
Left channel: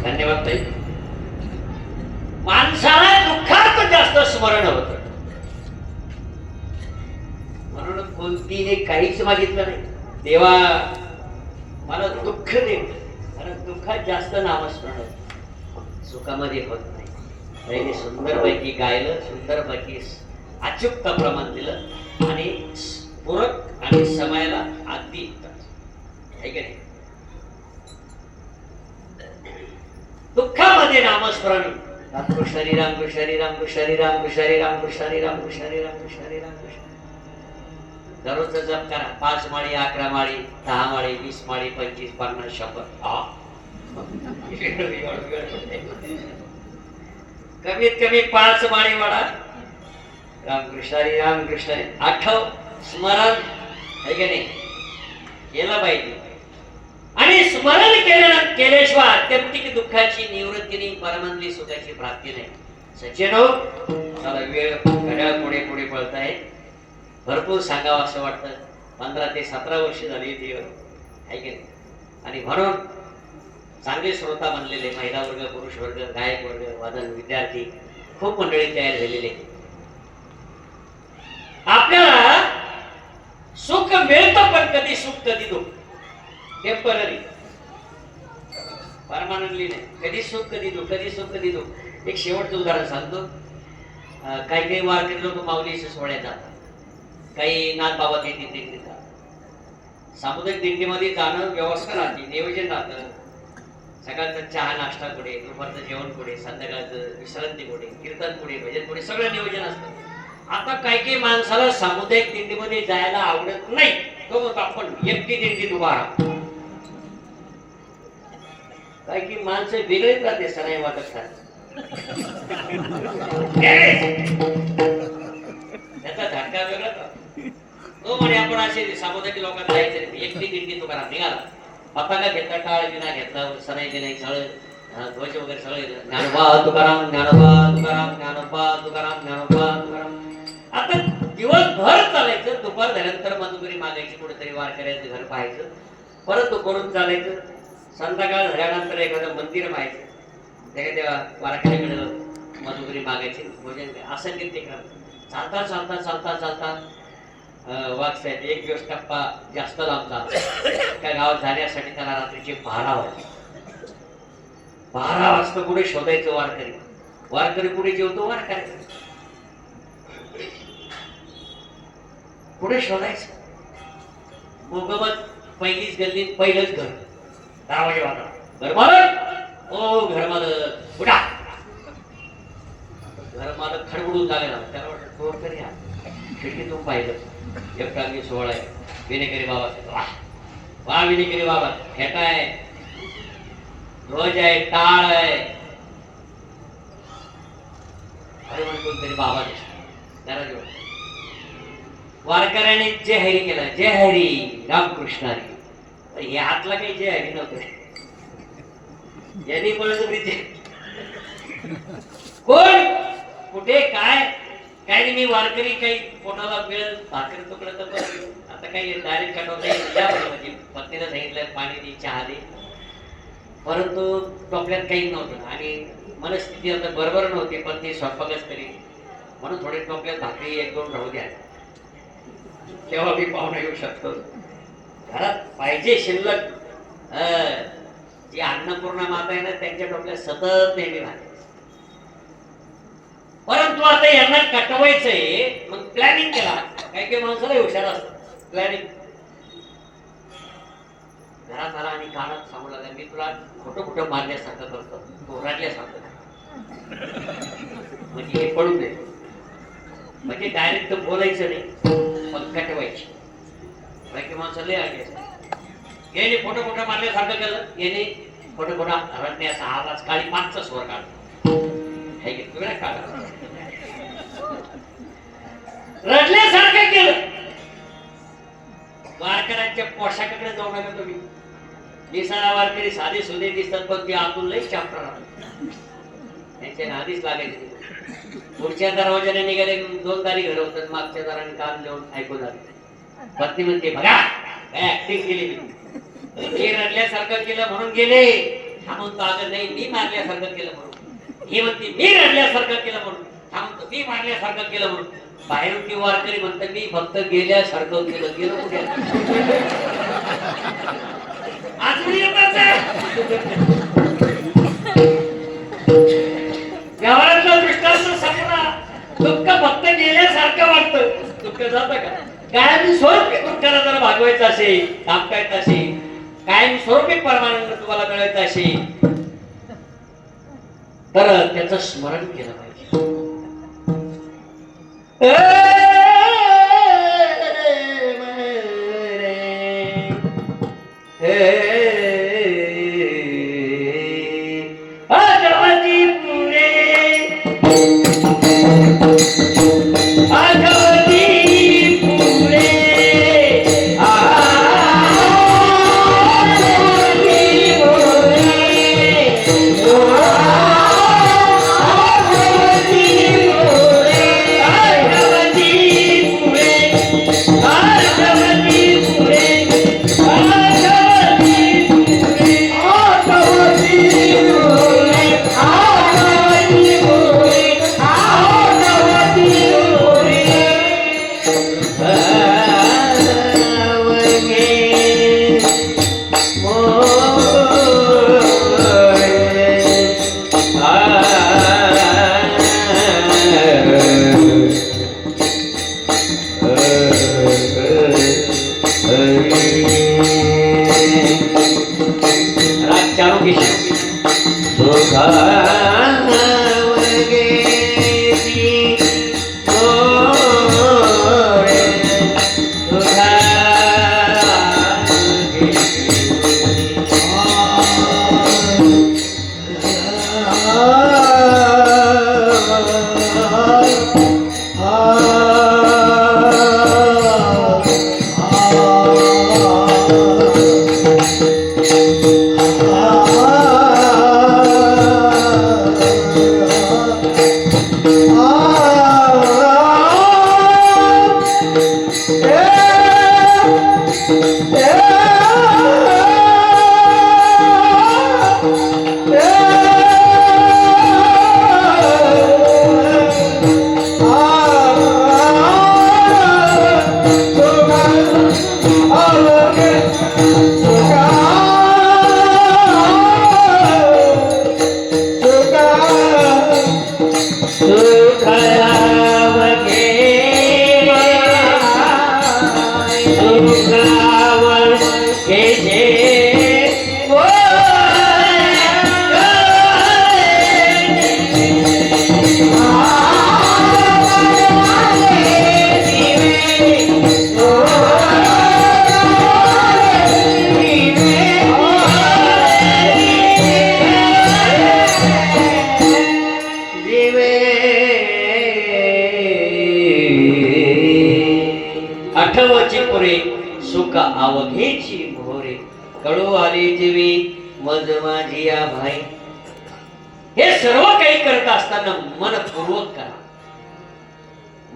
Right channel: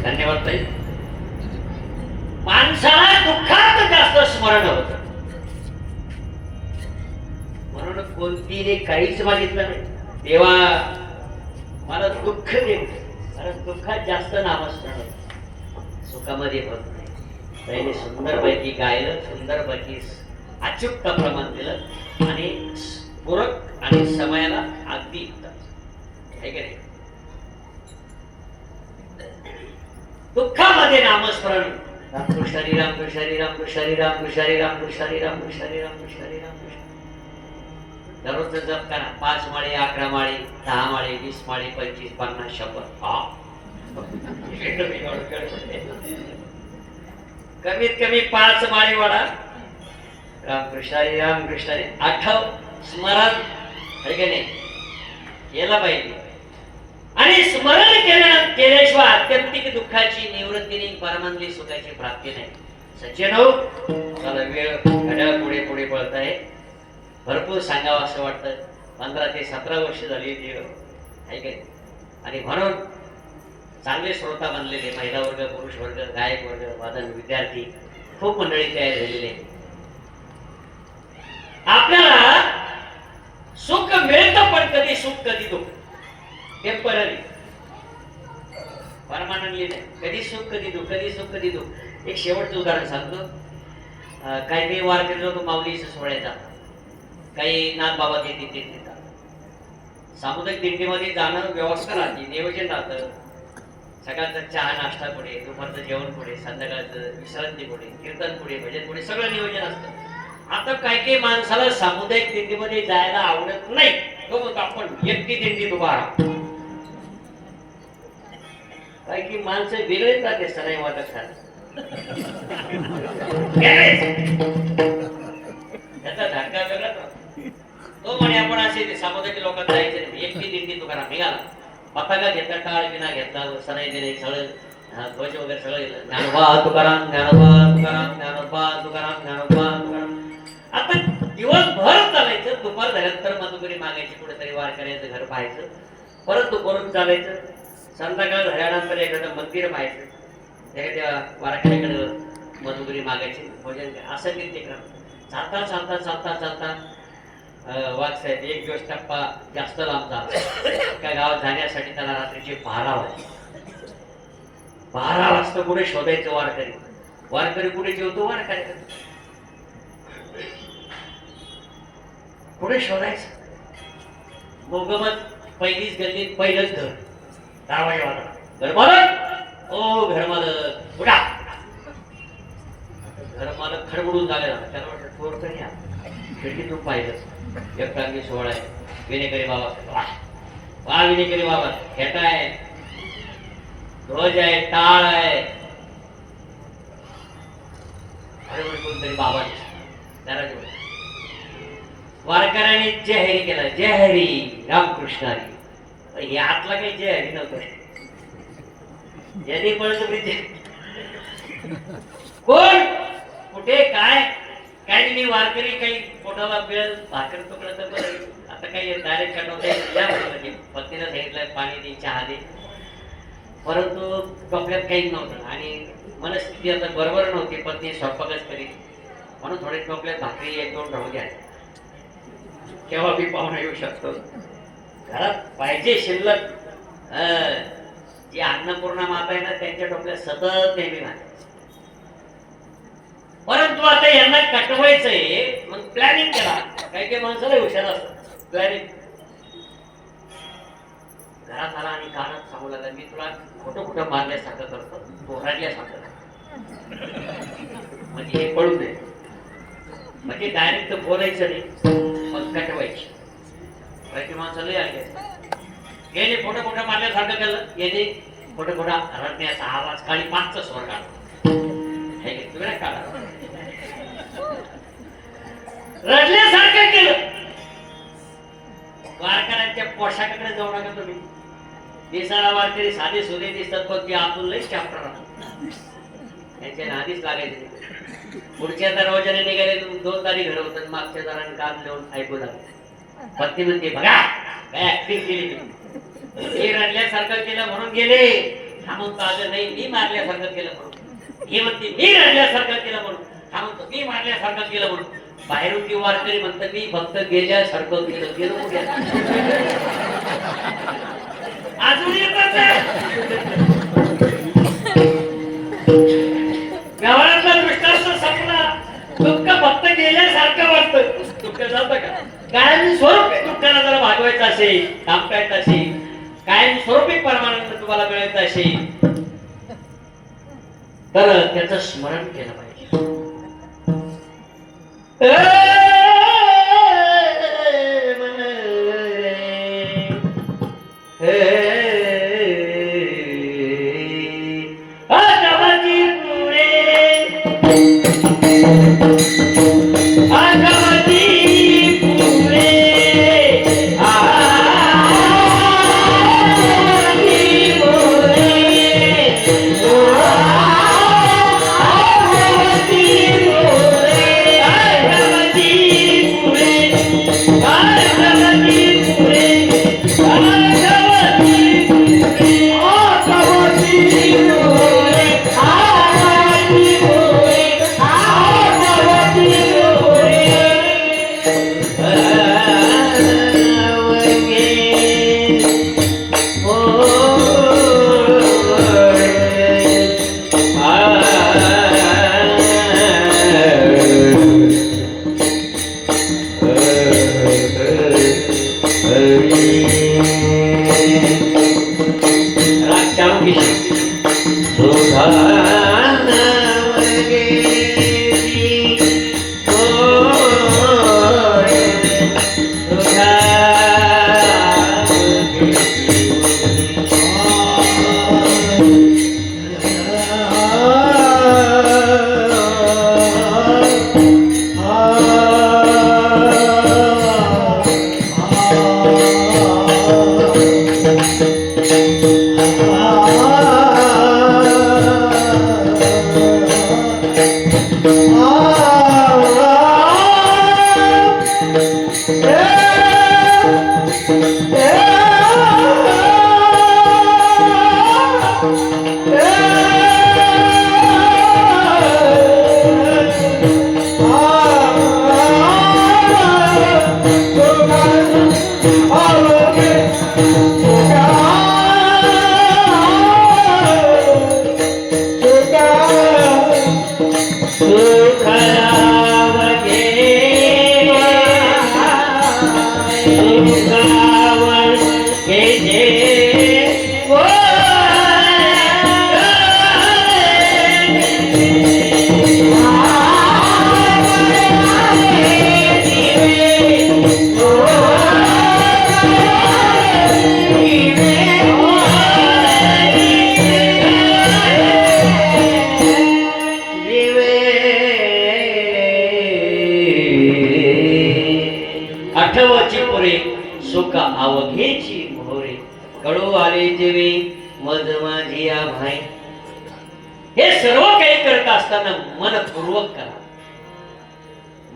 धन्यवाद ताई. माणसाला दुःखात जास्त स्मरण होत, म्हणून कोणतीने काहीच मागितलं नाही. देवा मला दुःख दे, कारण दुःखात जास्त नामस्मरण होत, सुखामध्ये होत नाही. त्याने सुंदरपैकी गायलं, सुंदरपैकी अचूक प्रमाण दिलं आणि पूरक आणि समयाला अगदी आहे की नाही. दुःखामध्ये नामस्मरण. रामकृष्ण हरी रामकृष्ण हरी रामकृष्ण हरी रामकृष्ण हरी रामकृष्ण हरी रामकृष्ण हरी रामकृष्ण हरी रामकृष्ण. दररोज जप करा. 5 माळी, 11 माळी, 10 माळी, 20 माळी, 25, 50, 100. कमीत कमी 5 माळी वाढा. रामकृष्ण हरी रामकृष्ण हरी. आठव, स्मरण आहे की नाही, केला पाहिजे. आणि स्मरण केल्याशिवाय आत्यंतिक दुःखाची निवृत्ती नाही, परमानंदी सुखाची प्राप्ती नाही. सचिन हो, मला वेळ घड्याळ पुढे पुढे पळत आहे. भरपूर सांगावं असं वाटतं. 15 ते 17 वर्ष झाली ती आहे काय. आणि म्हणून चांगले श्रोता बनलेले महिला वर्ग, पुरुष वर्ग, गायक वर्ग, वादन विद्यार्थी खूप मंडळी तयार झालेले. आपल्याला सुख मिळतं पण कधी सुख कधी दुःख. टेम्पररी, परमानंटली नाही. कधी सुख कधी दुःख, कधी सुख कधी दुःख. एक शेवटचं उदाहरण सांगतो. काही काही वारकरी लोक माऊली सोहळ्यात जातात, काही नाथ बाबा दिंडीत जातात. सामुदायिक दिंडीमध्ये जाणं व्यवस्था राहते, नियोजन राहतं. सकाळचा चहा नाश्ता पुढे, दुपारचं जेवण पुढे, संध्याकाळचं विश्रांती पुढे, कीर्तन पुढे, भजन पुढे, सगळं नियोजन असतं. आता काही काही माणसाला सामुदायिक दिंडीमध्ये जायला आवडत नाही. तो म्हणतो आपण एकटी दिंडीत उभा राहतो. काही काही माणसं वेगळेच राहते सराई वाटत त्याचा धडका वेगळाच. तो म्हणे आपण असे सामुदायिक लोकांना जायचं नाही, एकटी दिंडी तुकाराम निघाला. पताका घेतला, टाळ विना घेतला, सराई बिनाई सगळं ध्वज वगैरे सगळं. ज्ञानोबा तुकाराम, ज्ञानोबा तुकाराम, ज्ञानोबा तुकाराम, ज्ञानोबा तुकाराम. आता दिवसभर चालायचं. दुपार झाल्यानंतर मधुकरी मागायची, कुठेतरी वारकऱ्याचं घर पाहायचं, परत दुपारून चालायचं. संध्याकाळ झाल्यानंतर एखादं मंदिर पाहायचं, एखाद्या वारकऱ्याकडे मधुकरी मागायची, भजन असं ते करा. चालता चालता चालता चालता वाघ साहेब एक दिवस टप्पा जास्त लांब आला. त्या गावात जाण्यासाठी त्याला रात्रीचे 12 वाजले. 12 वाजता कुठे शोधायचं वारकरी. वारकरी कुठे जेवतो, वारकरी कुठे शोधायचं. मोगमत पहिलीच गल्ली, पहिलंच घर. दरवाजे वाजला, घरमालक ओ घरमालक उठा. घरमालक खडबडून झालेला. त्याला वाटलं चोर तरी या. खिडकीतून पाहिलं एक प्रांगी सोहळा आहे. विनेकरी बाबा, वा वा विनेकरी बाबा, खेटा आहे, ध्वज आहे, टाळ आहे. अरे म्हणजे कोणतरी बाबा त्याला घेऊन वारकऱ्याने जय हरी केला. जय हरी रामकृष्ण हरी. हे आतला काही जय हरी नव्हतं. यांनी बळजबरी कोण कुठे काय काय नाही. मी वारकरी काही पोटाला मिळेल भाकर तुकडं तर बरं. आता काही डायरेक्ट काढवता या म्हणजे पत्नीला सांगितलं पाणी दे, चहा दे. परंतु टोपल्यात काहीच नव्हतं आणि मनस्थिती आता बरोबर नव्हती. पत्नी स्वयंपाकच करी म्हणून थोडे टोपल्यात भाकरी 1-2 राहू द्या. केव्हा मी पाहुणा येऊ शकतो. घरात पाहिजे शिल्लक. जी अन्नपूर्णा माता आहे ना, त्यांच्या टोपल्यात सतत नेहमी भाकरी. परंतु आता यांना कटवायचंय, मग प्लॅनिंग केला. काही काही माणसाला हुशार असतं प्लॅनिंग. घरात आला आणि कानात सांगू लागला, मी तुला खोटं खोटं मारल्यासारखं करतो, तो रडल्यासारखं. म्हणजे हे पळू दे. म्हणजे डायरेक्ट बोलायचं नाही, पण कटवायची. काही माणसं लय आले. याने खोटं खोटं मारल्यासारखं केलं. याने खोटं खोटा रडण्याचा आवाज काळी 5चा स्वर काढला. रडल्यासारखं केलं. वारकऱ्यांच्या पोशाखाकडे जाऊ नका तुम्ही. दिसायला वारकरी साधे सुधे दिसतात, पण ते आतून लई चॅप्टर राहतात. त्यांच्या नादीच लागायचे. पुढच्या दरवाजाने निघाले 2 दारी घर होतात. मागच्या दाराने कान लिहून ऐकू लागले. पत्नी म्हणते बघा काय ऍक्टिंग केली तुम्ही. हे रडल्यासारखं केलं म्हणून गेले. हा म्हणतो अगं नाही, मी मारल्यासारखं केलं म्हणून. हे म्हणते मी रडल्यासारखं केलं म्हणून. हा म्हणतो मी मारल्यासारखं केलं म्हणून. बाहेरून ती वारकरी म्हणतात मी फक्त गेल्यासारखं केलं. गेलं कुठे अजून येतात. व्यवहारातला दृष्टांत संपला. दुःख फक्त गेल्यासारखं वाटतं. दुःख जातं का? कायम स्वरूपी दुःखाला जरा भागवायचं असेल, थांबवायचं असेल, कायम स्वरूपी परमानंद तुम्हाला मिळायचं असेल, तर त्याचं स्मरण केलं पाहिजे. आठवची पुरे सुख अवघेची मोरे कडू आले जीवी मज माझी या भाई. हे सर्व काही करत असताना मनपूर्वक करा.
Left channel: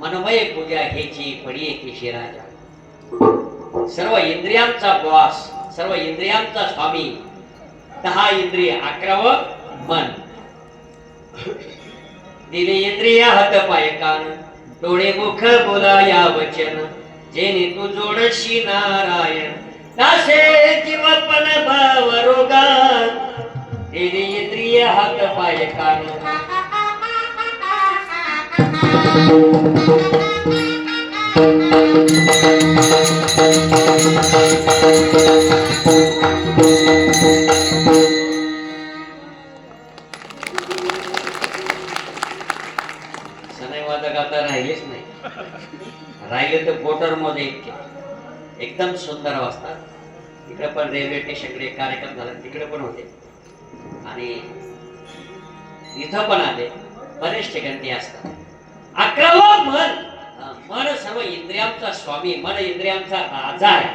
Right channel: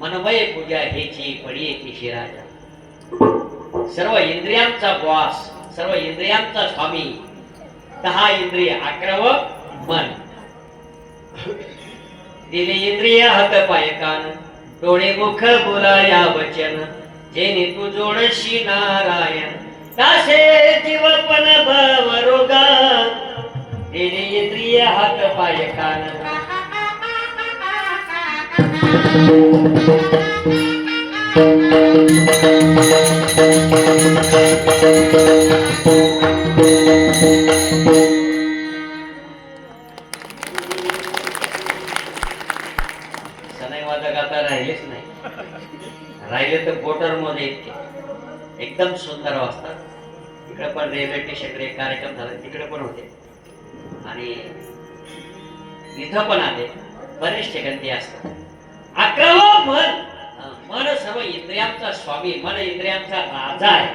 मनमय पूजा हेची पडी येते राजा. सर्व इंद्रियांचा बॉस, सर्व इंद्रियांचा स्वामी. 10 इंद्रिय, 11 मन. दिले इंद्रिय हात पाय कान, डोळे मुख बोलाया वचन. जेने तू जोडशी नारायण, कासे जीवपण भाव रोगा. दिले इंद्रिय हात पाय कान. सनईवादक आता राहिलेच नाही. राहिले तर बोटर मध्ये एकदम सुंदर वाजतात. इकडे पण रेल्वे स्टेशनकडे कार्यक्रम झाला, तिकडे पण होते आणि इथं पण आले. बरेच ठिकाणी ते असतात. 11वं मन. मन सर्व इंद्रियांचा स्वामी, मन इंद्रियांचा राजा आहे.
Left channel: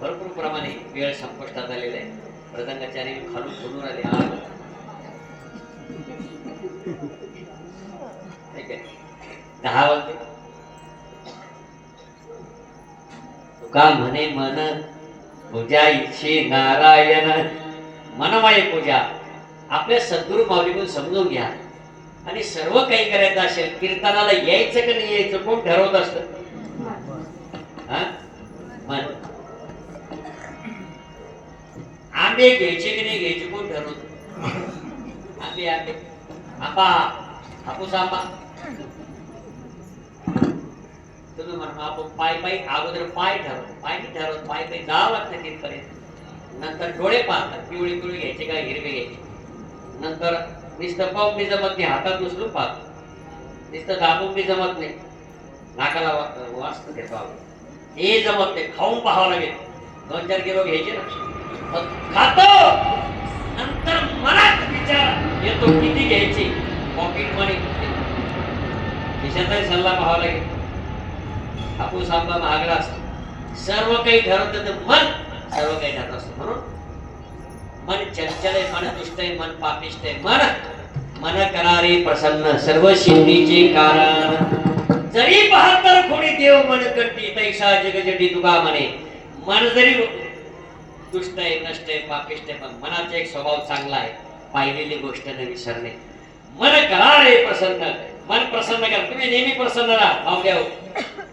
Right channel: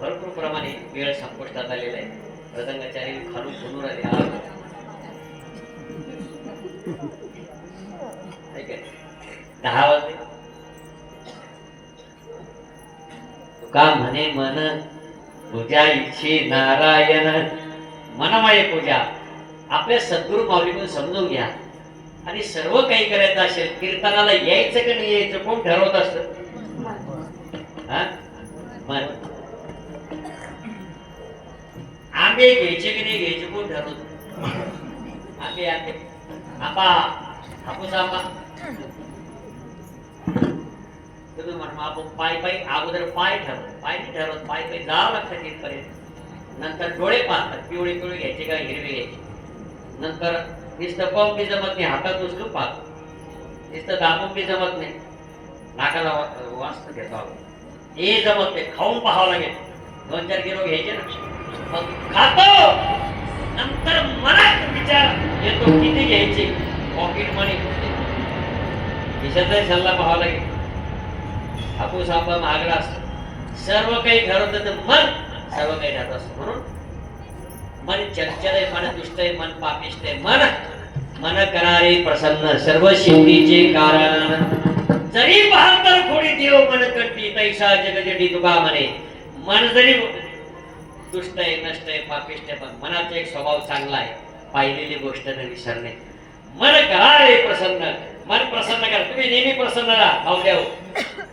भरपूर प्रमाणे वेळ संपुष्टात आलेला आहे. मृदंगाचार्य खालून बोलून आले. ठीक आहे, 10 वाजले. तुका म्हणे मन पूजा इच्छे नारायण. मनमय पूजा आपल्या सद्गुरु माऊलीकडून समजून घ्या. आणि सर्व काही करायचं असेल, कीर्तनाला यायचं का नाही यायचं कोण ठरवत असत? मन. आंबे घ्यायचे की नाही घ्यायचे कोण ठरवत? आंबे आंबे आंबा, हापूस आंबा. तुम्ही म्हणा आपण पाय अगोदर पाय ठरवत, पाय नाही ठरवत, पाय जावं लागतं तिथपर्यंत. नंतर डोळे पाहतात, पिवळे पिवळे घ्यायचे का हिरवे घ्यायचे. नंतर नुसतं पंप बी जमत नाही, हातात उचलून पाहतो. नुसतं दाबून बी जमत नाही, नाकाला वाचत घेतो. हे जमत नाही, खाऊन पाहावं लागेल. 2-4 किलो घ्यायचे ना, मग खातो. नंतर मनात विचार येतो किती घ्यायचे. पॉकेट मनी खिशाचाही सल्ला पाहावा लागेल. हापूस आंबा महागडा असतो. सर्व काही ठरवतं तर मन सर्व काही ठरत असतं. म्हणून मन चंचल आहे, मन दुष्ट आहे, मन पापिष्ट आहे. मन करारे प्रसन्न, सर्व सिद्धीचे कारण. जरी 72 कोटी देव मन कंटी, तैसा जगजटी तुका म्हणे. मन जरी दुष्ट आहे, नष्ट आहे, पापिष्ट आहे, पण मनाचा एक स्वभाव चांगला आहे. पाहिलेली गोष्ट न विसरणे. मन करारे प्रसन्न, मन प्रसन्न करा. तुम्ही नेहमी प्रसन्न राहा. भावड्या हो,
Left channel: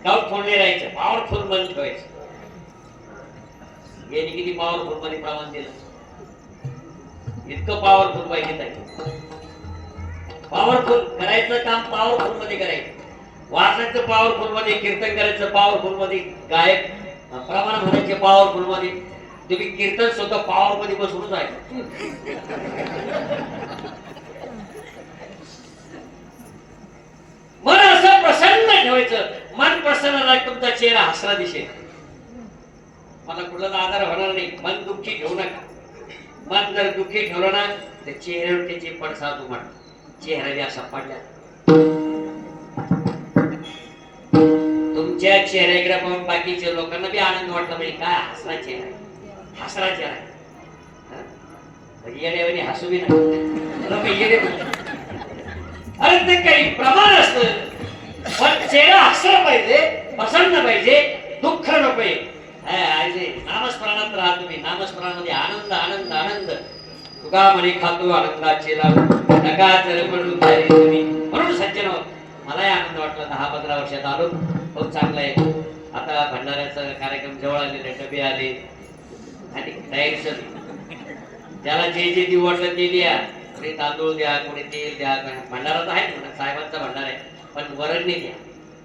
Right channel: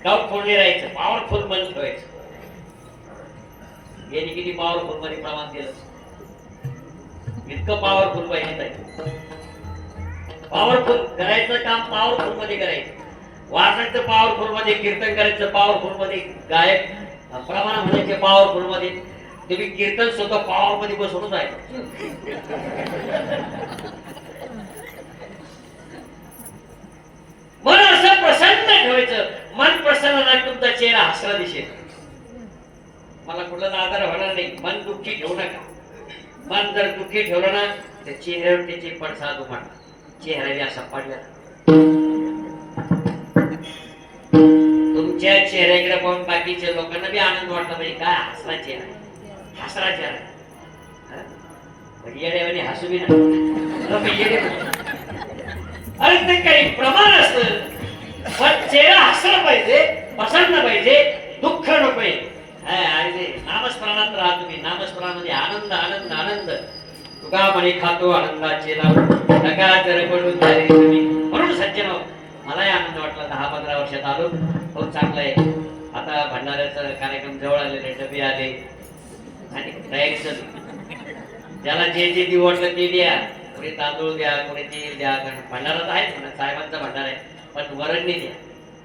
डाऊट फोडले राहायचं. पॉवरफुल मन ठेवायचं. यांनी किती पॉवरफुल मध्ये प्रमाण दिलं. इतकं पॉवरफुल पाहिजे आहे. पॉवरफुल करायचं काम पॉवरफुल मध्ये करायचं. वाचायचं पॉवरफुल मध्ये, कीर्तन करायचं पॉवरफुल मध्ये, गायक प्रमाण म्हणायचे पॉवरफुल मध्ये. तुम्ही कीर्तन स्वतः पॉवर मध्ये बसूनच आहे. मन असं प्रसन्न ठेवायचं. मन प्रसन्न राहत तुमचा चेहरा हसरा दिसेल. मला कुठलाच आधार होणार नाही. मन दुःखी ठेवू नका. मन जर दुःखी ठेवलं ना तर चेहऱ्यावर त्याचे पडसाद उमटतात. चेहऱ्याने असा पडला. तुमच्या चेहऱ्याकडे पाहून बाकीच्या लोकांना बी आनंद वाटला पाहिजे. काय हसरा चेहरा आहे, हसरा चेहरा आहे. येड्यावानी हसू बी ना. अरे ते काही प्रमाण असतं, पण चेहरा हसला पाहिजे. प्रसन्न पाहिजे, दुःख नकोय. नामस्मरणात राहा तुम्ही. नामस्मरणामध्ये आनंद आनंद आनंद. तुका म्हणे खातो आनंदाचे लाडू, नका पडू झाले तुम्ही. म्हणून सज्जन मलाही आनंद वाटला. 10-15 वर्षात आलो. खूप चांगलं आहे. आता भंडाऱ्याचा कार्यक्रम जवळ आलेले, डबे आले आणि तयारी चालू. ज्याला जे जे देऊ वाटलं ते द्या. कोणी तांदूळ द्या, कोणी तेल द्या. भंडारा तर आहे म्हणा, साहेबांचा भंडारा आहे, पण वरणी द्या.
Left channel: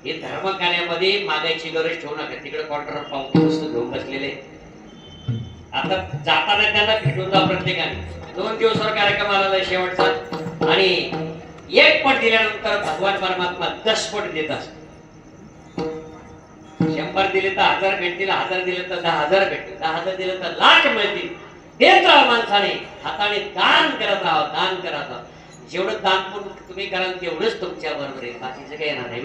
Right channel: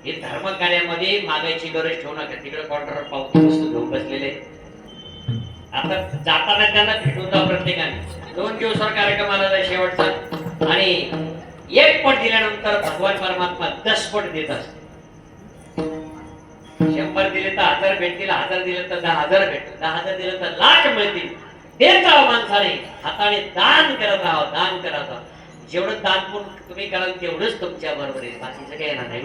हे धर्म कार्यामध्ये मागायची गरज ठेवू नका. तिकडे क्वार्टर पावती वस्तू घेऊन बसलेले. आता जाताना त्यांना भेटून जा प्रत्येकाने. 2 दिवसावर कार्यक्रम आलेला शेवटचा, आणि 1 पट दिल्यानंतर भगवान परमात्मा 10 पट देत असतो. 100 दिले तर 1000 भेटतील, 1000 दिले तर 10,000 भेटतील, 10,000 दिले तर लाख मिळतील. देत राहा माणसाने, हाताने दान करत राहा, दान करत राहा. जेवढं दान पुण्य तुम्ही कराल तेवढंच तुमच्या बरोबर आहे. बाकीचं काही येणार नाही.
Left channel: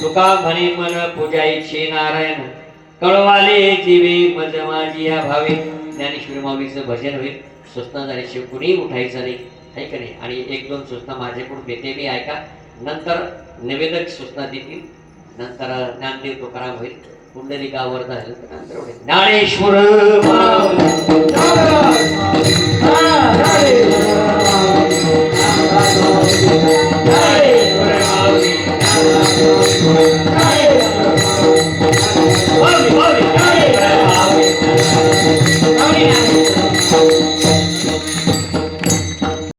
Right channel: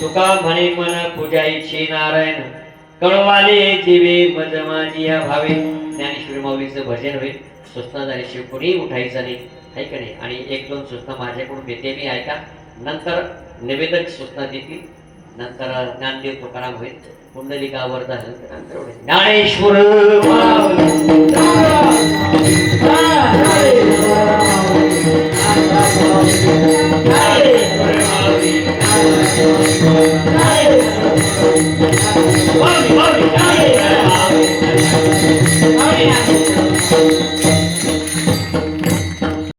तुका म्हणे मन पूजायचे नारायण, कळवाले जीवे मज माझी या भावे. ज्ञानेश्वरी माऊलीचं भजन होईल. सूचना झाल्याशिवाय कुणीही उठायचं नाही, आहे का नाही. आणि 1-2 सूचना माझ्याकडून देते मी, ऐका. नंतर निवेदक सूचना देतील, नंतर ज्ञानदेव तुकाराम होईल. कुंडलिकावर झालं तर नंतर ज्ञानेश्वर